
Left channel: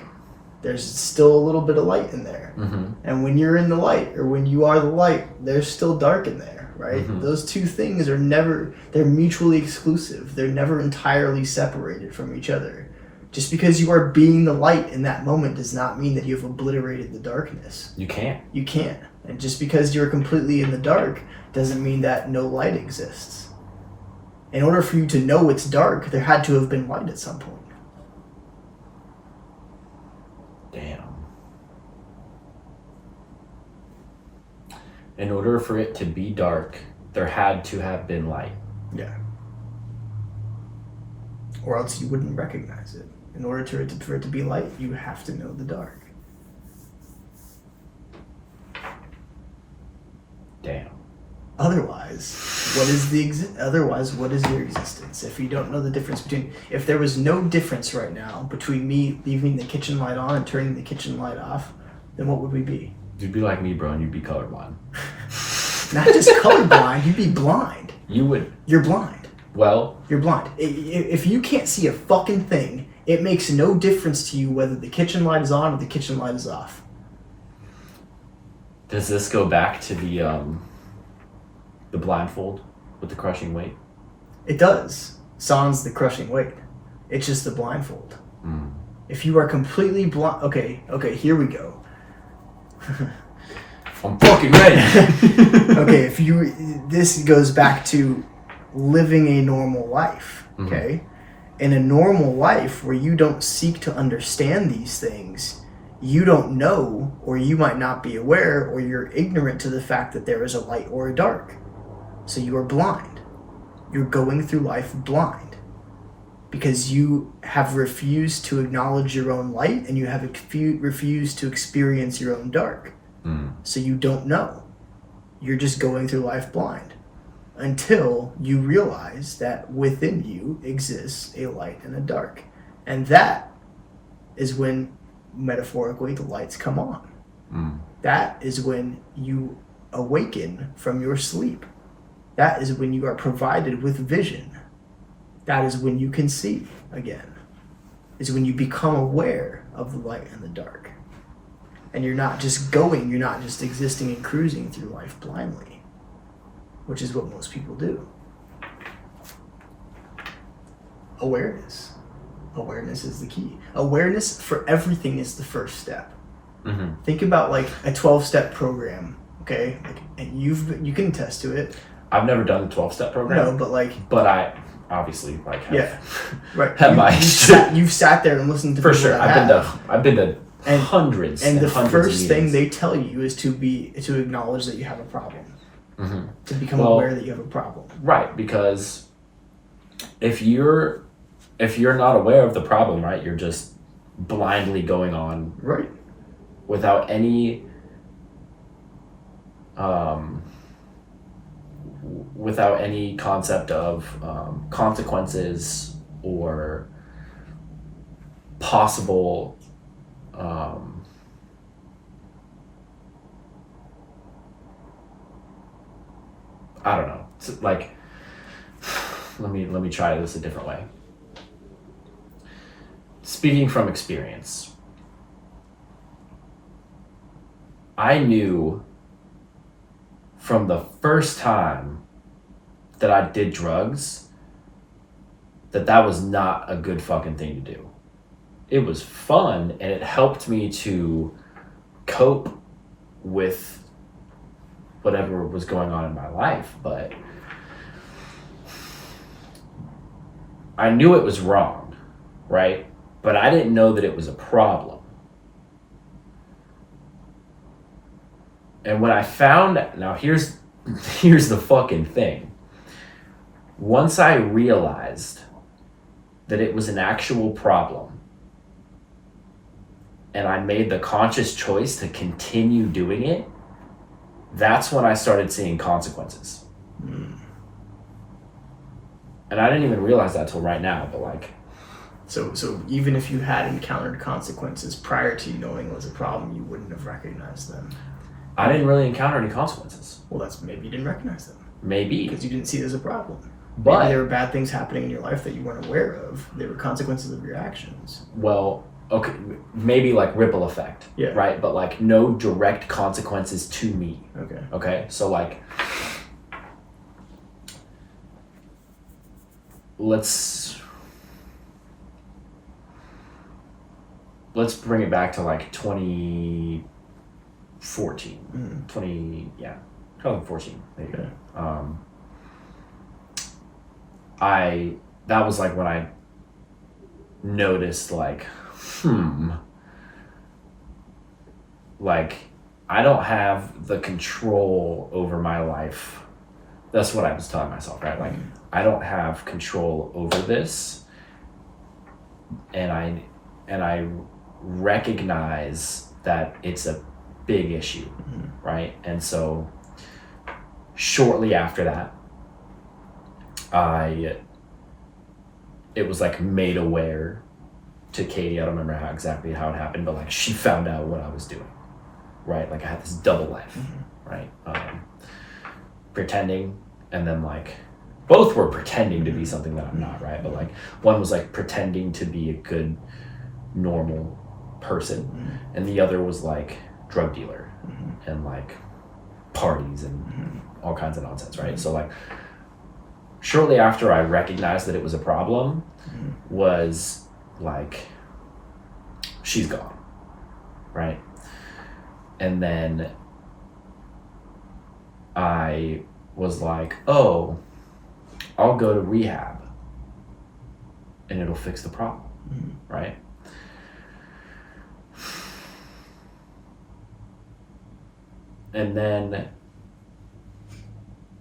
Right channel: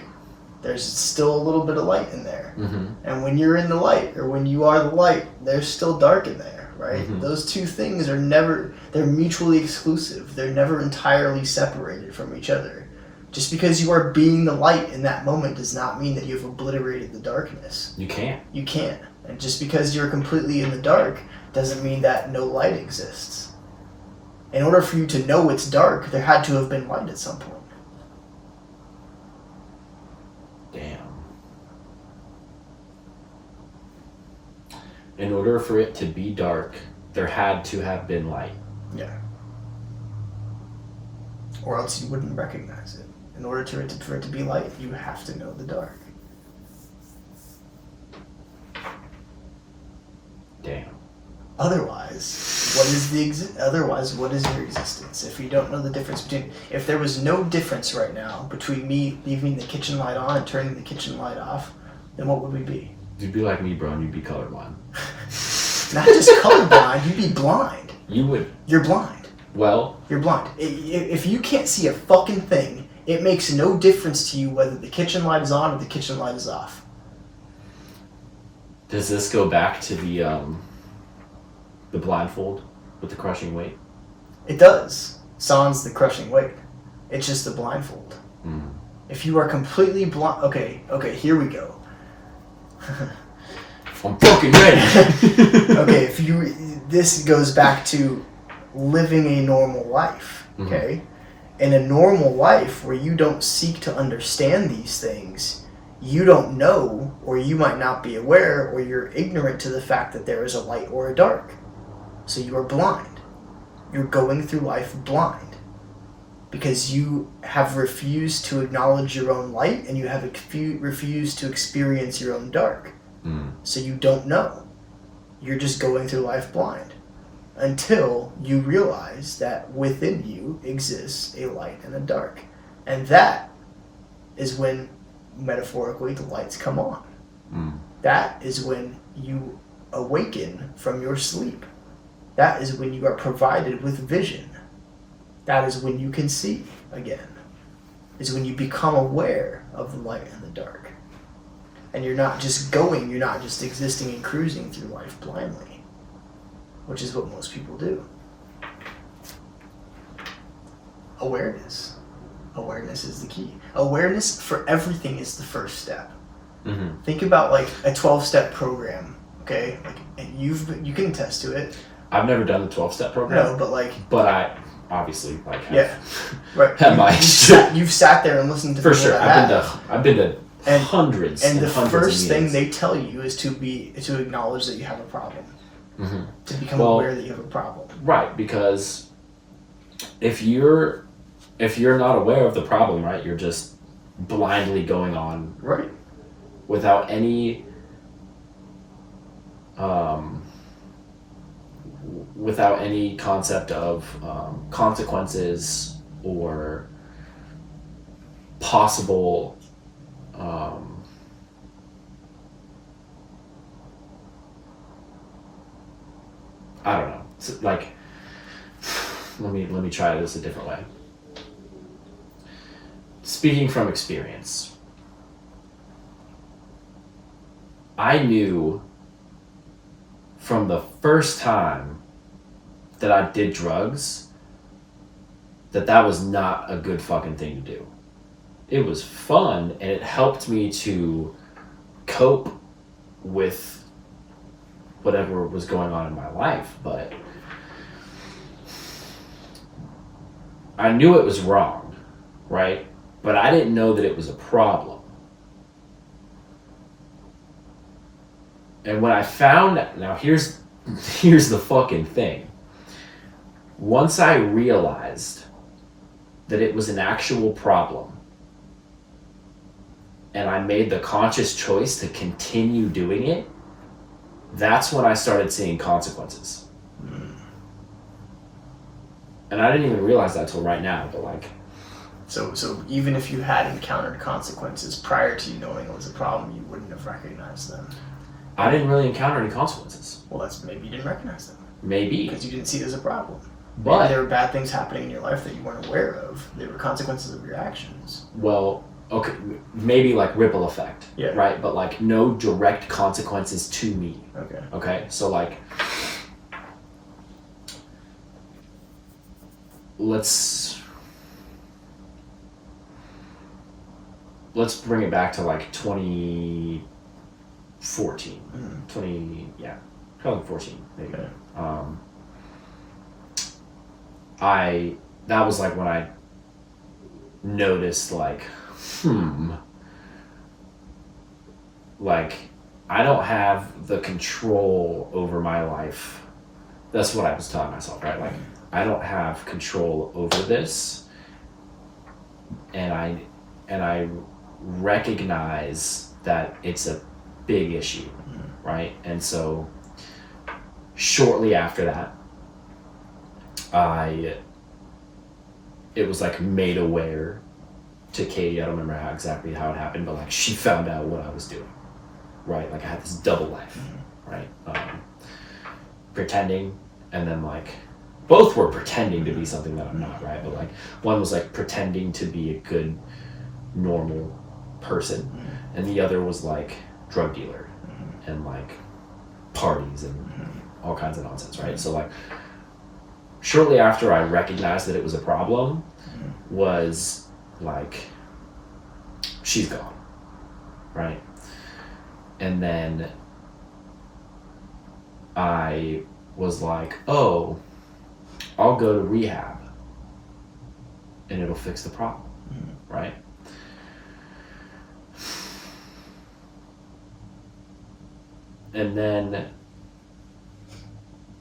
there's still a little bit of light in there. Mm-hmm. And when you're in the light, or when you are the light, there's still dark in there, right? Mm-hmm. Those two things they're mutually exclusive. They're never entirely separated from each other. Just because you are being the light in that moment does not mean that you have obliterated the darkness. You can't. You can't. And just because you're completely in the dark doesn't mean that no light exists. In order for you to know it's dark, there had to have been light at some point. Damn. In order for it to be dark, there had to have been light. Yeah. Or else you wouldn't recognize it. In order for it to be light, you have to know the dark. Damn. Otherwise, what is your existence? If you don't know the difference if there was no difference right now between me leaving the kitchen light on and turning the kitchen light off, then what would we be? You'd be like me, bro, and you'd be colorblind. Not just colorblind, you'd be blind. You would. You're blind. Well. You're blind. If you can't see a fucking thing, it makes no difference to you whether the kitchen light is on or the kitchen light is off. Does this go back to the blindfold with the crushing weight? It does. Sans the crushing weight. It's just the blindfold. Mm. If you are completely blind... Okay, here we go. I'm fucking ready! Okay, this goes back to living a normal life, okay? Mm-hmm. In a normal life where you don't seek to understand these things, you don't know, or you might not be aware, or you're ignorant to the fact that there is a light or a dark. So you are blind. You're going through life blind. because you have refused to acknowledge your own light and you have refused to experience your own dark. So you don't know. You're just going through life blind until you realize that within you exists a light and a dark. And that is when, metaphorically, the lights come on. That is when you awaken from your sleep. That is when you are provided with vision. That is when you can see again. Is when you become aware of the light and the dark. And you're not just existing and cruising through life blindly, which is what most people do. Awareness. Awareness is the key. Awareness for everything is the first step. Think about like a 12-step program, okay? Like, and you can attest to it. I've never done the 12-step program. No, but like... But I obviously like have, right. You've sat there and listened to for people sure. I've been to hundreds and the hundreds first of thing they tell you is to acknowledge that you have a problem. To become aware that you have a problem. Right, because if you're not aware of the problem, right, you're just blindly going on without any concept of consequences or possible I don't know. It's like, let me try this a different way. Speaking from experience, I knew from the first time that I did drugs that was not a good fucking thing to do. It was fun and it helped me to cope with whatever was going on in my life, but I knew it was wrong, right? But I didn't know that it was a problem. And when I found, now here's the fucking thing. Once I realized that it was an actual problem and I made the conscious choice to continue doing it, that's when I started seeing consequences. And I didn't even realize that till right now, but like... So even if you had encountered consequences prior to you knowing it was a problem, you wouldn't have recognized them. I didn't really encounter any consequences. Well, that's maybe you didn't recognize them. Maybe. Because you didn't see it as a problem. But maybe there were bad things happening in your life that you weren't aware of. They were consequences of your actions. Well, okay, maybe like ripple effect, right? But like no direct consequences to me. Okay, so like, let's bring it back to like 2014, 2014 maybe. That was like when I noticed like, like I don't have the control over my life. That's what I was telling myself, right? Like I don't have control over this, and I recognize that it's a big issue, right? And so shortly after that, it was like made aware to Kody. I don't remember exactly how it happened, but like she found out what I was doing, right? Like I had this double life, right? Pretending, and then like both were pretending to be something that I'm not, right? But like one was like pretending to be a good, normal person, and the other was like drug dealer and like parties and all kinds of nonsense, right? So like shortly after I recognized that it was a problem, was like, she's gone, right? And then I was like, oh, I'll go to rehab and it'll fix the problem, right? And then,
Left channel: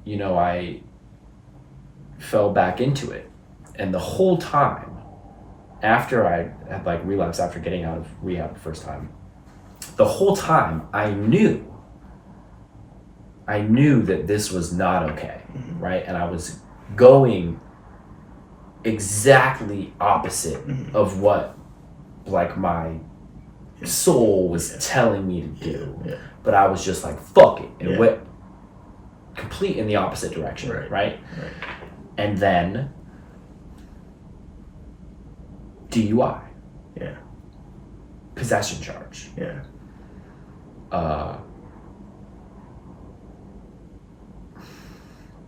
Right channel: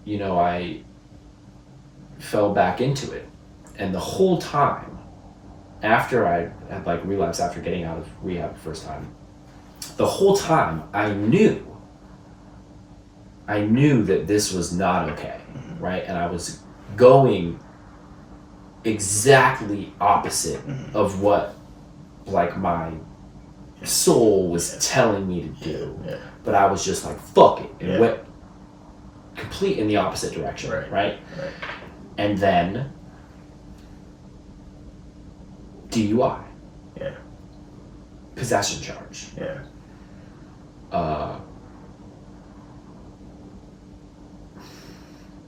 you know, I fell back into it And the whole time, after I had like relapsed after getting out of rehab the first time, the whole time I knew that this was not okay, right? And I was going exactly opposite of what like my soul was telling me to do. Yeah. But I was just like, fuck it. And it went complete in the opposite direction, right? And then DUI. Yeah. Possession charge. Yeah.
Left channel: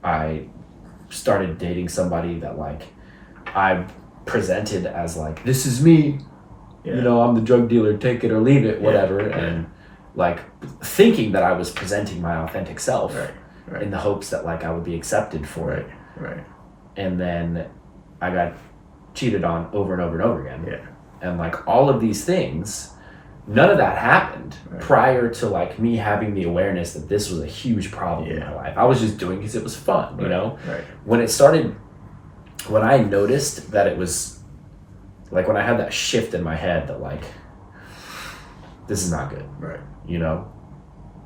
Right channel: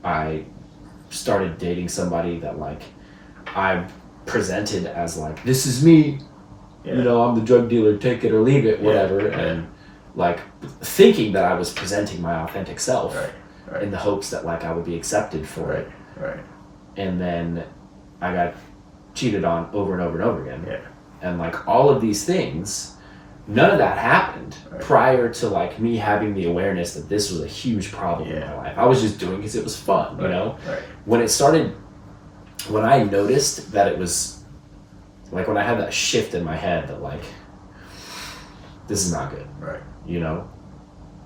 I started dating somebody that like I presented as like, this is me, you know, I'm the drug dealer, take it or leave it, whatever. And like thinking that I was presenting my authentic self in the hopes that like I would be accepted for it. And then I got cheated on over and over and over again. And like all of these things, none of that happened prior to like me having the awareness that this was a huge problem in my life. I was just doing it because it was fun, you know? When it started, when I noticed that it was, like when I had that shift in my head that like, this is not good, you know?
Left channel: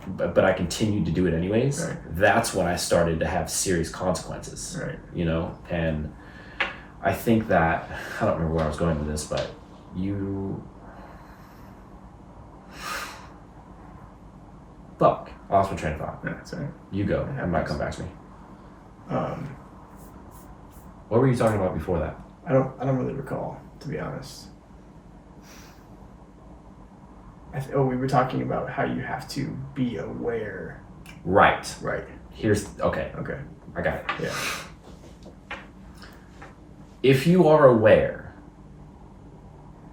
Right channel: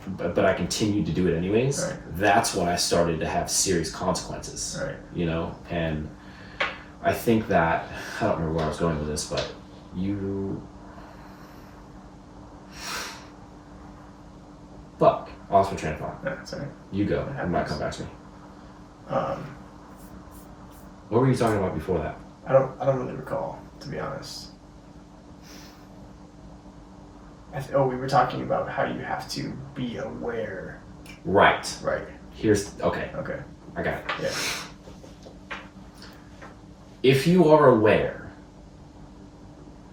But I continued to do it anyways. That's when I started to have serious consequences, you know? And I think that, I don't remember where I was going with this, but fuck, I lost my train of thought. That's all right. You go. It might come back to me. What were you talking about before that? I don't really recall, to be honest. We were talking about how you have to be aware. Right. Okay. Okay. I got it. Yeah. If you are aware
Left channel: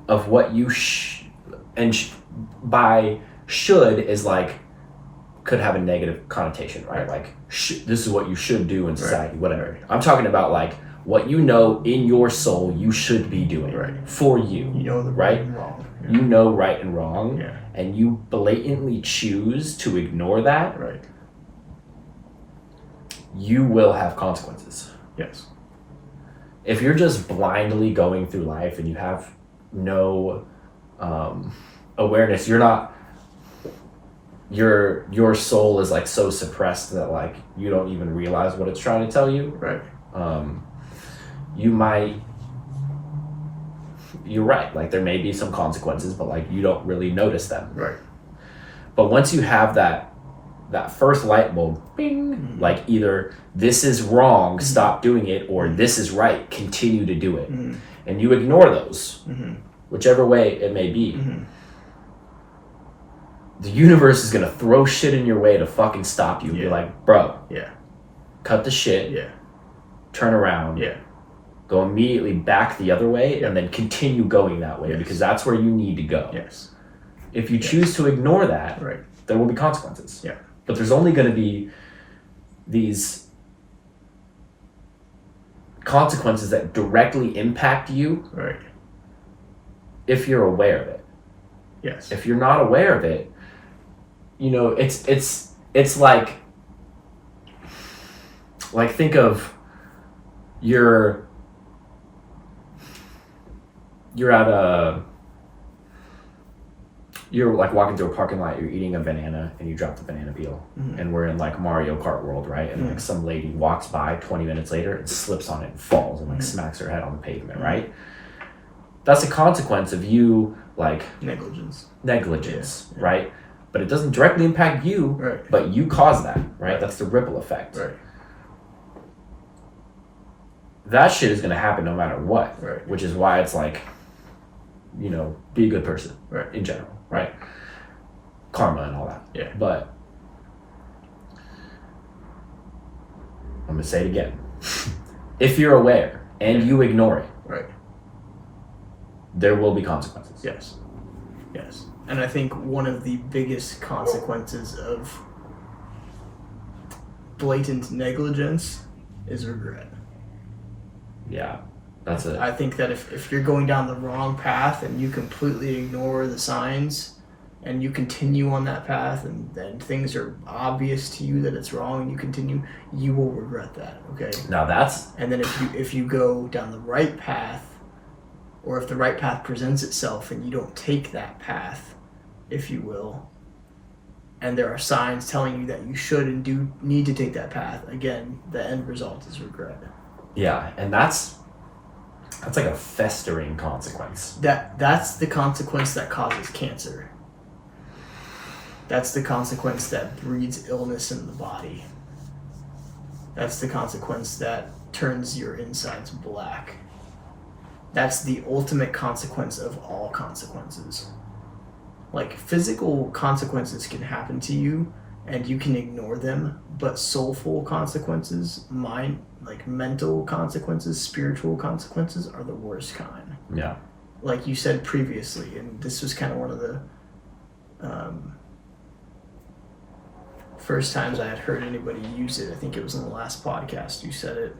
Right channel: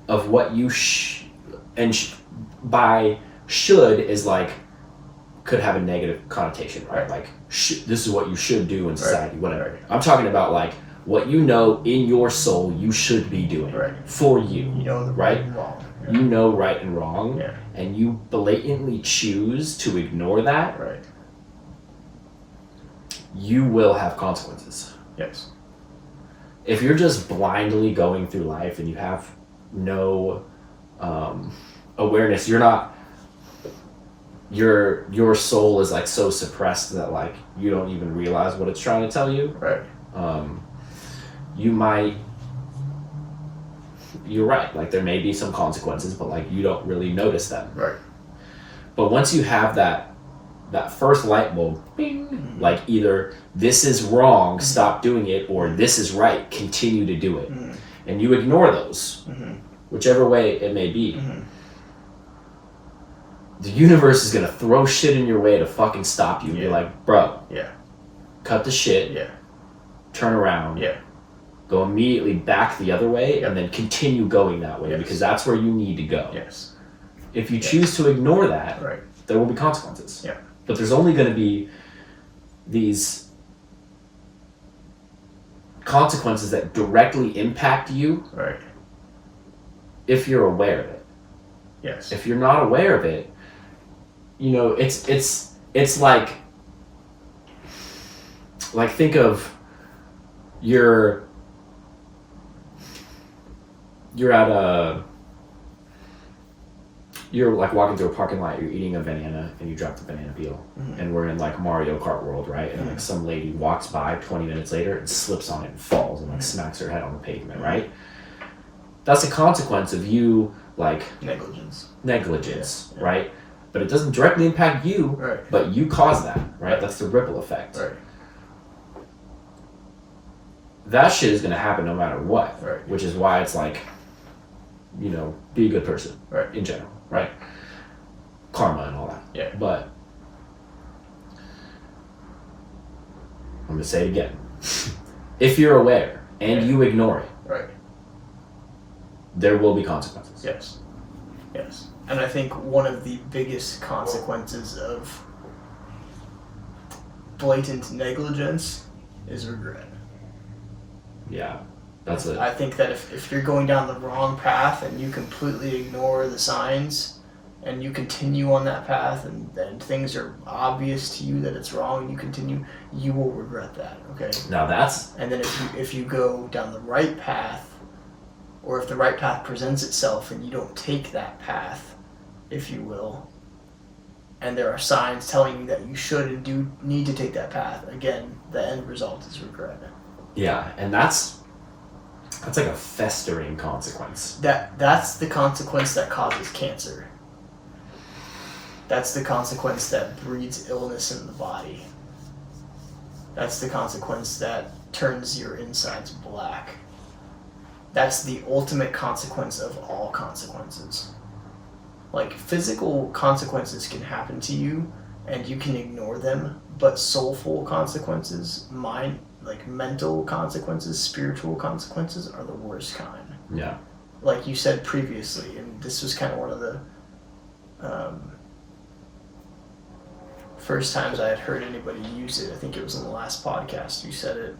of what you by should is like, could have a negative connotation, right? Like, this is what you should do in society, whatever. I'm talking about like what you know in your soul you should be doing for you. You know the right and wrong. Yeah. You know right and wrong, and you blatantly choose to ignore that. You will have consequences. Yes. If you're just blindly going through life and you have no awareness, you're not. Your soul is like so suppressed that like you don't even realize what it's trying to tell you. You might. You're right. Like there may be some consequences, but like you don't really notice them. But once you have that first light bulb, bing, like either this is wrong, stop doing it, or this is right, continue to do it, and you ignore those, whichever way it may be. The universe is gonna throw shit in your way to fucking stop you and be like, bro, cut the shit, turn around, go immediately back the other way, and then continue going that way because that's where you need to go. If you choose to ignore that, there will be consequences. But there's only gonna be these consequences that directly impact you if you're aware of it. If you're not aware of it, you know, it's like think of you're like walking through a parking lot, you're eating a banana and you drop the banana peel, and we're in like Mario Kart world, right? And like some lady walks by 20 minutes later and slips on it and falls and like smacks her head on the pavement, right? That's a consequence of you like negligence, right? But it doesn't directly impact you, but you cause that, right? That's the ripple effect. That shit is gonna happen no matter what, which is why it's like, you know, be a good person, in general, right? Karma and all that. But I'm gonna say it again. If you're aware and you ignore it, there will be consequences. Yes. And I think one of the biggest consequences of blatant negligence is regret. That's I think that if you're going down the wrong path and you completely ignore the signs, and you continue on that path, and then things are obvious to you that it's wrong, and you continue, you will regret that. Okay. Now that's. And then if you go down the right path, or if the right path presents itself and you don't take that path, if you will, and there are signs telling you that you should and do need to take that path, again, the end result is regret. Yeah, and that's like a festering consequence. That's the consequence that causes cancer. That's the consequence that breeds illness in the body. That's the consequence that turns your insides black. That's the ultimate consequence of all consequences. Like, physical consequences can happen to you and you can ignore them, but soulful consequences, mental consequences, spiritual consequences are the worst kind. Yeah. Like you said previously, and this was kind of one of the first times I had heard anybody use it. I think it was in the last podcast you said it,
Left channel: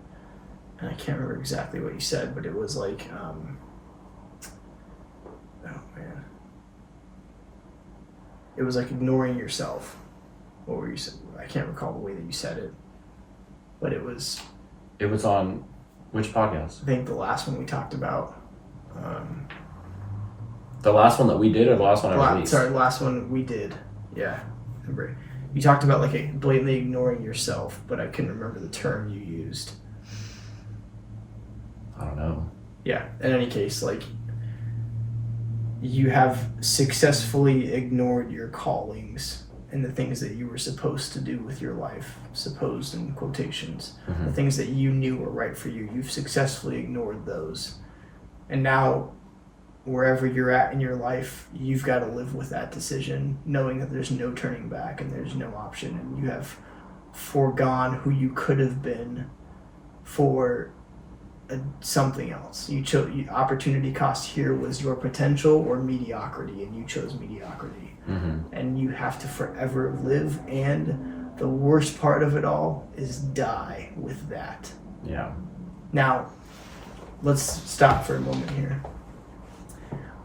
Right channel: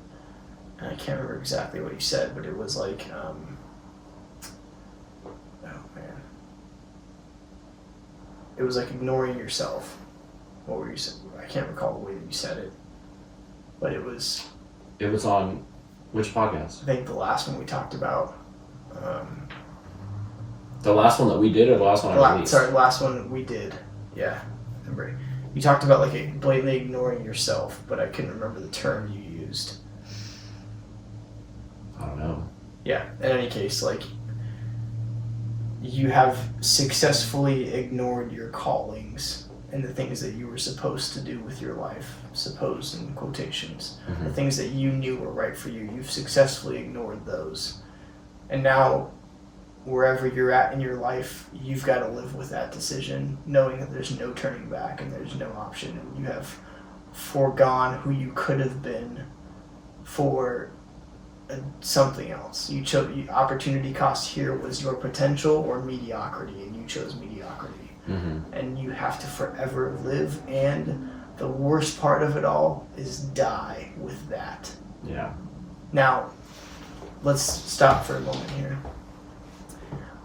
and I can't remember exactly what you said, but it was like, oh man, it was like ignoring yourself. What were you saying? I can't recall the way that you said it, but it was on which podcast? I think the last one we talked about. The last one that we did, or the last one I released? Sorry, the last one we did. Yeah, remember. You talked about like blatantly ignoring yourself, but I couldn't remember the term you used. I don't know. Yeah, in any case, like, you have successfully ignored your callings and the things that you were supposed to do with your life, supposed in quotations, Mm-hmm. the things that you knew were right for you. You've successfully ignored those. And now, wherever you're at in your life, you've got to live with that decision, knowing that there's no turning back and there's no option, and you have foregone who you could have been for something else. You chose, opportunity cost here was your potential or mediocrity, and you chose mediocrity. Mm-hmm. And you have to forever live, and the worst part of it all is die with that. Yeah. Now, let's stop for a moment here.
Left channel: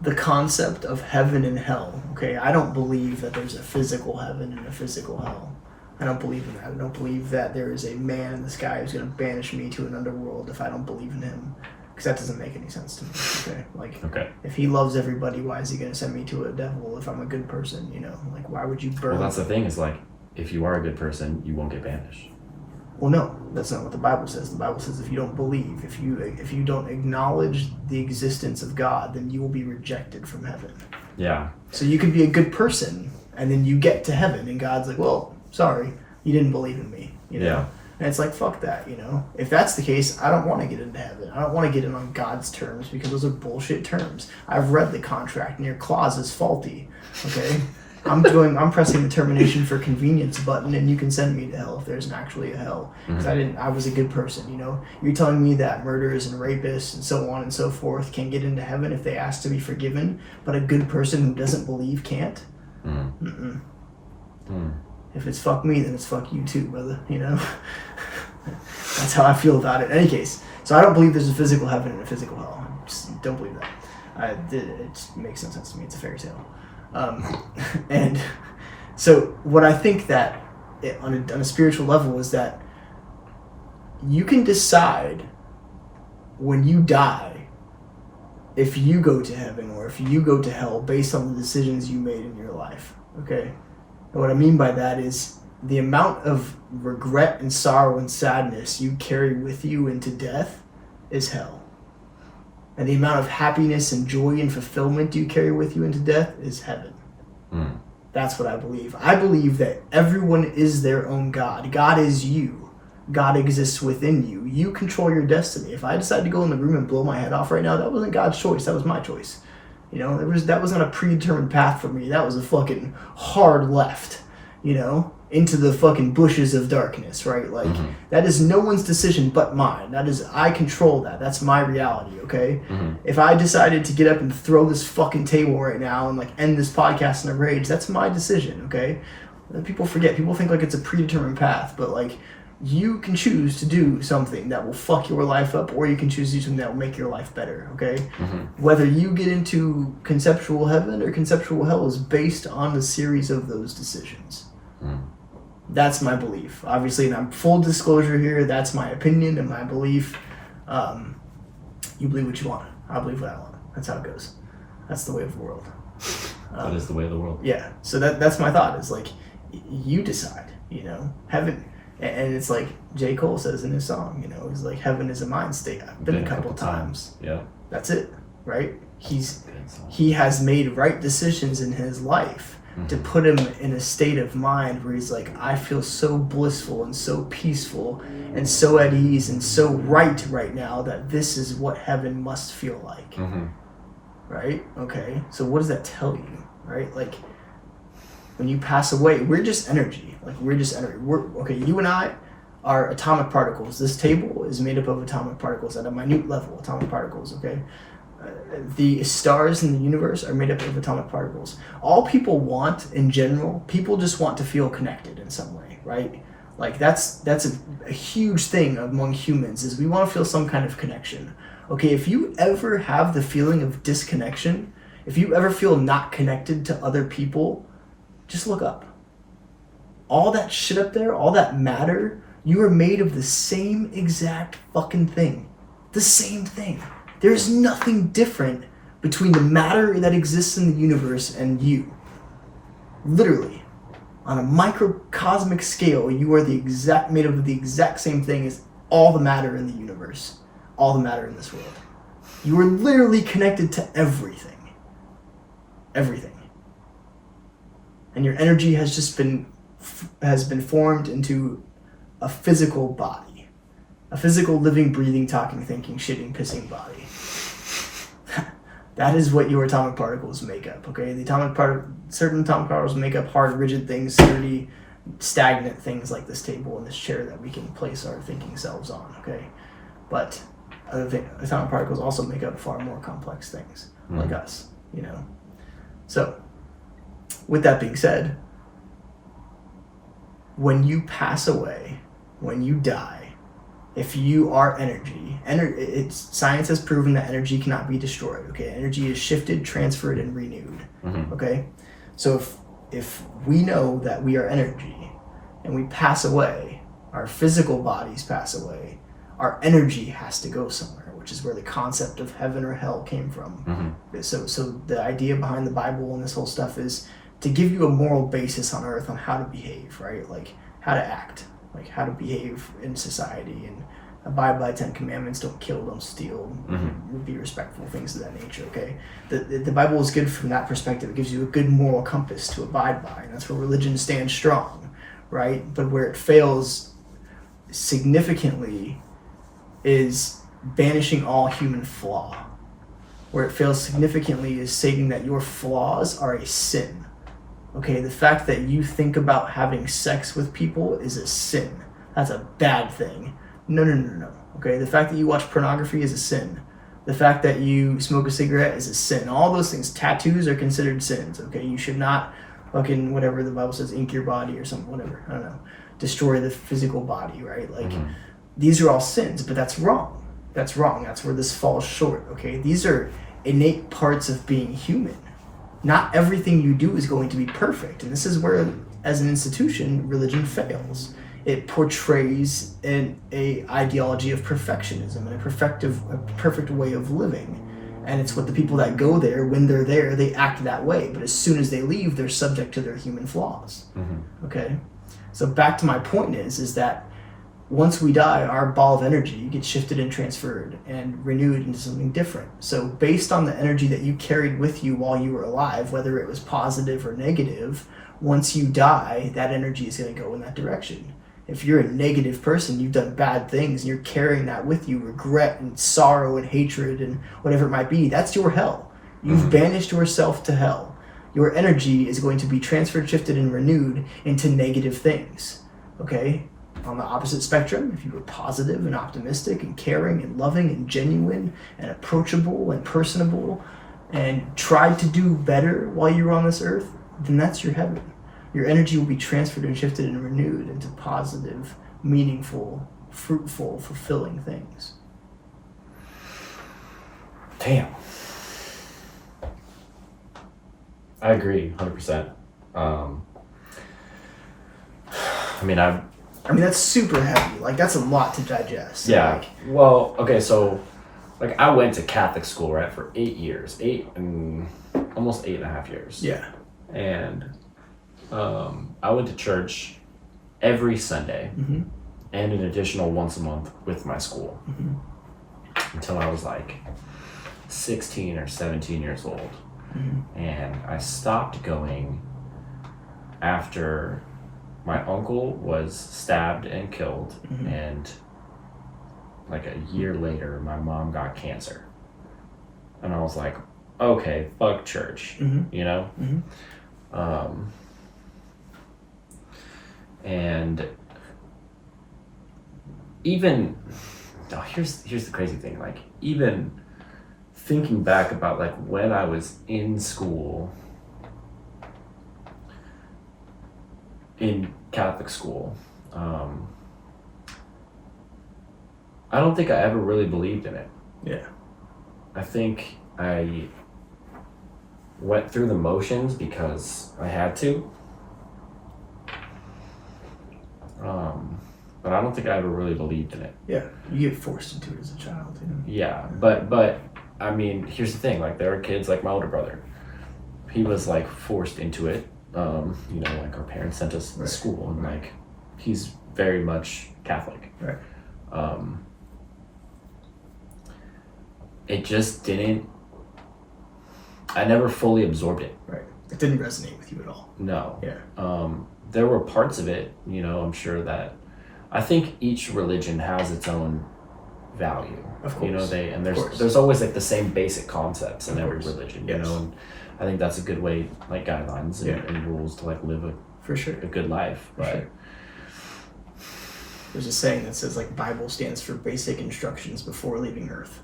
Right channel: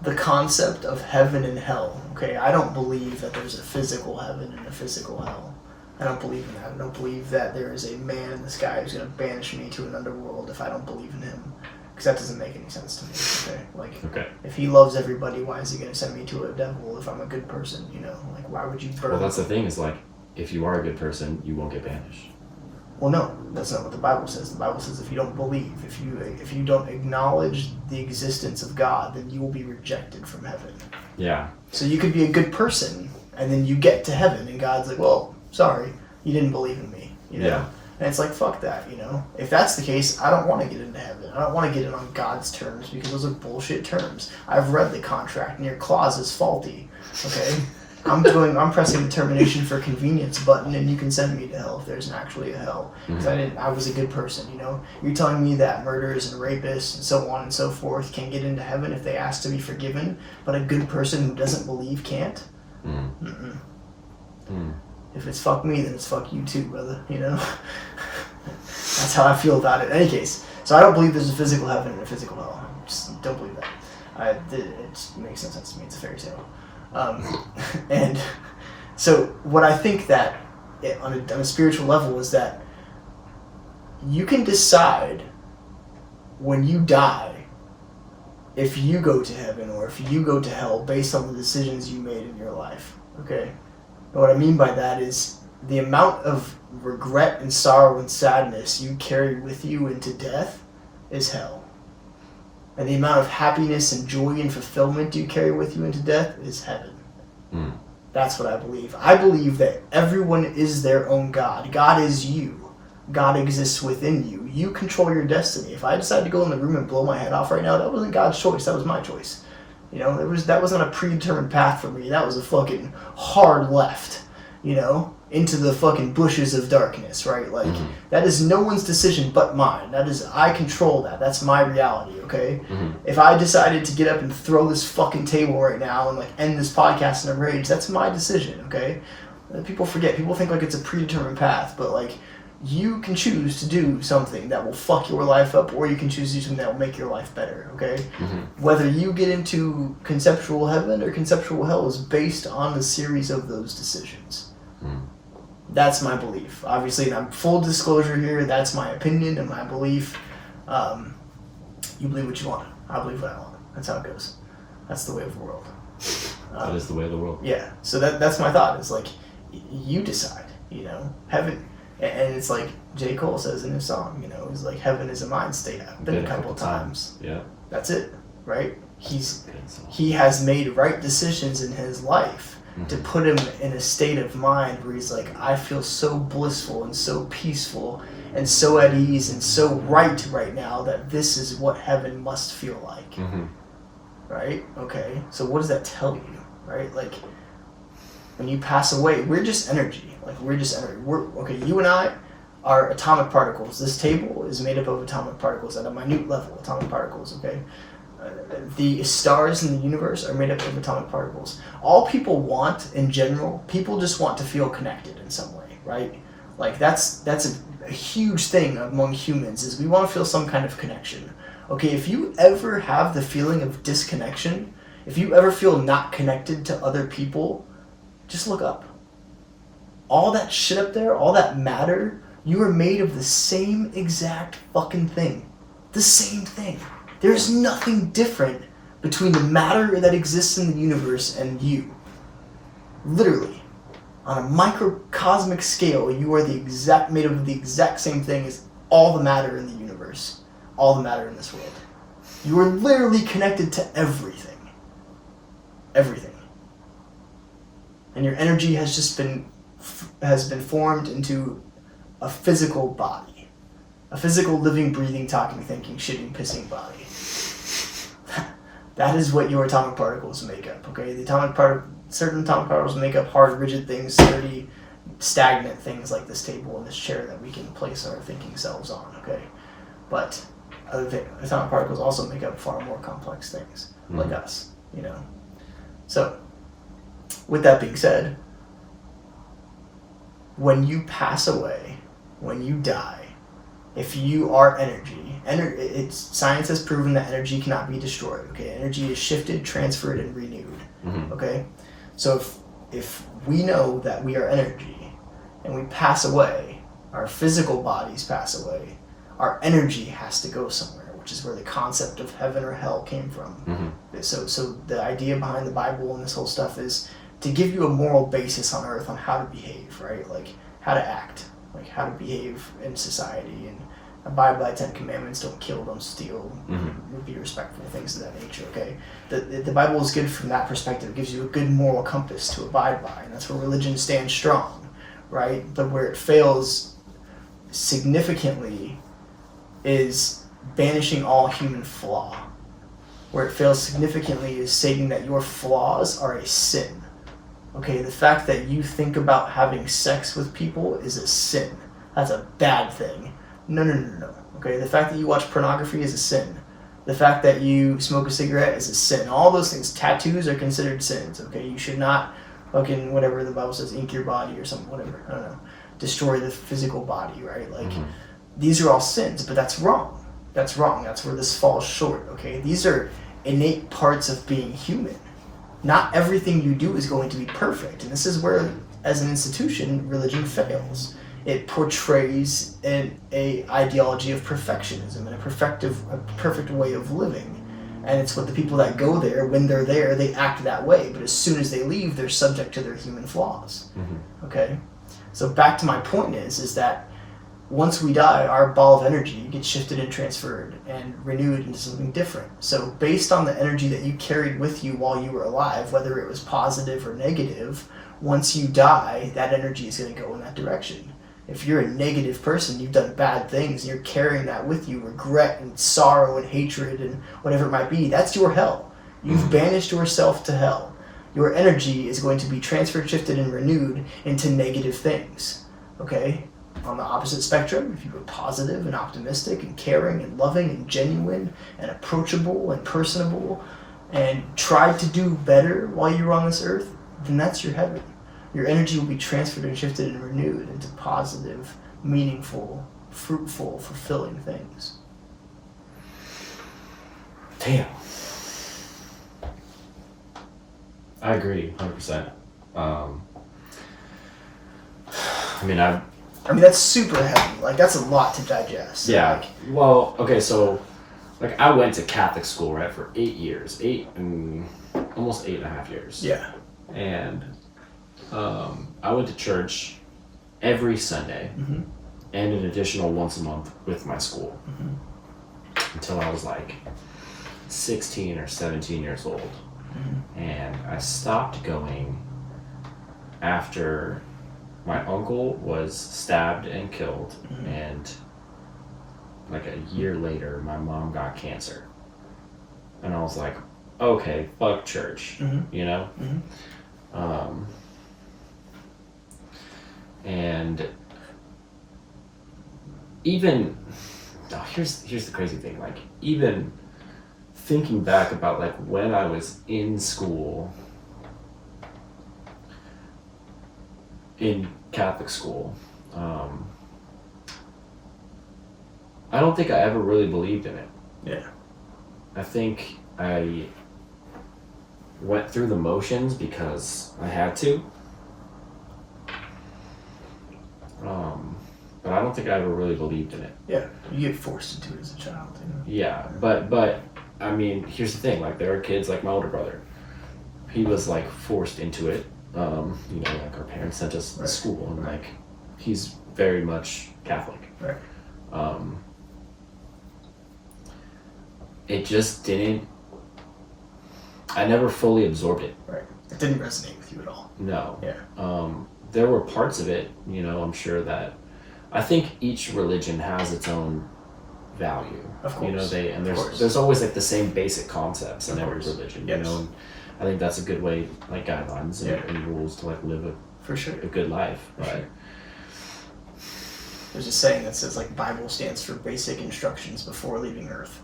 The concept of heaven and hell, okay, I don't believe that there's a physical heaven and a physical hell. I don't believe in that. I don't believe that there is a man in the sky who's going to banish me to an underworld if I don't believe in him. Because that doesn't make any sense to me, okay? Like, Okay. if he loves everybody, why is he going to send me to a devil if I'm a good person, you know? Like, why would you burn? Well, that's the thing, is like, if you are a good person, you won't get banished. Well, no, that's not what the Bible says. The Bible says if you don't believe, if you don't acknowledge the existence of God, then you will be rejected from heaven. Yeah. So you could be a good person, and then you get to heaven, and God's like, well, sorry, you didn't believe in me, you know? Yeah. And it's like, fuck that, you know? If that's the case, I don't want to get into heaven. I don't want to get in on God's terms, because those are bullshit terms. I've read the contract, and your clause is faulty, okay? I'm pressing the termination for convenience button, and you can send me to hell if there's actually a hell. Because Mm-hmm. I was a good person, you know? You're telling me that murderers and rapists and so on and so forth can't get into heaven if they ask to be forgiven, but a good person who doesn't believe can't? Mm-hmm. Mm-mm. Mm. If it's fuck me, then it's fuck you too, brother, you know? That's how I feel about it. In any case, so I don't believe there's a physical heaven and a physical hell. Just don't believe that. It makes no sense to me. It's a fairy tale. And so what I think that on a spiritual level is that you can decide when you die if you go to heaven or if you go to hell based on the decisions you made in your life, okay? And what I mean by that is the amount of regret and sorrow and sadness you carry with you into death is hell. And the amount of happiness and joy and fulfillment you carry with you into death is heaven. Mm. That's what I believe. I believe that everyone is their own God. God is you. God exists within you. You control your destiny. If I decide to go in the room and blow my head off right now, that wasn't God's choice. That was my choice. You know, that wasn't a predetermined path for me. That was a fucking hard left, you know, into the fucking bushes of darkness, right? Like, that is no one's decision but mine. That is, I control that. That's my reality, okay? Mm-hmm. If I decided to get up and throw this fucking table right now and, like, end this podcast in a rage, that's my decision, okay? People forget. People think, like, it's a predetermined path, but, like, you can choose to do something that will fuck your life up, or you can choose to do something that will make your life better, okay? Whether you get into conceptual heaven or conceptual hell is based on the series of those decisions. That's my belief. Obviously, and I'm full disclosure here, that's my opinion and my belief. You believe what you want. I believe what I want. That's how it goes. That's the way of the world. That is the way of the world. Yeah. So that's my thought. Is like, you decide. You know, heaven, and it's like J. Cole says in his song. You know, it's like heaven is a mind state. I've been a couple times. Yeah. That's it, right? He has made right decisions in his life to put him in a state of mind where he's like, I feel so blissful and so peaceful and so at ease and so right now that this is what heaven must feel like. Right? Okay. So what does that tell you? Right? Like, when you pass away, we're just energy. Like, we're just energy. You and I are atomic particles. This table is made up of atomic particles at a minute level, atomic particles, okay? The stars in the universe are made up of atomic particles. All people want, in general, people just want to feel connected in some way, right? Like, that's a huge thing among humans, is we want to feel some kind of connection. Okay, if you ever have the feeling of disconnection, if you ever feel not connected to other people, just look up. All that shit up there, all that matter, you are made of the same exact fucking thing. The same thing. There's nothing different between the matter that exists in the universe and you. Literally. On a microcosmic scale, you are made of the exact same thing as all the matter in the universe. All the matter in this world. You are literally connected to everything. Everything. And your energy has just been formed into a physical body. A physical, living, breathing, talking, thinking, shitting, pissing body. That is what your atomic particles make up, okay? Certain atomic particles make up hard, rigid things, sturdy, stagnant things like this table and this chair that we can place our thinking selves on, okay? But atomic particles also make up far more complex things, like us, you know? So, with that being said, when you pass away, when you die, if you are energy, science has proven that energy cannot be destroyed, okay? Energy is shifted, transferred, and renewed, okay? So if we know that we are energy and we pass away, our physical bodies pass away, our energy has to go somewhere, which is where the concept of heaven or hell came from. So the idea behind the Bible and this whole stuff is to give you a moral basis on earth on how to behave, right? Like, how to act, like how to behave in society, and abide by 10 commandments: don't kill, don't steal, be respectful, things of that nature, okay? The Bible is good from that perspective. It gives you a good moral compass to abide by, and that's where religion stands strong, right? But where it fails significantly is banishing all human flaw. Where it fails significantly is stating that your flaws are a sin. Okay, the fact that you think about having sex with people is a sin. That's a bad thing. No. Okay, the fact that you watch pornography is a sin. The fact that you smoke a cigarette is a sin. All those things, tattoos are considered sins. Okay, you should not fucking, whatever the Bible says, ink your body or something, whatever. I don't know. Destroy the physical body, right? Like, these are all sins, but that's wrong. That's wrong. That's where this falls short, okay? These are innate parts of being human. Not everything you do is going to be perfect. And this is where, as an institution, religion fails. It portrays a ideology of perfectionism and a perfect way of living. And it's what the people that go there, when they're there, they act that way. But as soon as they leave, they're subject to their human flaws. Okay? So back to my point is that once we die, our ball of energy gets shifted and transferred and renewed into something different. So based on the energy that you carried with you while you were alive, whether it was positive or negative, once you die, that energy is going to go in that direction. If you're a negative person, you've done bad things, and you're carrying that with you, regret and sorrow and hatred and whatever it might be, that's your hell. You've banished yourself to hell. Your energy is going to be transferred, shifted, and renewed into negative things. Okay? On the opposite spectrum, if you were positive and optimistic and caring and loving and genuine and approachable and personable and tried to do better while you were on this earth, then that's your heaven. Your energy will be transferred and shifted and renewed into positive, meaningful, fruitful, fulfilling things. Damn. I agree, 100%. I mean, that's super heavy. Like, that's a lot to digest. Yeah. Like, Well, okay, so, like, I went to Catholic school, right, for 8 years. Almost 8.5 years. Yeah. And I went to church every Sunday Mm-hmm. and an additional once a month with my school until I was, like, 16 or 17 years old. Mm-hmm. And I stopped going after my uncle was stabbed and killed, and like a year later my mom got cancer, and I was like, okay, fuck church. You know. And even here's the crazy thing, like, even thinking back about like when I was in school, in Catholic school, I don't think I ever really believed in it. Yeah. I think I went through the motions because I had to. But I don't think I ever really believed in it. Yeah. You get forced into it as a child, you know? Yeah, but I mean, here's the thing, like, there are kids like my older brother. He was like forced into it. You know, like, our parents sent us to school, and like, he's very much Catholic. Right. It just didn't. I never fully absorbed it. Right. It didn't resonate with you at all. No. Yeah. There were parts of it, you know, I'm sure that. I think each religion has its own value. Of course. You know, there's always like the same basic concepts in every religion. Yes. You know, and I think that's a good way, like, guidelines and rules to like live for sure a good life. For sure. There's a saying that says, like, Bible stands for basic instructions before leaving Earth.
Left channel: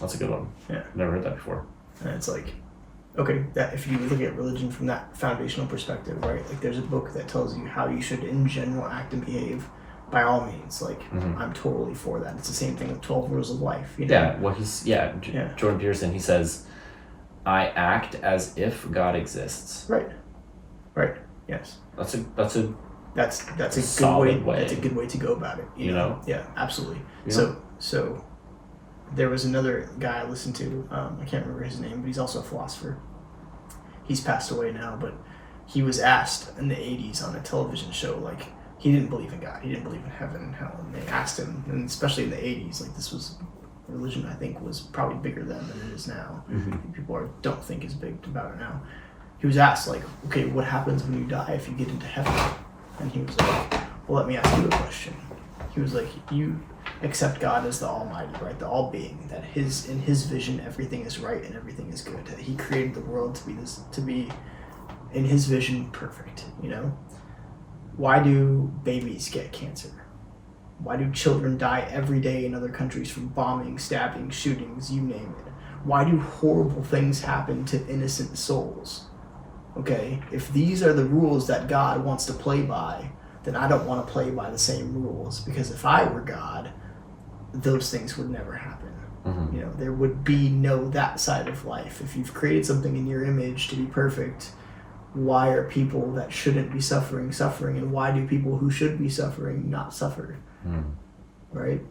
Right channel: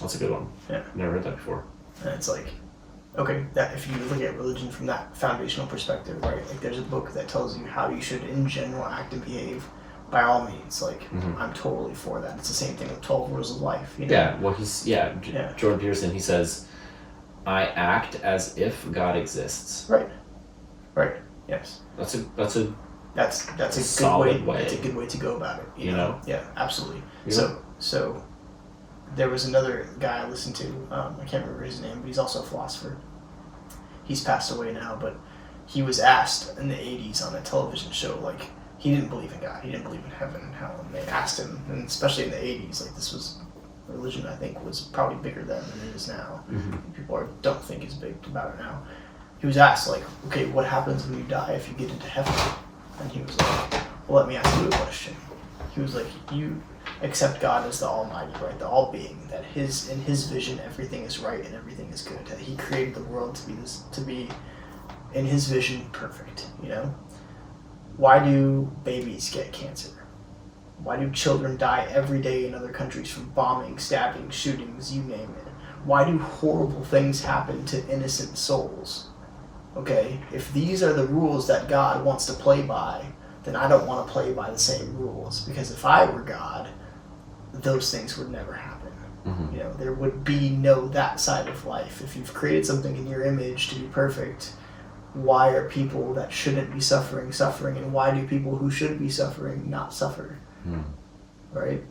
That's a good one. Yeah. Never heard that before. And it's like, okay, that if you look at religion from that foundational perspective, right? Like, there's a book that tells you how you should, in general, act and behave. By all means, like, I'm totally for that. It's the same thing with 12 rules of life. You know? Yeah. Well, Jordan Peterson. He says, "I act as if God exists." Right. Right. Yes. That's a That's a solid good way. That's a good way to go about it. You know? Yeah, absolutely. So there was another guy I listened to. I can't remember his name, but he's also a philosopher. He's passed away now, but he was asked in the 80s on a television show, like, he didn't believe in God. He didn't believe in heaven and hell. And they asked him, and especially in the 80s, like, this was religion, I think, was probably bigger then than it is now. People don't think as big about it now. He was asked, like, okay, what happens when you die if you get into heaven? And he was like, well, let me ask you a question. He was like, you accept God as the Almighty, right? The all-being, that in his vision, everything is right and everything is good. That he created the world to be, in his vision, perfect, you know? Why do babies get cancer? Why do children die every day in other countries from bombing, stabbing, shootings, you name it? Why do horrible things happen to innocent souls? Okay, if these are the rules that God wants to play by, then I don't want to play by the same rules, because if I were God, those things would never happen. You know, there would be no that side of life. If you've created something in your image to be perfect, why are people that shouldn't be suffering, and why do people who should be suffering not suffer? Right?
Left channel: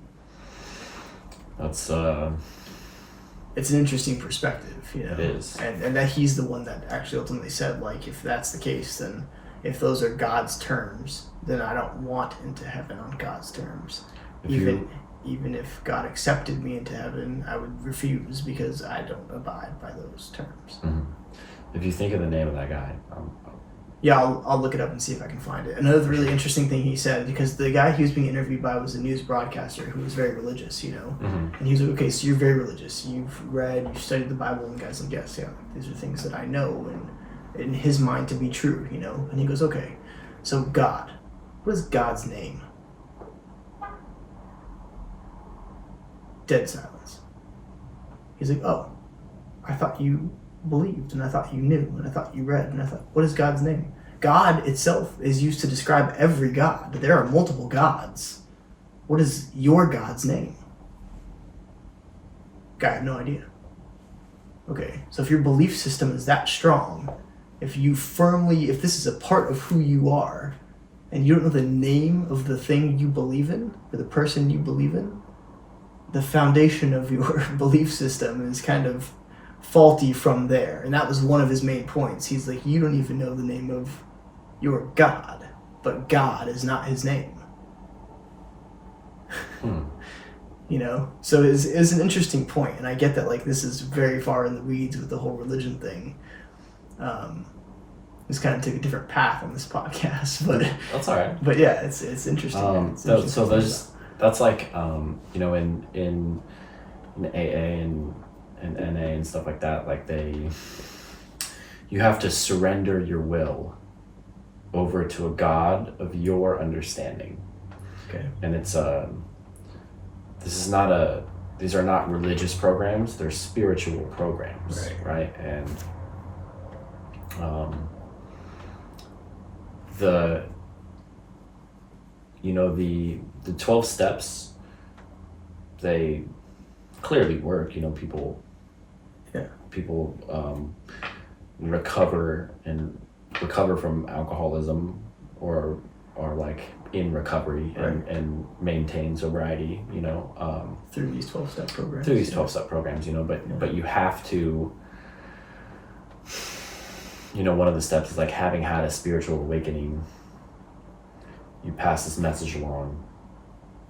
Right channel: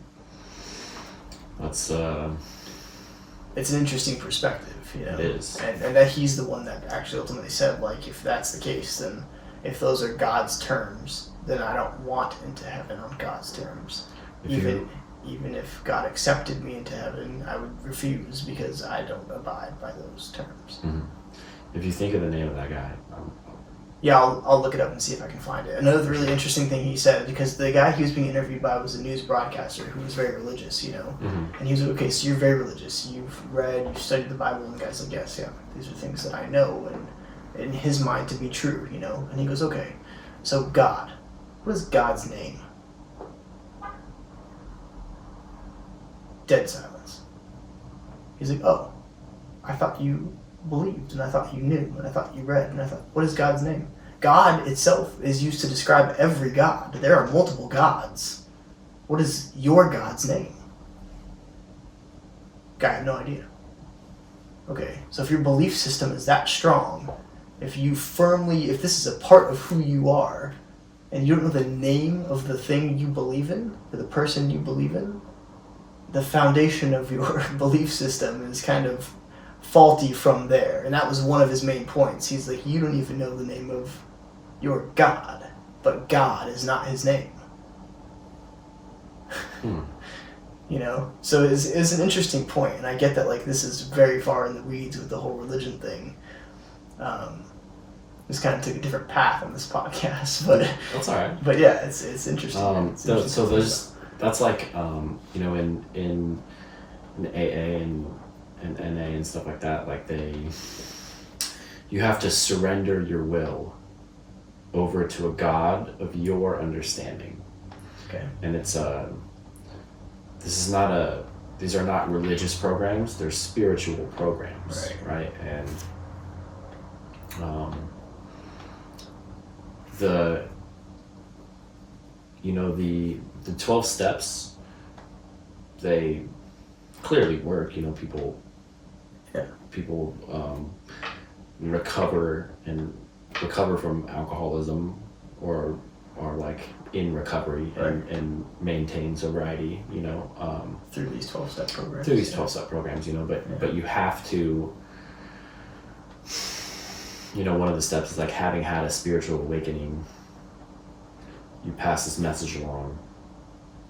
That's it's an interesting perspective, you know. It is. And that he's the one that actually ultimately said, like, if that's the case, then if those are God's terms, then I don't want into heaven on God's terms. Even if God accepted me into heaven, I would refuse because I don't abide by those terms. If you think of the name of that guy, yeah, I'll look it up and see if I can find it. Another really interesting thing he said, because the guy he was being interviewed by was a news broadcaster who was very religious, you know. And he was like, okay, so you're very religious. You've studied the Bible, and the guy's like, yes, yeah, these are things that I know and in his mind to be true, you know. And he goes, okay, so God, what is God's name? Dead silence. He's like, oh, I thought you believed, and I thought you knew, and I thought you read, and I thought, what is God's name? God itself is used to describe every god. There are multiple gods. What is your God's name? I have no idea. Okay, so if your belief system is that strong, if this is a part of who you are, and you don't know the name of the thing you believe in, or the person you believe in, the foundation of your belief system is kind of faulty from there. And that was one of his main points. He's like, you don't even know the name of your God, but God is not his name. You know, so it's an interesting point, and I get that like this is very far in the weeds with the whole religion thing. This kind of took a different path on this podcast, but that's all right. But yeah, it's interesting. So that's like you know, in AA and NA and stuff like that, like you have to surrender your will over to a God of your understanding. Okay. And it's these are not religious programs, they're spiritual programs, right? And the 12 steps, they clearly work. You know, people recover from alcoholism or like in recovery and maintain sobriety, you know, through these 12-step programs. Through these 12-step programs, you know, but you have to, you know, one of the steps is like having had a spiritual awakening, you pass this message along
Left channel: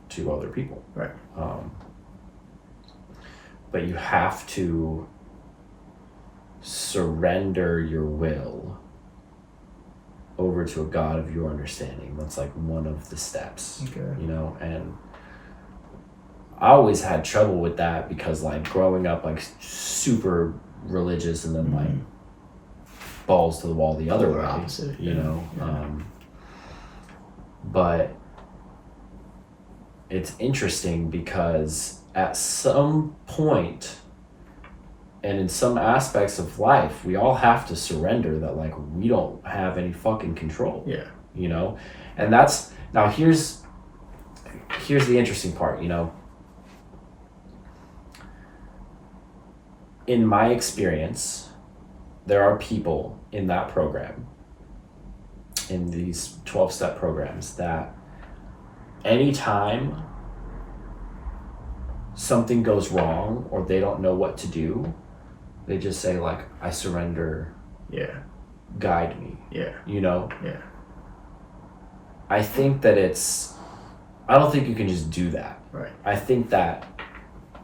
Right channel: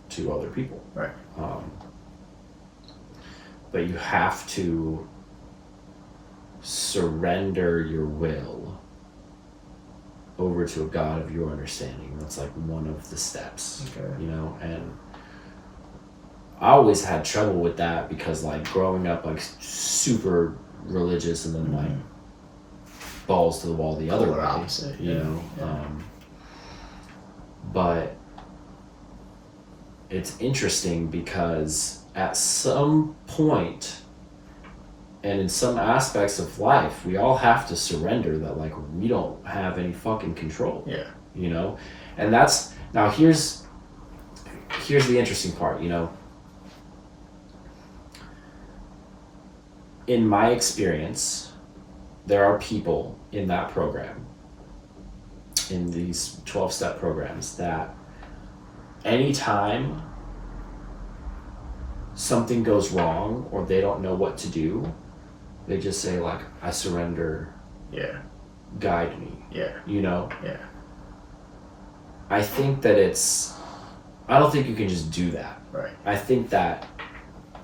to other people. Right. But you have to surrender your will over to a God of your understanding. That's like one of the steps. Okay. You know, and I always had trouble with that because like growing up like super religious and then like balls to the wall the other way, opposite, you know. But it's interesting because at some point and in some aspects of life, we all have to surrender that like we don't have any fucking control. Yeah. You know? And that's now here's the interesting part, you know. In my experience, there are people in that program, in these 12-step programs, that anytime something goes wrong or they don't know what to do, they just say like, I surrender. Yeah. Guide me. Yeah. You know? Yeah. I think that I don't think you can just do that. Right. I think that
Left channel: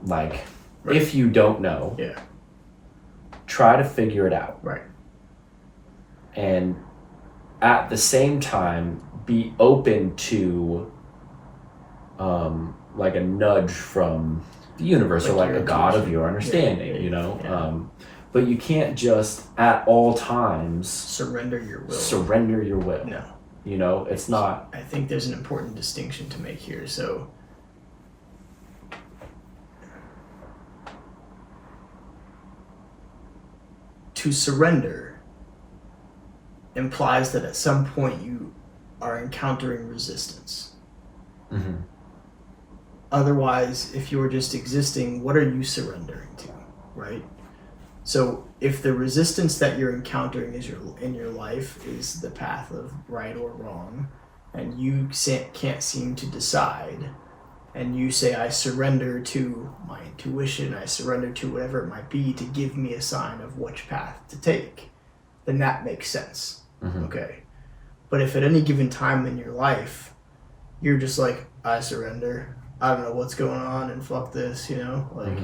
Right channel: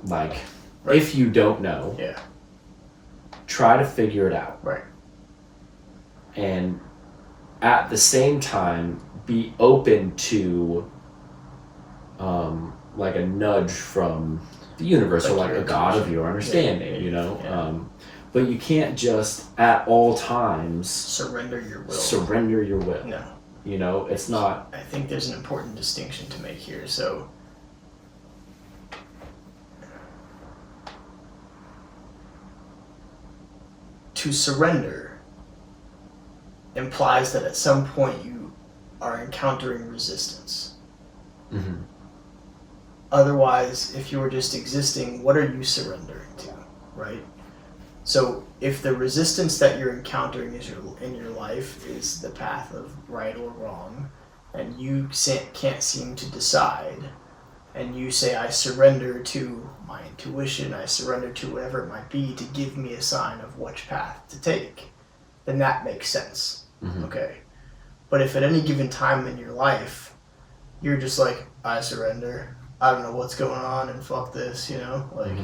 like, if you don't know, try to figure it out. Right. And at the same time, be open to like a nudge from the universe, or like a God of your understanding, you know? Yeah. But you can't just at all times surrender your will. No. You know, it's not. I think there's an important distinction to make here. So to surrender implies that at some point you are encountering resistance. Mm-hmm. Otherwise, if you're just existing, what are you surrendering to, right? So if the resistance that you're encountering in your life is the path of right or wrong, and you can't seem to decide, and you say, I surrender to my intuition, I surrender to whatever it might be to give me a sign of which path to take, then that makes sense. Mm-hmm. Okay. But if at any given time in your life, you're just like, I surrender, I don't know what's going on and fuck this, you know, like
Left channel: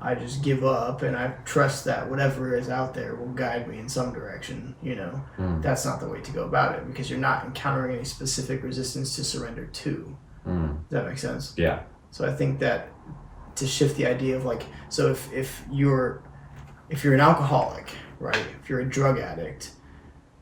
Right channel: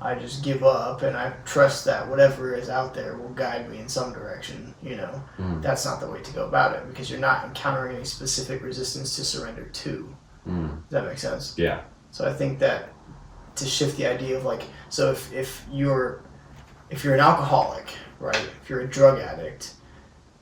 I just give up and I trust that whatever is out there will guide me in some direction, you know. That's not the way to go about it, because you're not encountering any specific resistance to surrender to. Does that make sense? Yeah. So I think that to shift the idea of like, so if you're an alcoholic, right, if you're a drug addict,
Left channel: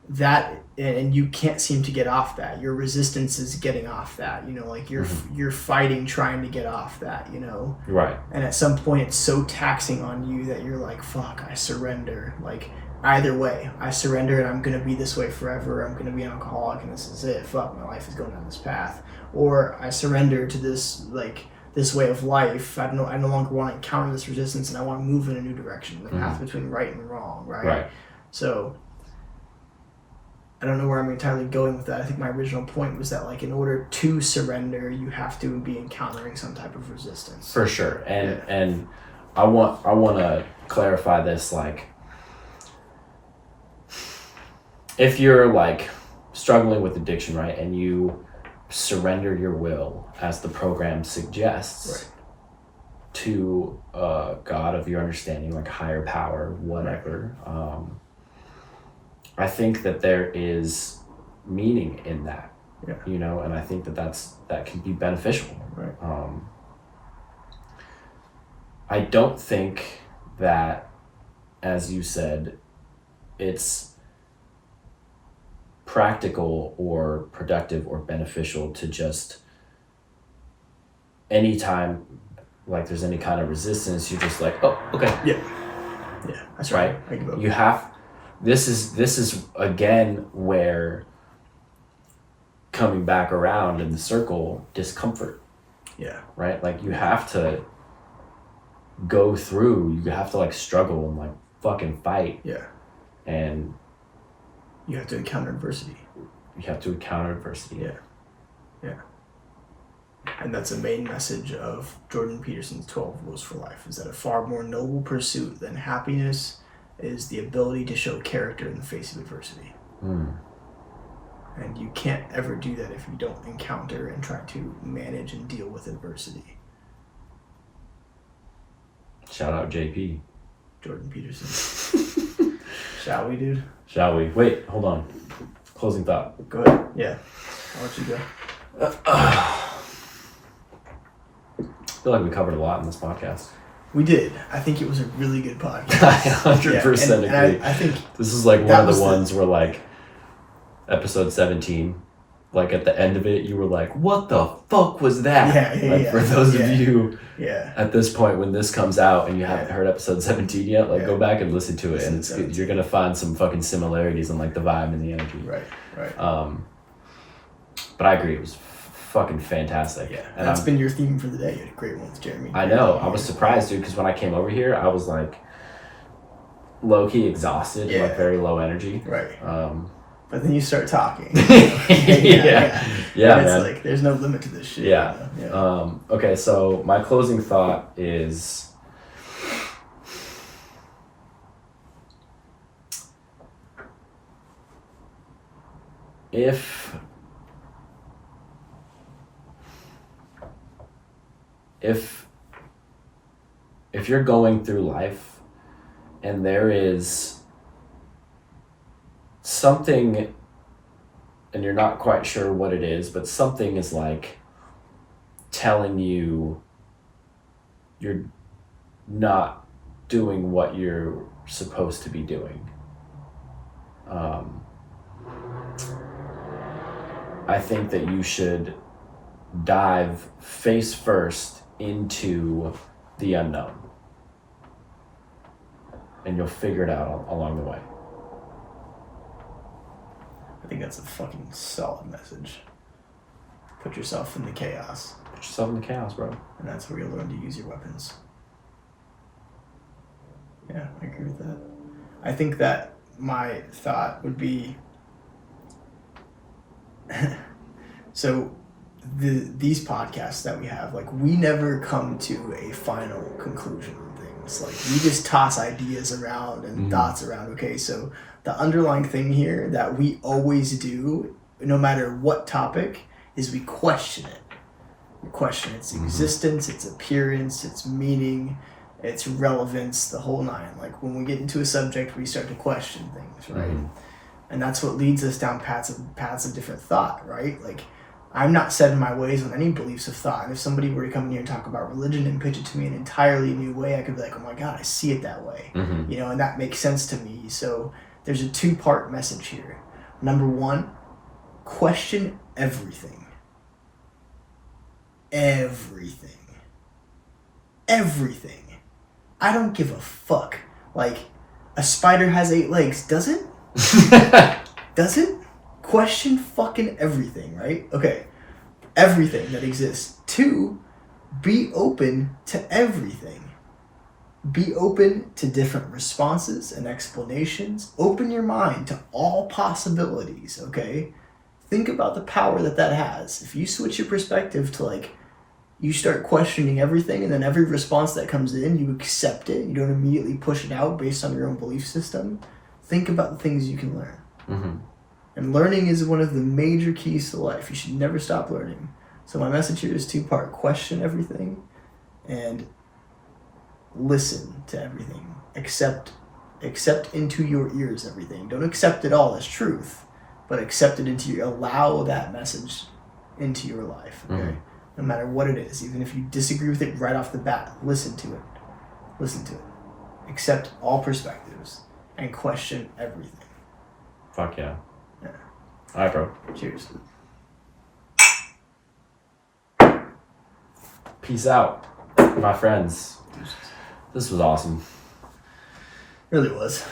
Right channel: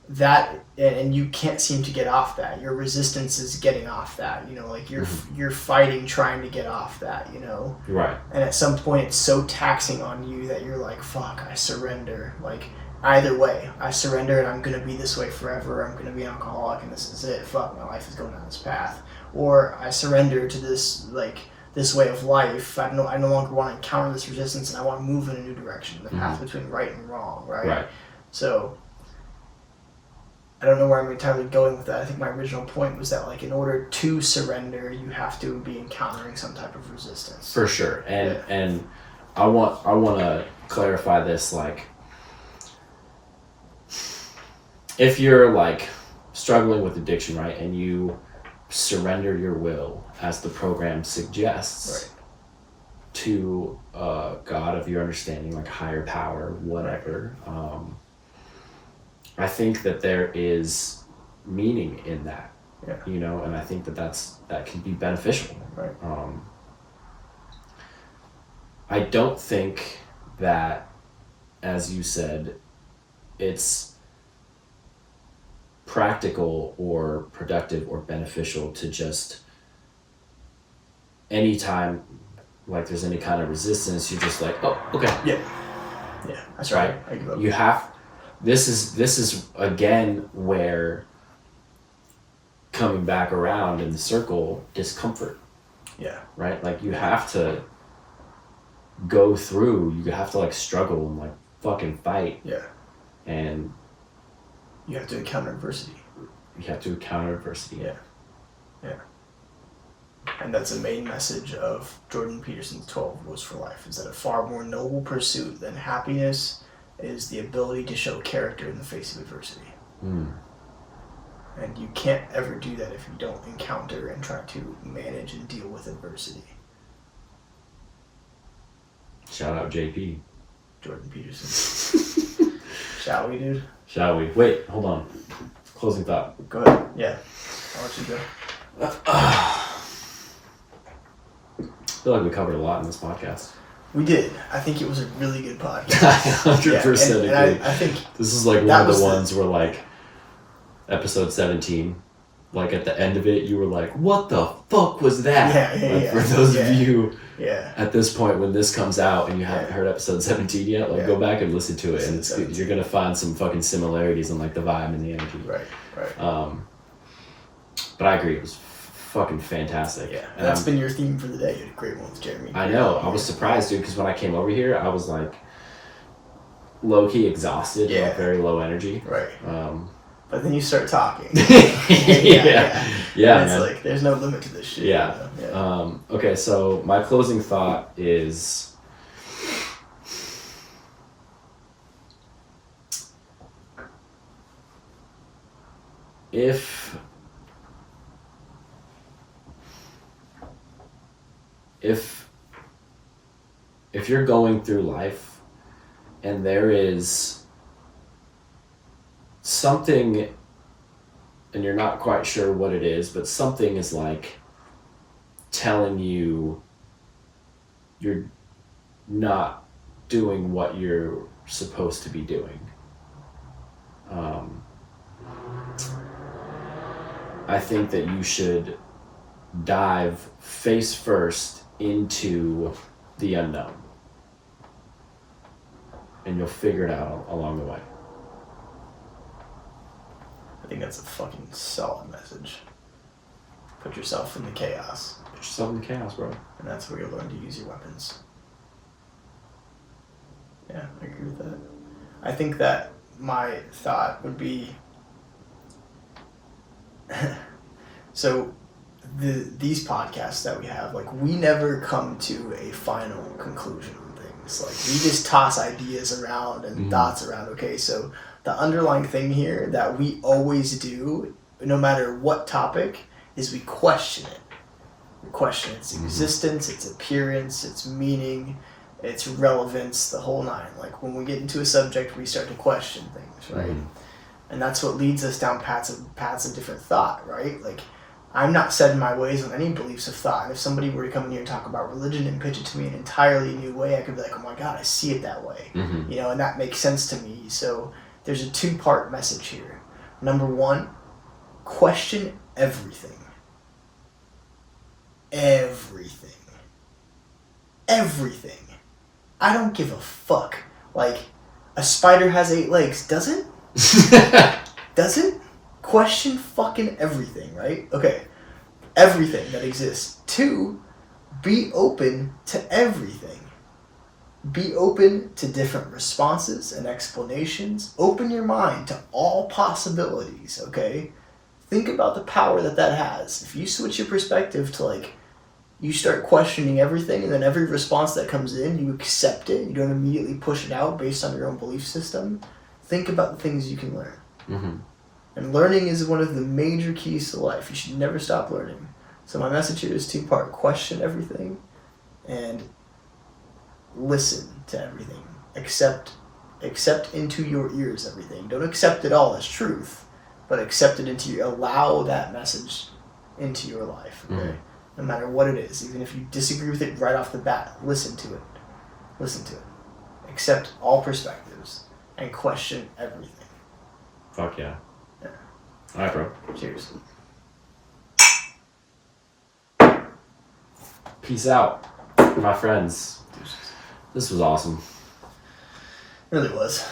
that, and you can't seem to get off that, your resistance is getting off that, you know, like you're fighting trying to get off that, you know. Right. And at some point it's so taxing on you that you're like, fuck, I surrender. Like either way. I surrender and I'm going to be this way forever. I'm going to be an alcoholic and this is it. Fuck, my life is going down this path. Or I surrender to this, like, this way of life. I no longer want to encounter this resistance and I want to move in a new direction. The path between right and wrong, right? Right. So I don't know where I'm entirely going with that. I think my original point was that, like, in order to surrender, you have to be encountering some type of resistance. For sure. And I want to clarify this, like, if you're like struggling with addiction, right, and you surrender your will as the program suggests, right, to a God of your understanding, like higher power, whatever, I think that there is meaning in that, you know, and I think that can be beneficial. Right. I don't think that, as you said, it's practical or productive or beneficial to just anytime like there's any kind of resistance, you're just like, oh, okay. Yeah, that's right. You have, this is again where coming back around in the circle, discomfort. Yeah. Right? Like you have to go through, you have to like struggle and like fucking fight. Yeah. And you have to encounter adversity. Yeah. And that's a main message of Jordan Peterson's 12 Rules for Life, is that a far more noble pursuit than happiness is the ability to show character in the face of adversity. And you can't ever do that if you don't encounter and try to manage and deal with adversity. Shout out JP. Jordan Peterson. Shall we, dude? Shall we? Wait, hold on. Closing thought. Go ahead. Yeah. I'll let you go. I feel like we covered a lot in this podcast. We did. I think it was a really good podcast. I 100% agree. I think this is like one of the ones where like episode 17, like at the end of it, you were like, what the fuck was that? For those of you at this point when this comes out and you haven't heard episode 17 yet, like go back and listen to it, and you're going to find some fucking similarities in like the vibe and the energy. Right. But I agree, it was fucking fantastic. Yeah, and that's been your theme for the day. You had a great one with Jeremy. I know. I was surprised, dude, because when I came over here, I was like low-key exhausted and like very low energy. Right. But then you start talking. Yeah, man. It's like there's no limit to this shit. Yeah. Okay, so my closing thought is if you're going through life and there is something and you're not quite sure what it is, but something is like telling you you're not doing what you're supposed to be doing. I think that you should dive face first into the unknown, and you'll figure it out along the way. I think that's a fucking solid message. Put yourself in the chaos. Put yourself in the chaos, bro. And that's where you'll learn to use your weapons. Yeah, I agree with that. I think that my thought would be so these podcasts that we have, like, we never come to a final conclusion on things. Like, we just toss ideas around and thoughts around. Okay, so the underlying thing here that we always do, no matter what topic, is we question it. We question its existence, its appearance, its meaning, its relevance, the whole nine. Like, when we get into a subject, we start to question things, right? And that's what leads us down paths of different thought, right? Like, I'm not set in my ways on any beliefs of thought. And if somebody were to come in here and talk about religion and pitch it to me in an entirely new way, I could be like, oh my God, I see it that way. You know, and that makes sense to me. So there's a 2-part message here. Number 1, question everything. Everything. I don't give a fuck. Like, A spider has 8 legs. Does it? Does it? Question fucking everything, right? Okay. Everything that exists. 2, be open to everything. Be open to different responses and explanations. Open your mind to all possibilities, okay? Think about the power that has. If you switch your perspective to like, you start questioning everything, and then every response that comes in, you accept it. You don't immediately push it out based on your own belief system. Think about the things you can learn. Mm-hmm. And learning is one of the major keys to life. You should never stop learning. So my message here is 2-part. Question everything and listen to everything. Accept into your ears everything. Don't accept it all as truth, but accept it into your, allow that message into your life. Okay? Mm-hmm. No matter what it is, even if you disagree with it right off the bat, listen to it. Listen to it. Accept all perspectives and question everything. Fuck yeah. Yeah. All right, bro. Cheers. Peace out, my friends. This was awesome. Really was.